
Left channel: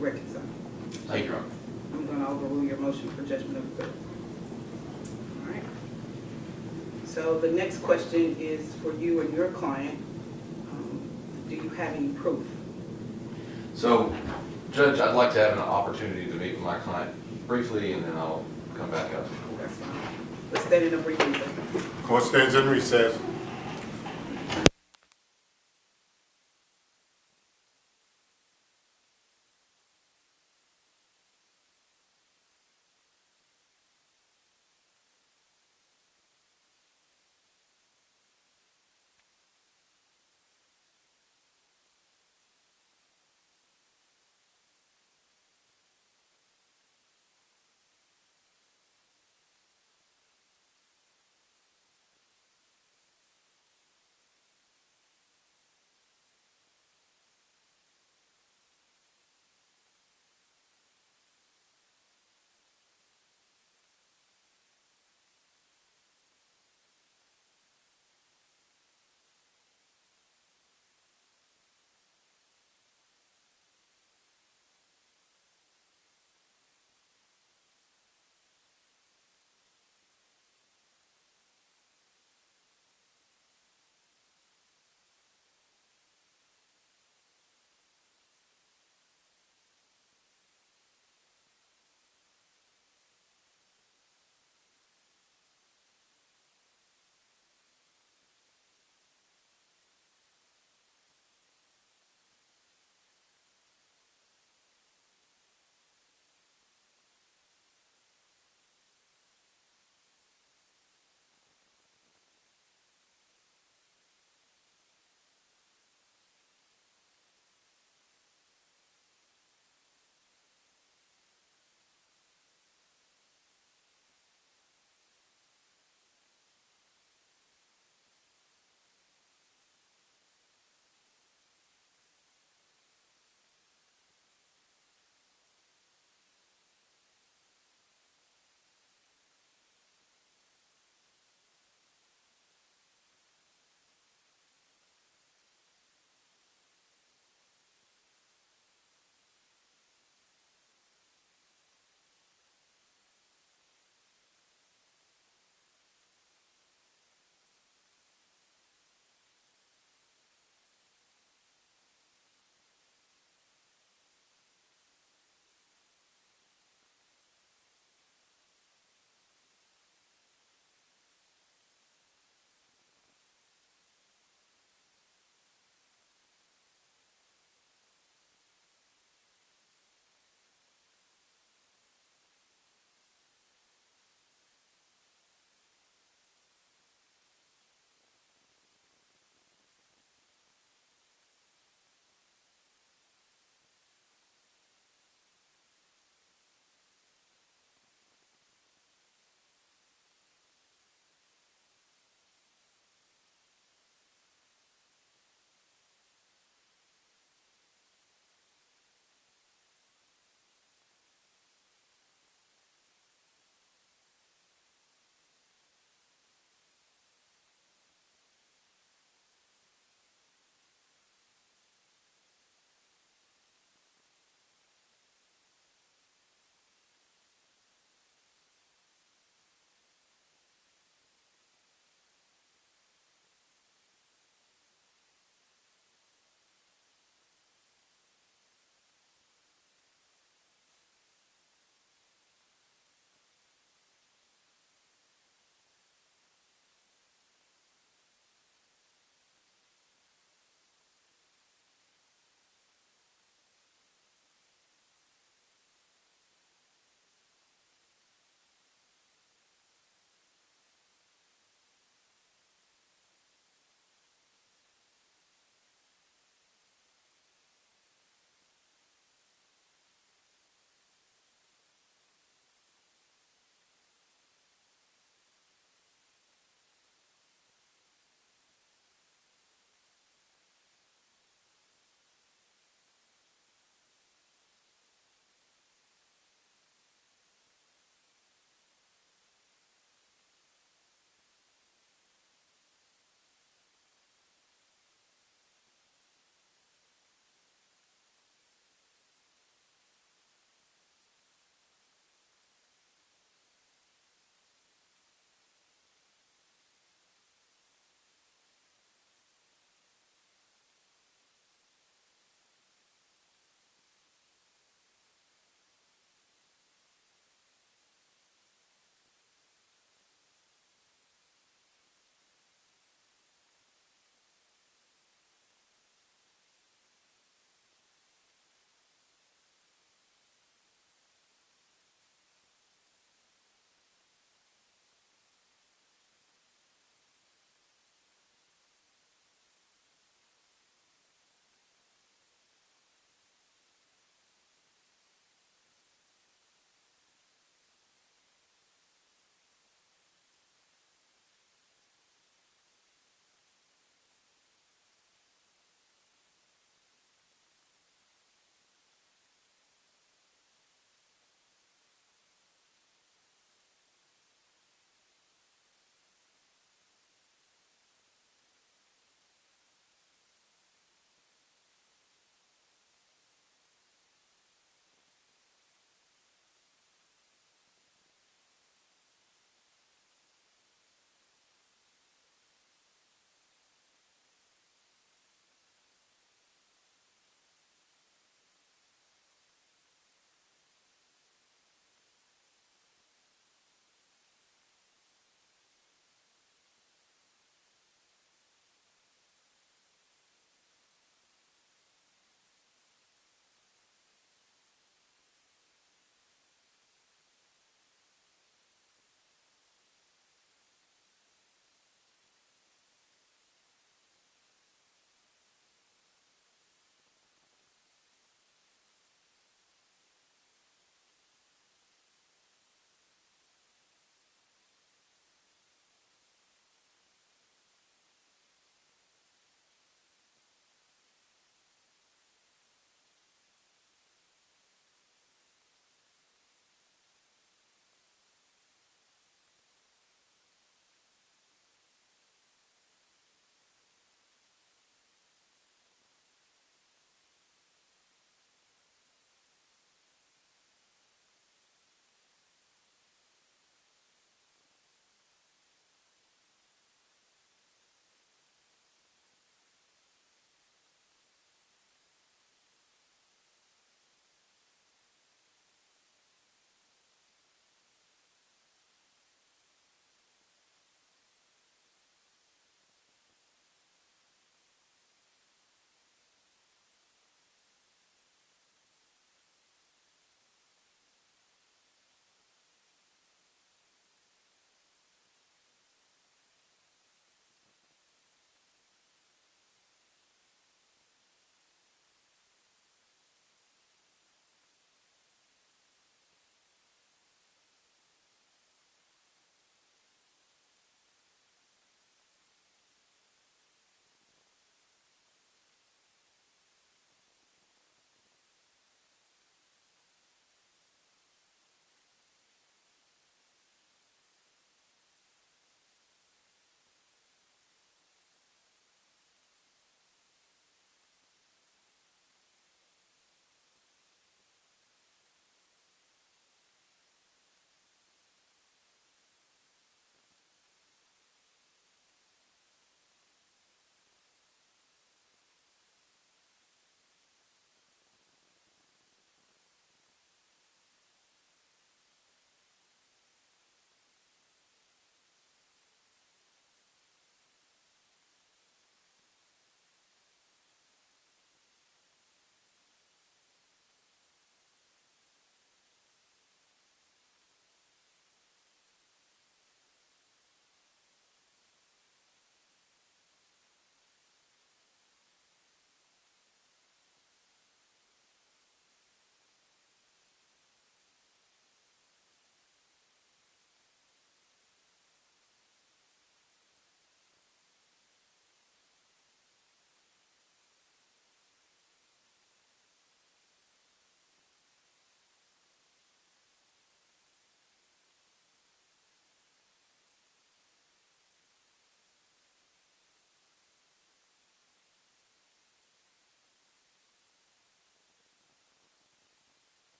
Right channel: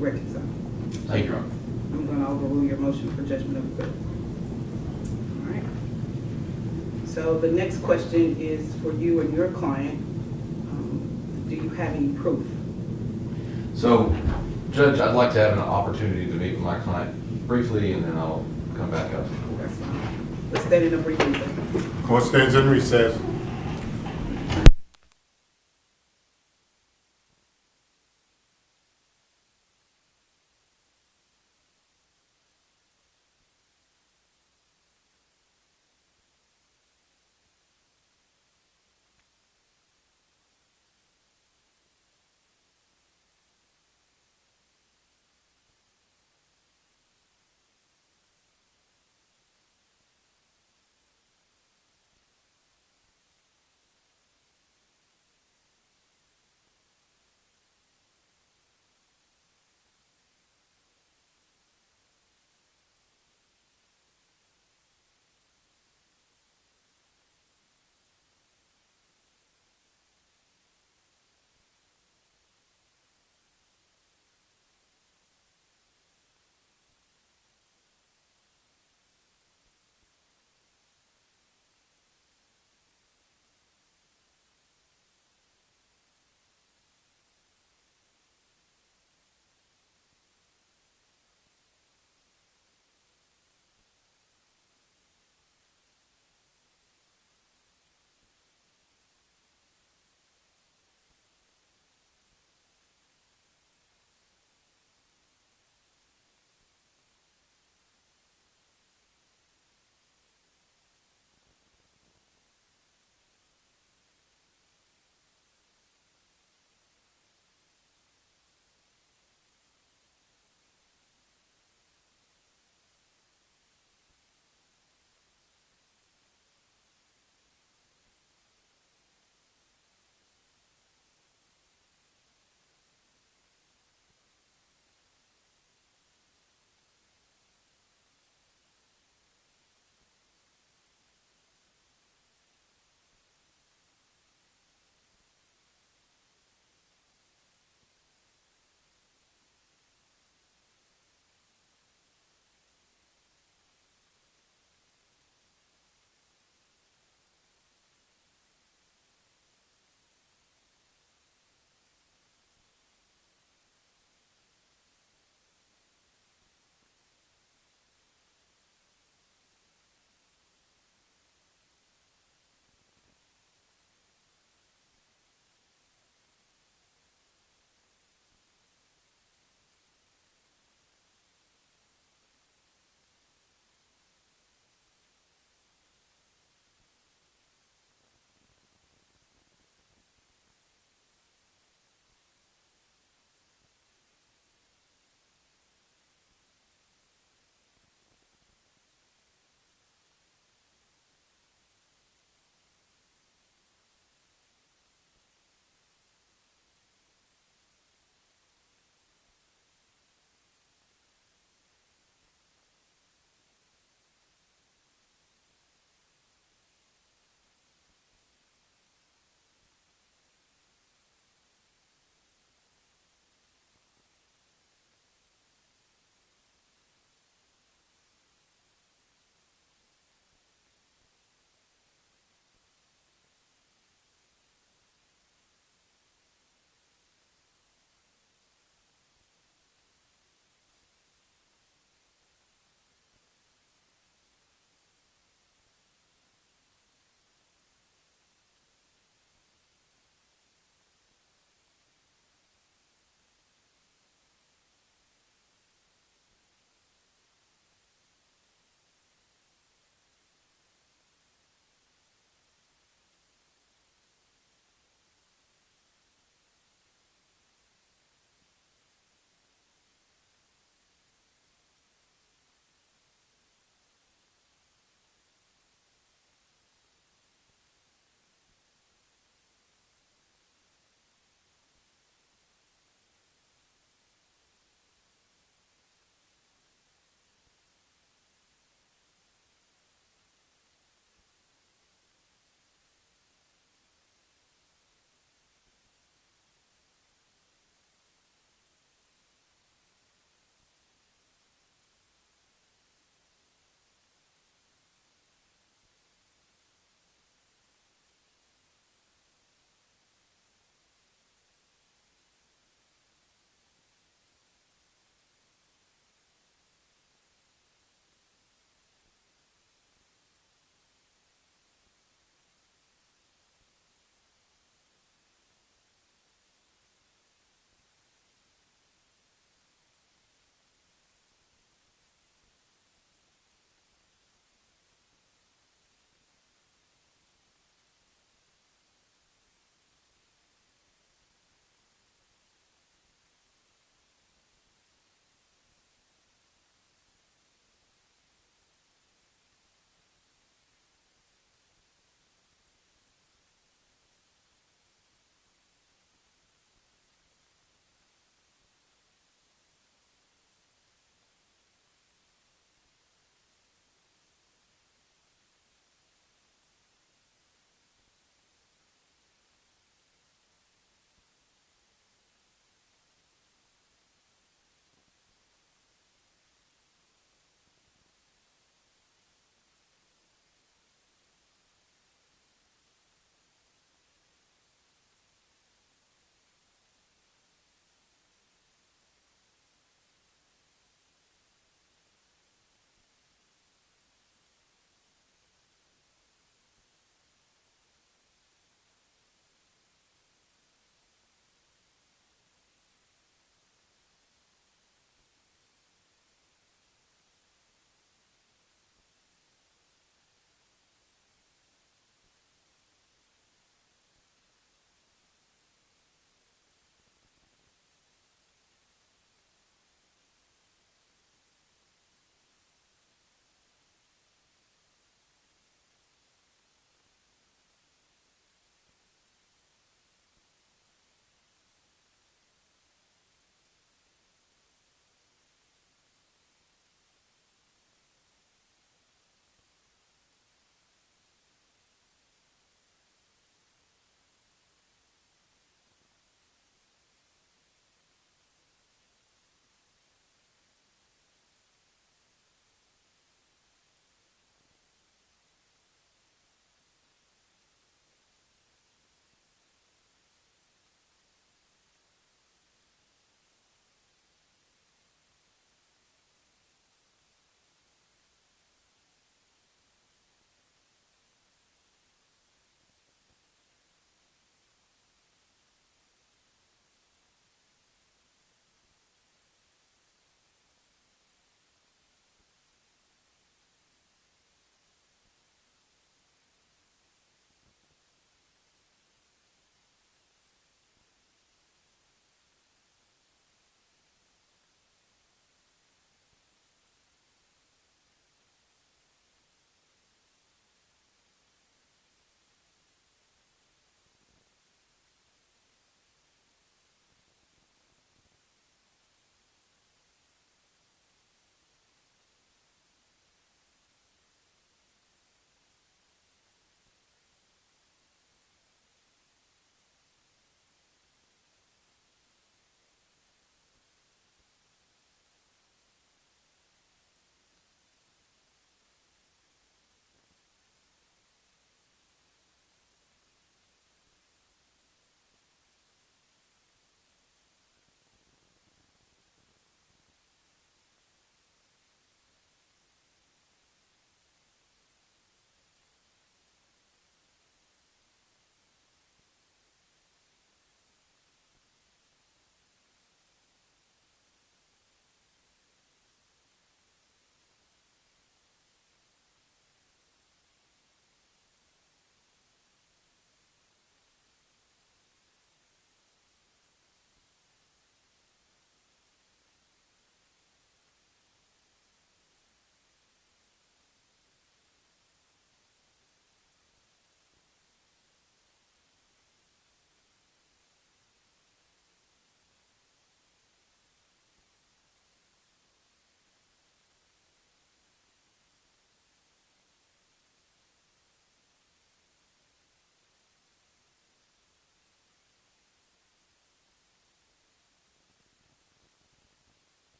reconcile. Thank you, Your Honor. I'm going to overrule your motion for judgment of acquittal. All right. So the next question is for you and your client. Do you have any proof? So, Judge, I'd like to have an opportunity to meet with my client briefly, and then I'll come back up. That's fine. Let's stand in a brief recess. Court stands in recess.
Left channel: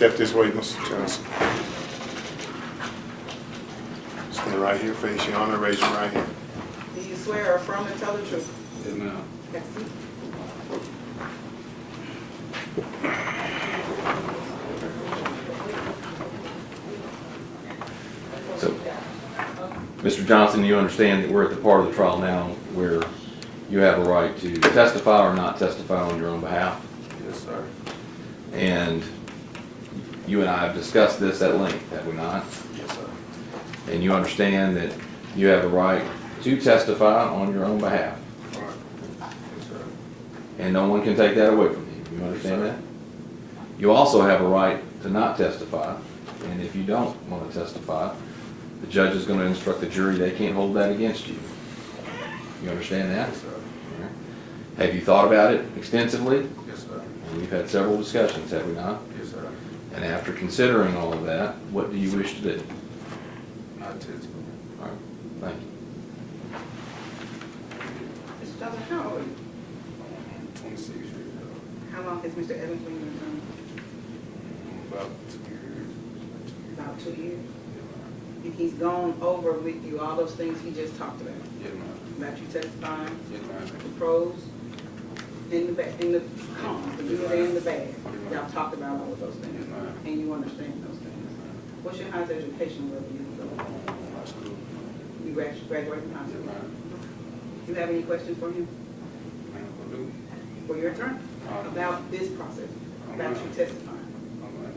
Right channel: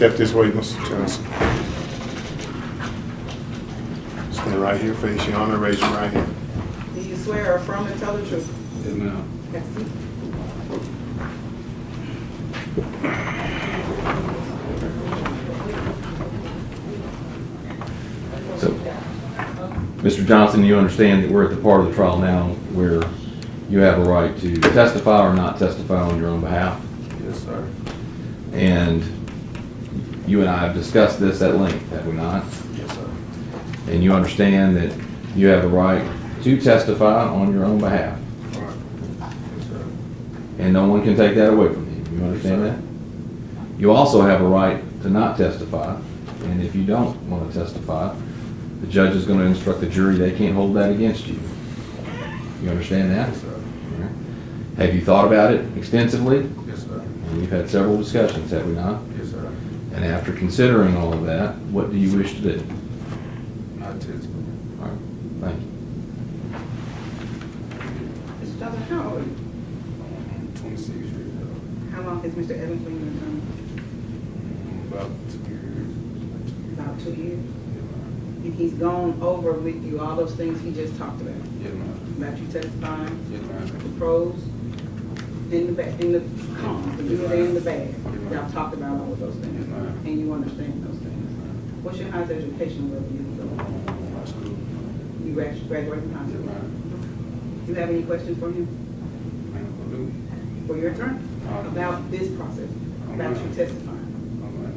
Step this way, Mr. Johnson. Stand right here, face your honor, raise your right hand. Do you swear or affirm to tell the truth? Yes, ma'am. Yes. So, Mr. Johnson, you understand that we're at the part of the trial now where you have a right to testify or not testify on your own behalf. Yes, sir. And you and I have discussed this at length, have we not? Yes, sir. And you understand that you have the right to testify on your own behalf. All right. Yes, sir. And no one can take that away from you. You understand that? You also have a right to not testify. And if you don't want to testify, the judge is going to instruct the jury they can't hold that against you. You understand that? Yes, sir. Have you thought about it extensively? Yes, sir. And we've had several discussions, have we not? Yes, sir. And after considering all of that, what do you wish to do? Not testify. All right, thank you. Mr. Johnson, how old are you? 26 years old. How long has Mr. Evans been your attorney? About 2 years. About 2 years. Yes, ma'am. And he's gone over with you all those things he just talked about? Yes, ma'am. About you testifying, Yes, ma'am. the pros, and the cons, the good and the bad. Y'all talked about all of those Yes, things, ma'am. and you understand those things. What's your highest education level you go? High school. You graduated from high Yes, school? ma'am. You have any questions for him, Ma'am, blue. for your attorney, about this process, about you testifying? Oh, ma'am.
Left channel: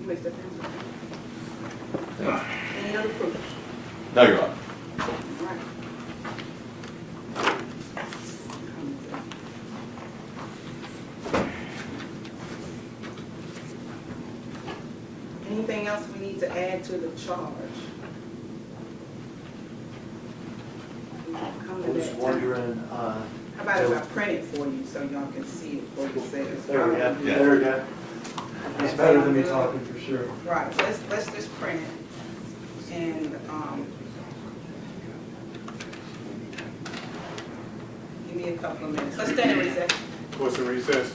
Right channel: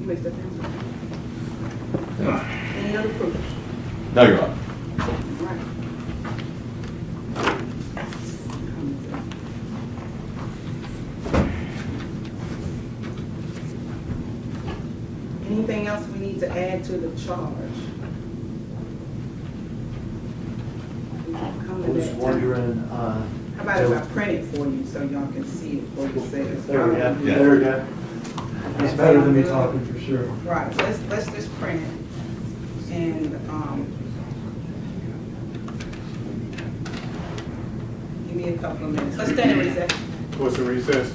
You may step down. Any other proof? No, you're right. All right. Anything else we need to add to the charge? Come I to was that time. wondering, How about if I print it for you so y'all can see it for yourselves? there we go, there we go. That's better than me talking for sure. Right, let's just print it. And, give me a couple of minutes. Let's stand in recess. What's the recess?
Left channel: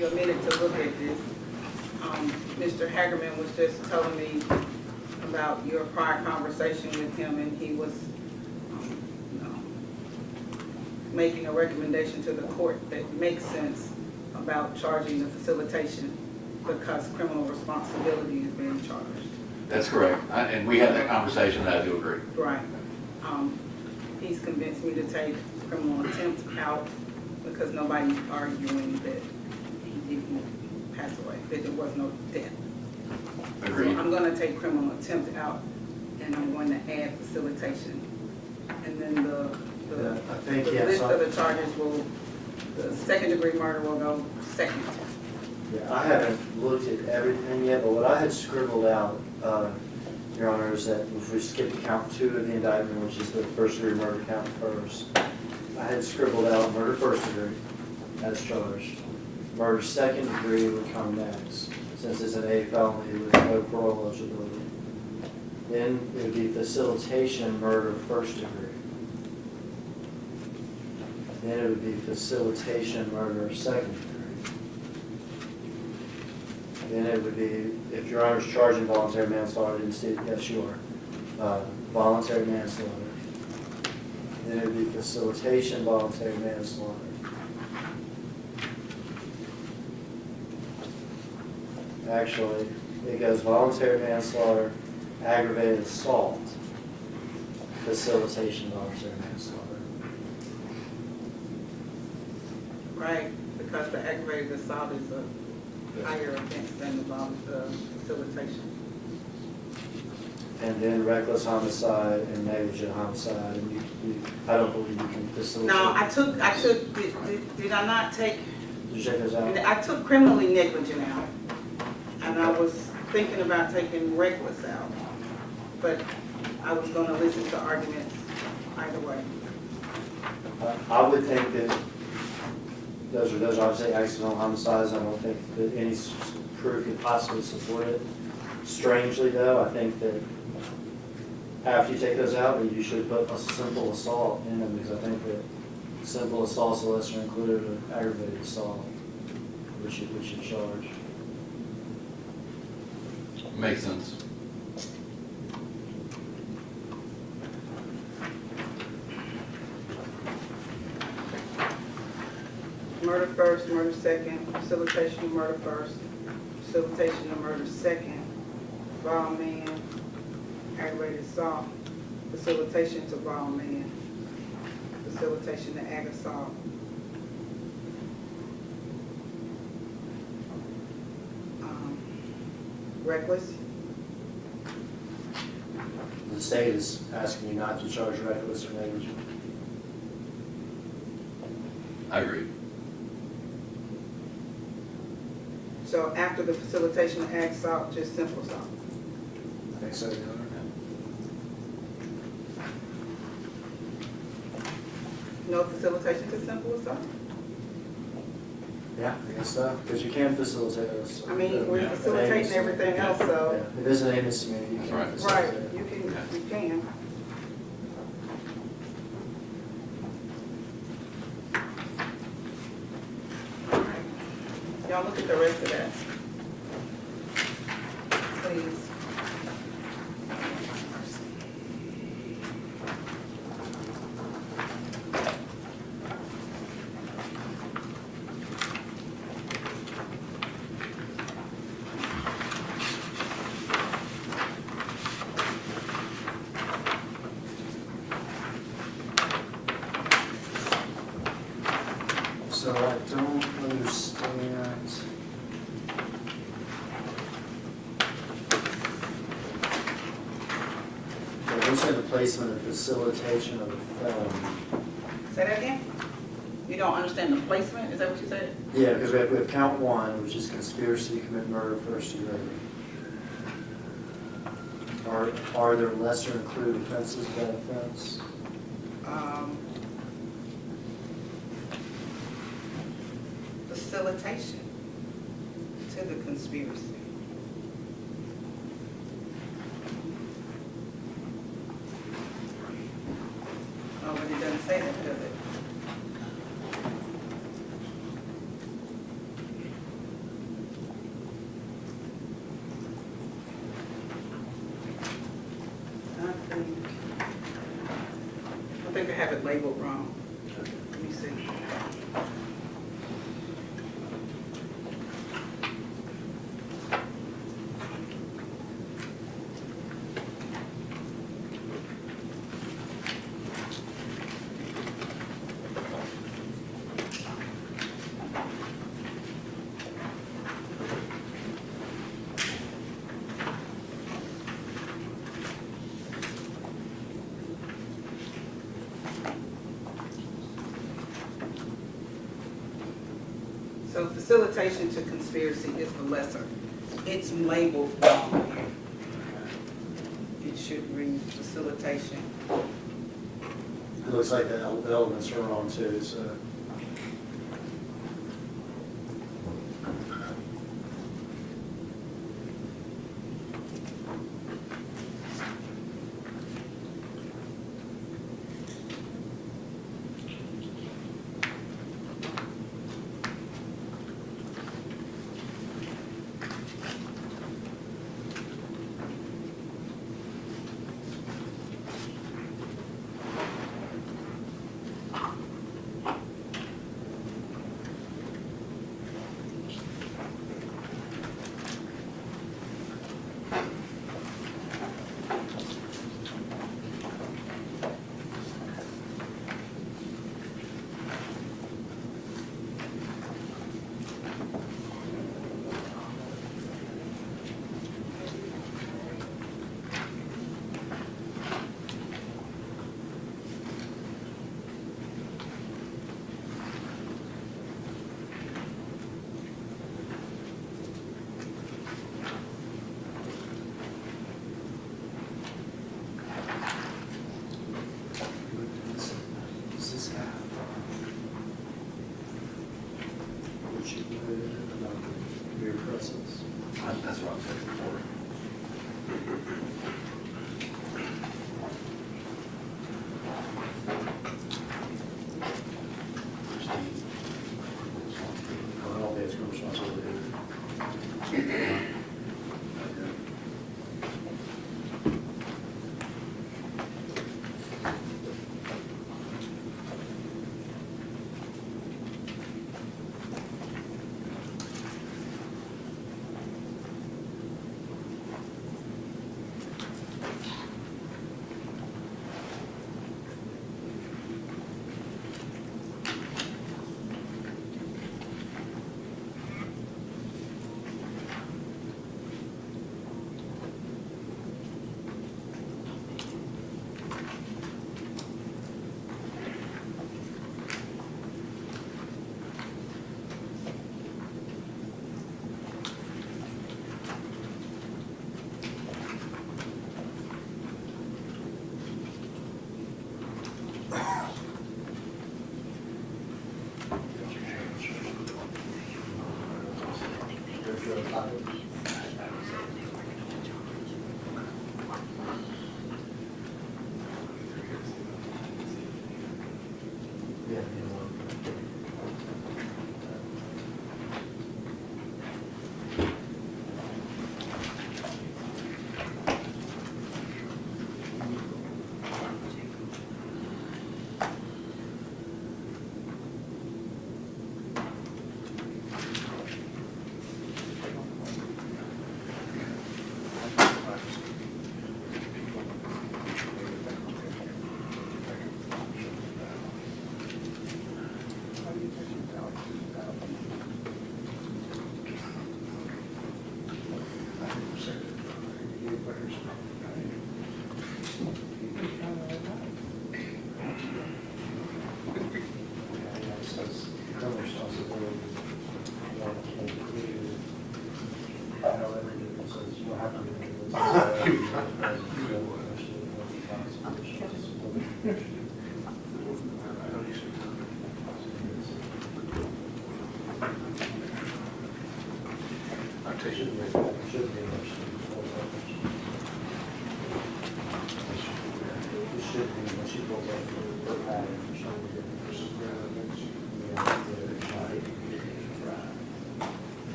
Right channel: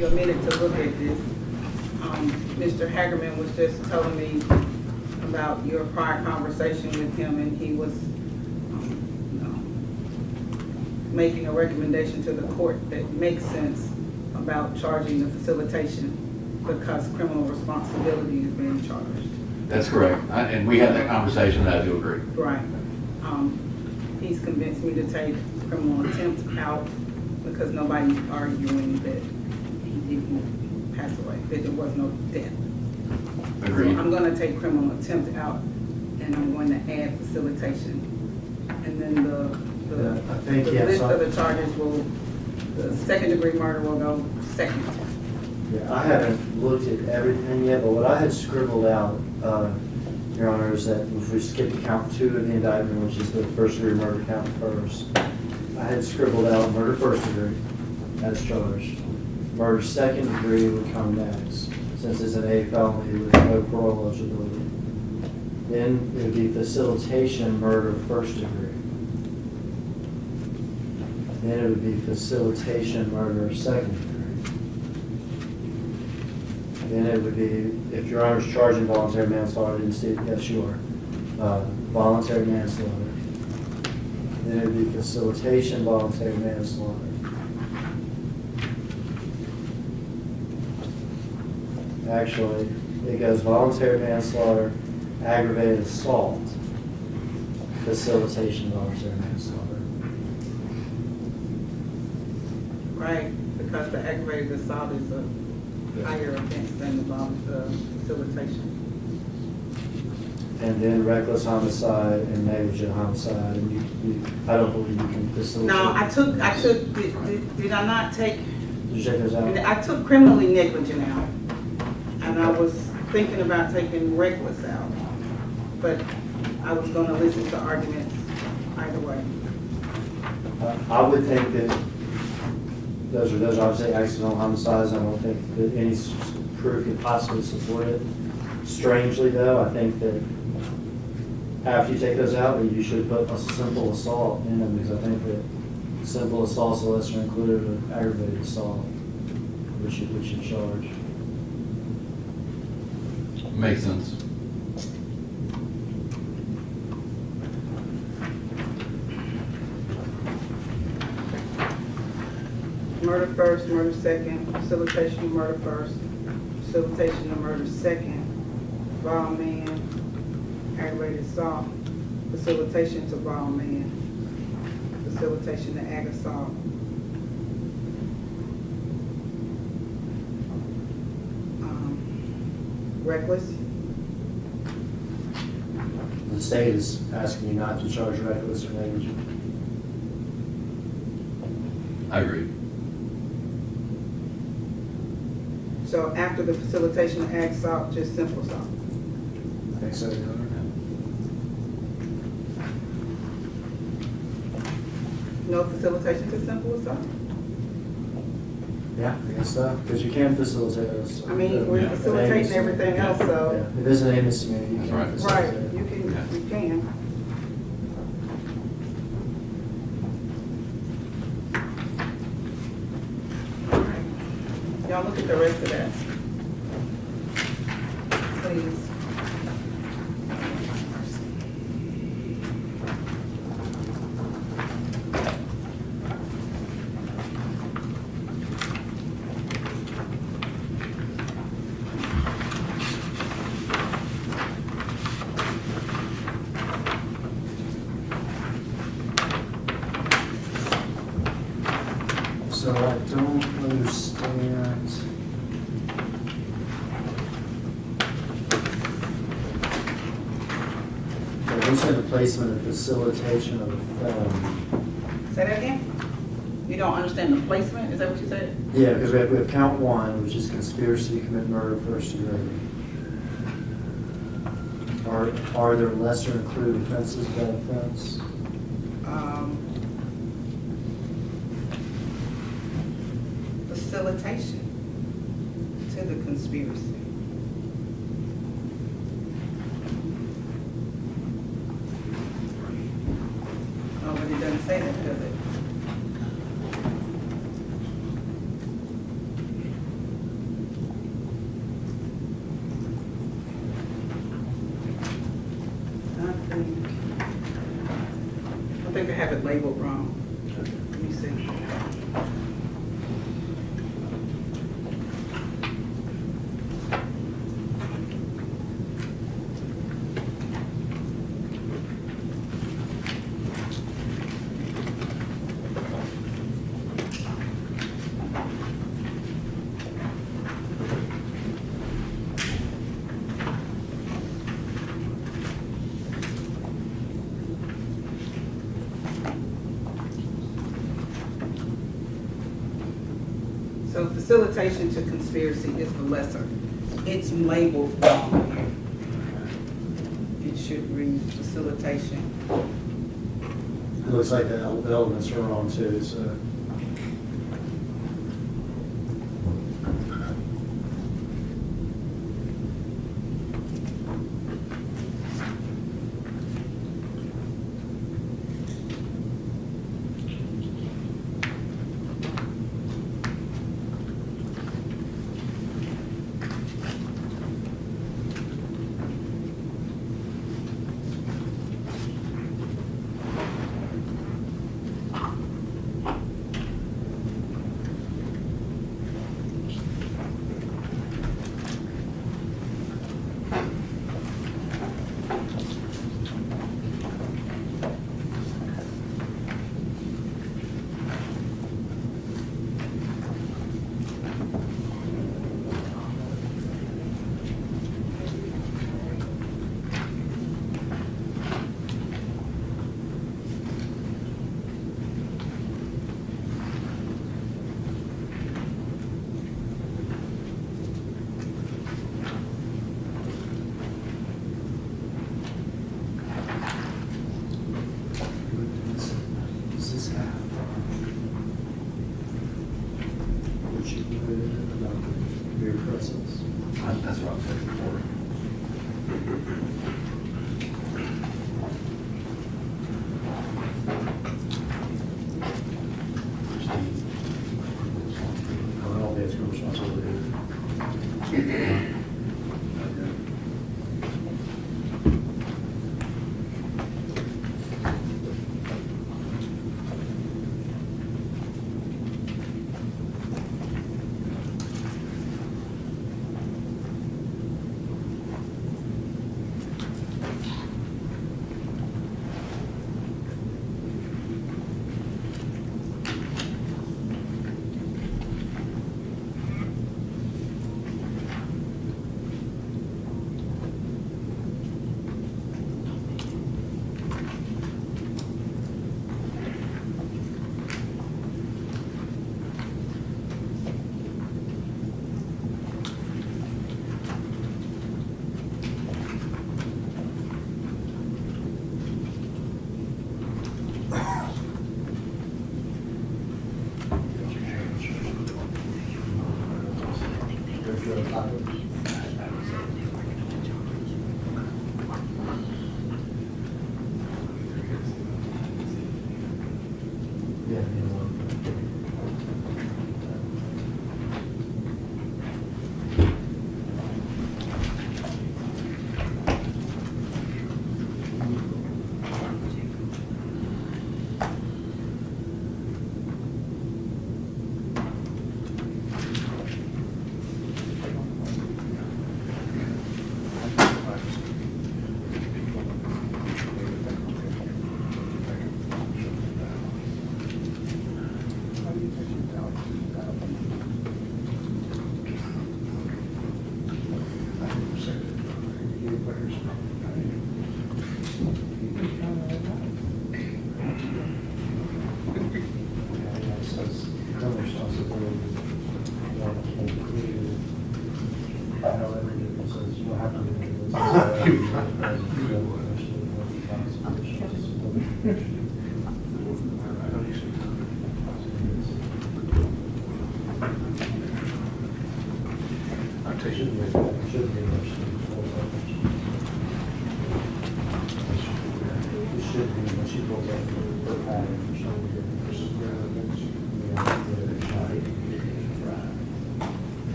you a minute to look at this. Mr. Hagerman was just telling me about your prior conversation with him, and he was making a recommendation to the court that makes sense about charging the facilitation because criminal responsibility is being charged. That's correct. And we had that conversation, and I do agree. Right. He's convinced me to take criminal attempt out because nobody's arguing that he didn't pass away, that there was no death. Agreed. So I'm gonna take criminal attempt out, and I'm going to add facilitation. And then Yeah, I think, the yeah, list so- of the charges will, the second degree murder will go second. Yeah, I haven't looked at everything yet, but what I had scribbled out, Your Honor, is that if we skip to count 2 of the indictment, which is the first degree murder count first, I had scribbled out murder first degree as charged. Murder second degree would come next, since it's an A felony with no parole eligibility. Then it would be facilitation murder first degree. Then it would be facilitation murder second degree. Then it would be, if Your Honor's charging voluntary manslaughter, I didn't see it, yes, you are. Voluntary manslaughter. Then it would be facilitation voluntary manslaughter. Actually, it goes voluntary manslaughter, aggravated assault, facilitation voluntary manslaughter. Right, because the aggravated assault is a higher offense than the facilitation. And then reckless homicide and negligent homicide, and you, I don't believe you can facilitate. No, did I not take, Did you check those out? I took criminally negligent out, and I was thinking about taking reckless out, but I was gonna listen to arguments either way. I would think that those are obviously accidental homicides. I don't think that any proof could possibly support it. Strangely though, I think that after you take those out, that you should put a simple assault in them, because I think that simple assault's a lesser included of aggravated assault, which you charge. Makes sense. Murder first, murder second, facilitation of murder first, facilitation of murder second, violent man, aggravated assault, facilitation to violent man, facilitation to ag assault. Reckless, The state is asking you not to charge reckless or negligent. I agree. so after the facilitation of ag assault, just simple assault. I think so, Your Honor. No facilitation to simple assault? Yeah, I guess so, because you can facilitate us. I mean, we're Yeah. facilitating everything else, so. Yeah, it is an A misdemeanor, you That's can right. facilitate. Right, you can. Alright. Y'all look at the rest of that. Please. So I don't understand. Okay, we said the placement and facilitation of a felony. Say that again? You don't understand the placement, is that what you said? Yeah, because we have count 1, which is conspiracy to commit murder first degree. Are there lesser included offenses of that offense? Facilitation to the conspiracy. Oh, but it doesn't say that, does it? labeled wrong. Let me see. So facilitation to conspiracy is the lesser. It's labeled wrong here. It should read facilitation. It looks like the elements are wrong too, so. Which you put about your presence. That's what I'm saying before. I don't think it's your responsibility. Yeah.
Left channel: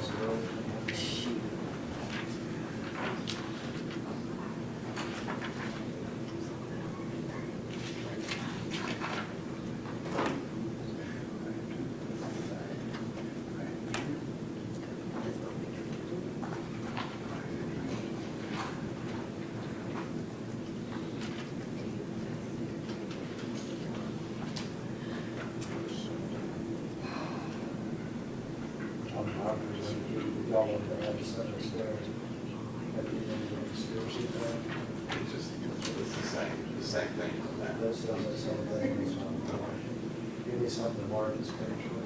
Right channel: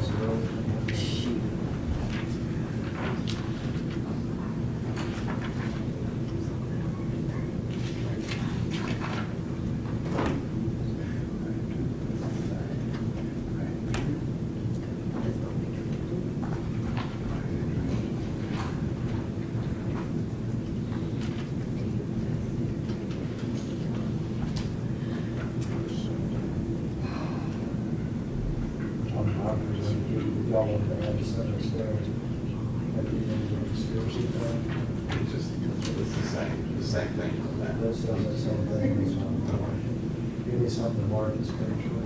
Shoot. Y'all want to have this upstairs. At the end of the conspiracy thing. It's just, it's the same thing on that. That does the same thing. Give me something to mark this picture.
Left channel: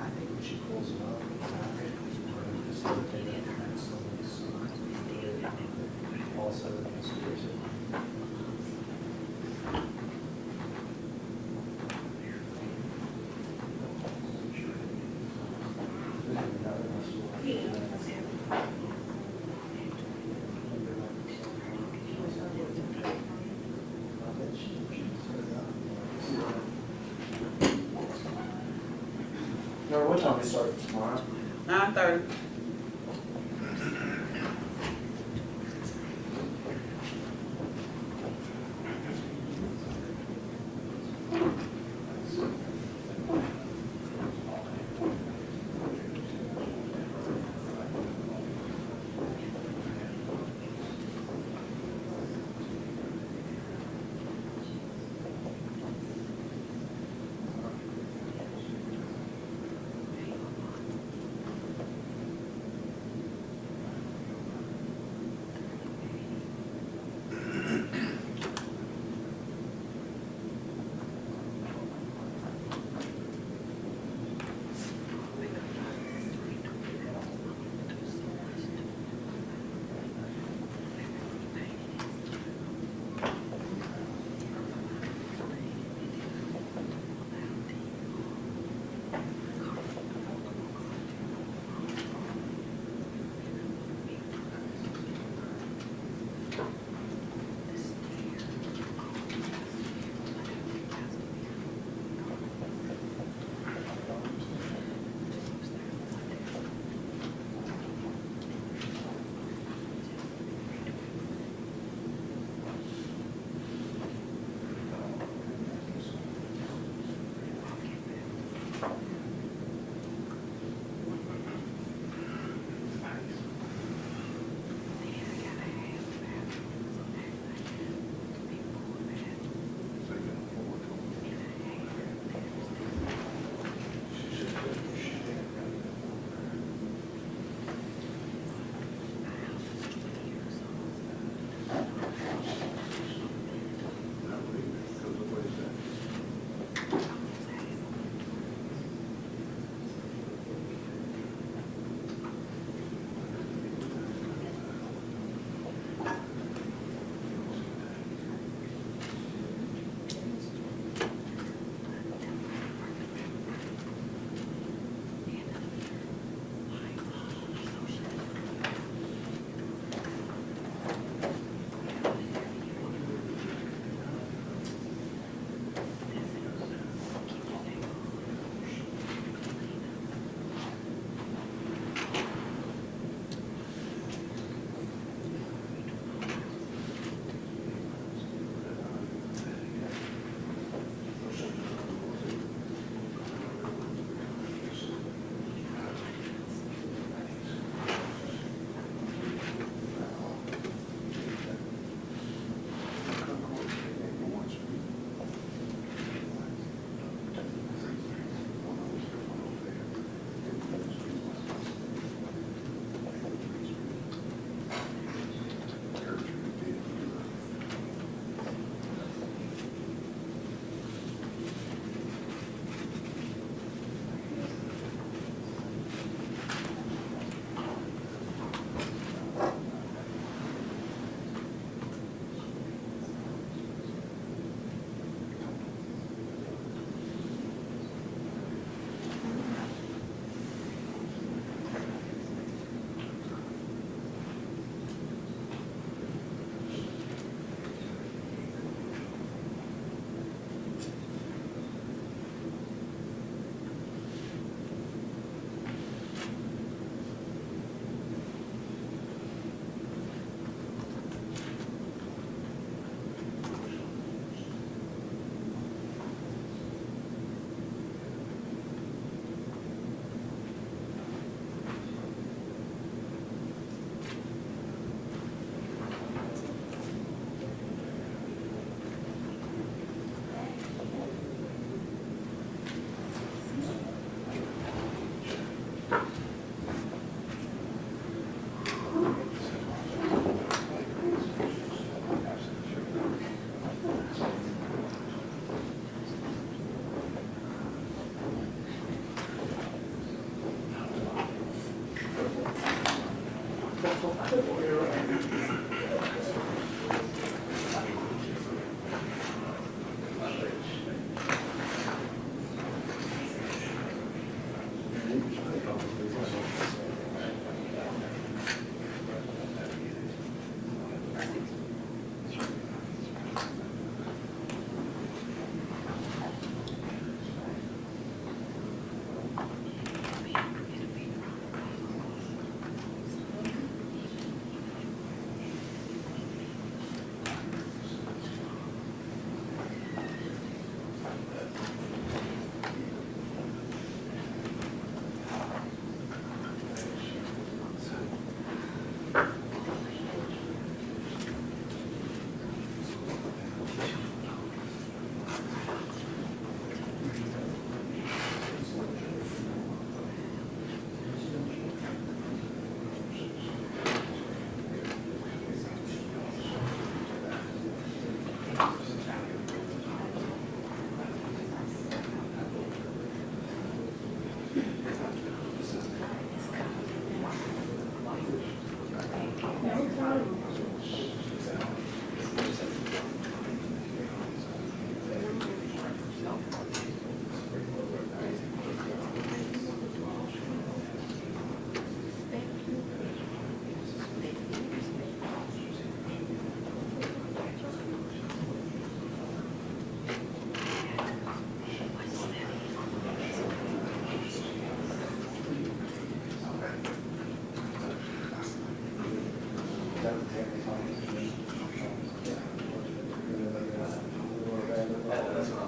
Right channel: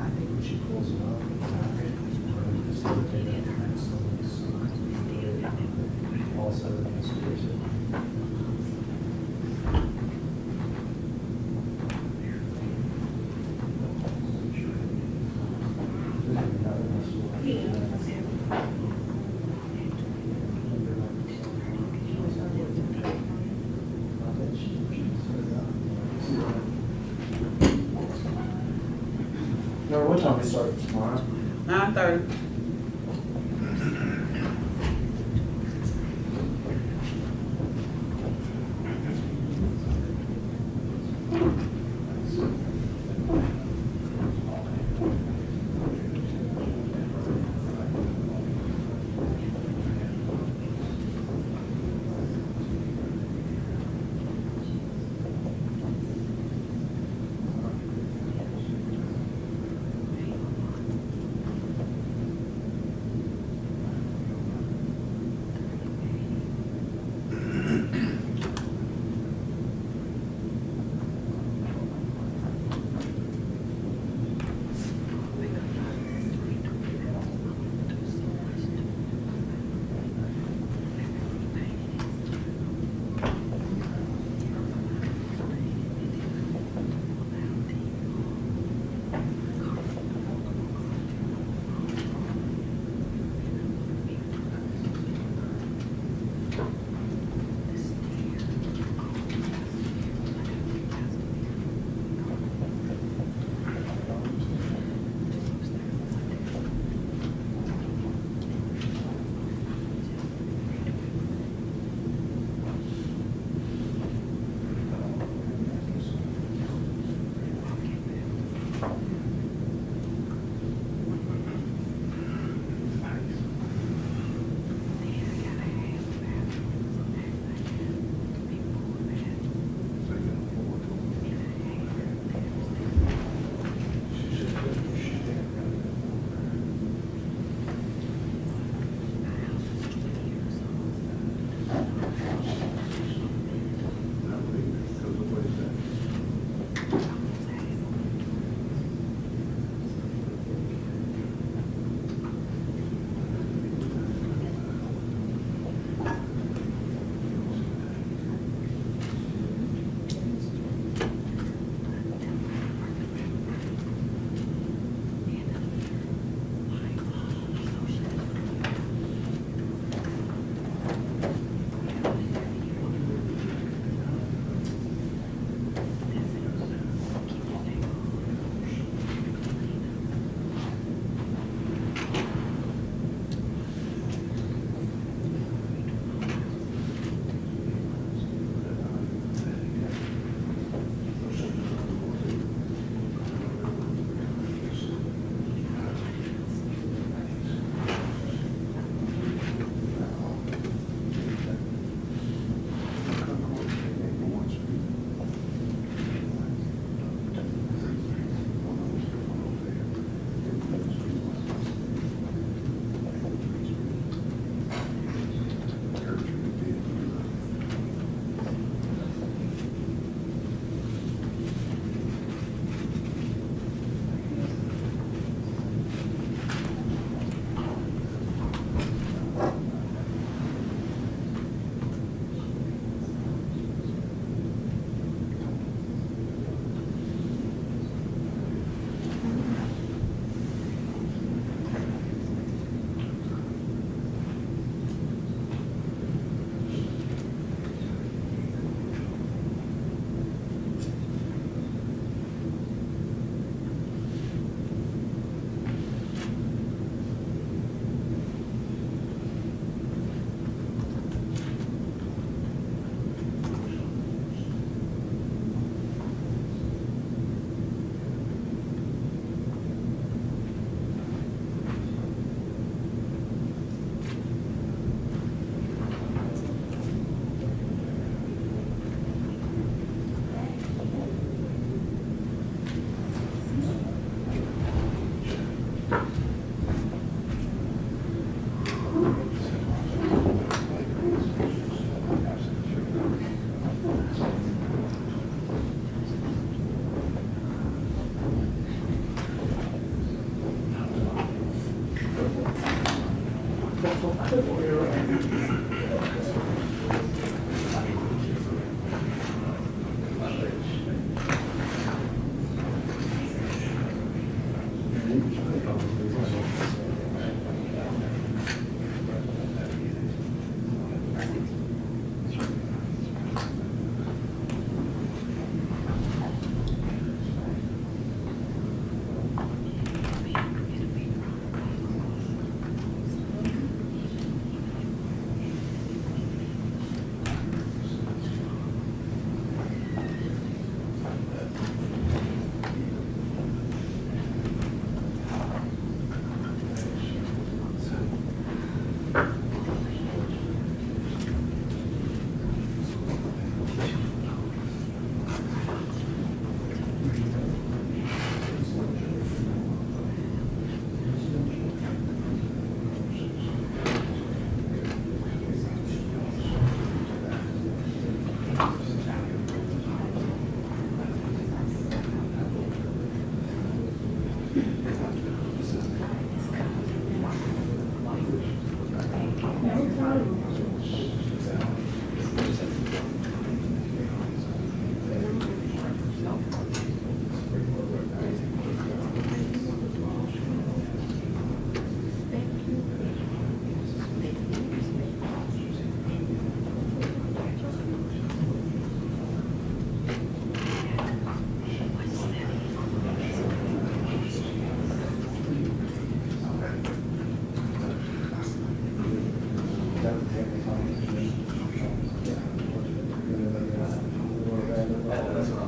I think when she pulls it up, just look at it, and also the conspiracy. No, what time we start tomorrow? 9:30.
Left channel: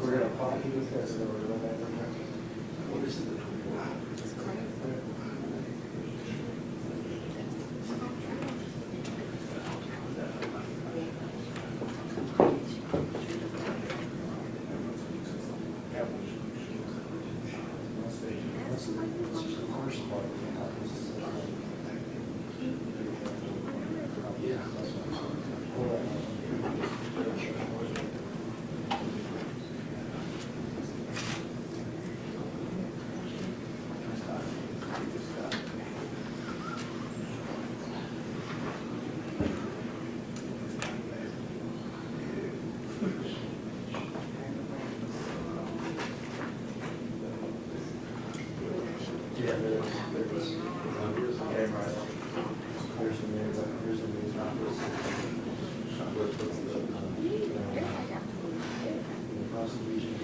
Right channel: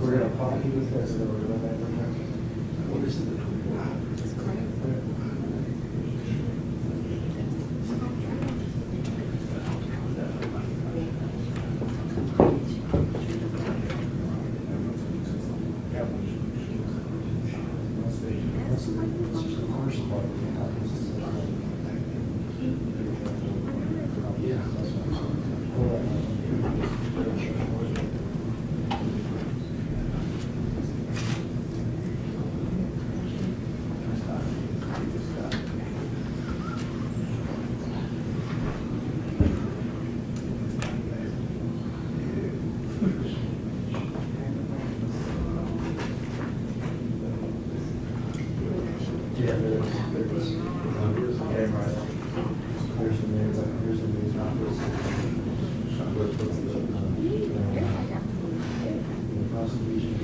We're gonna copy with this, or we're gonna. This is the first part. Yeah, there's, okay, right. Here's the news, here's the news, not this. The prosecution.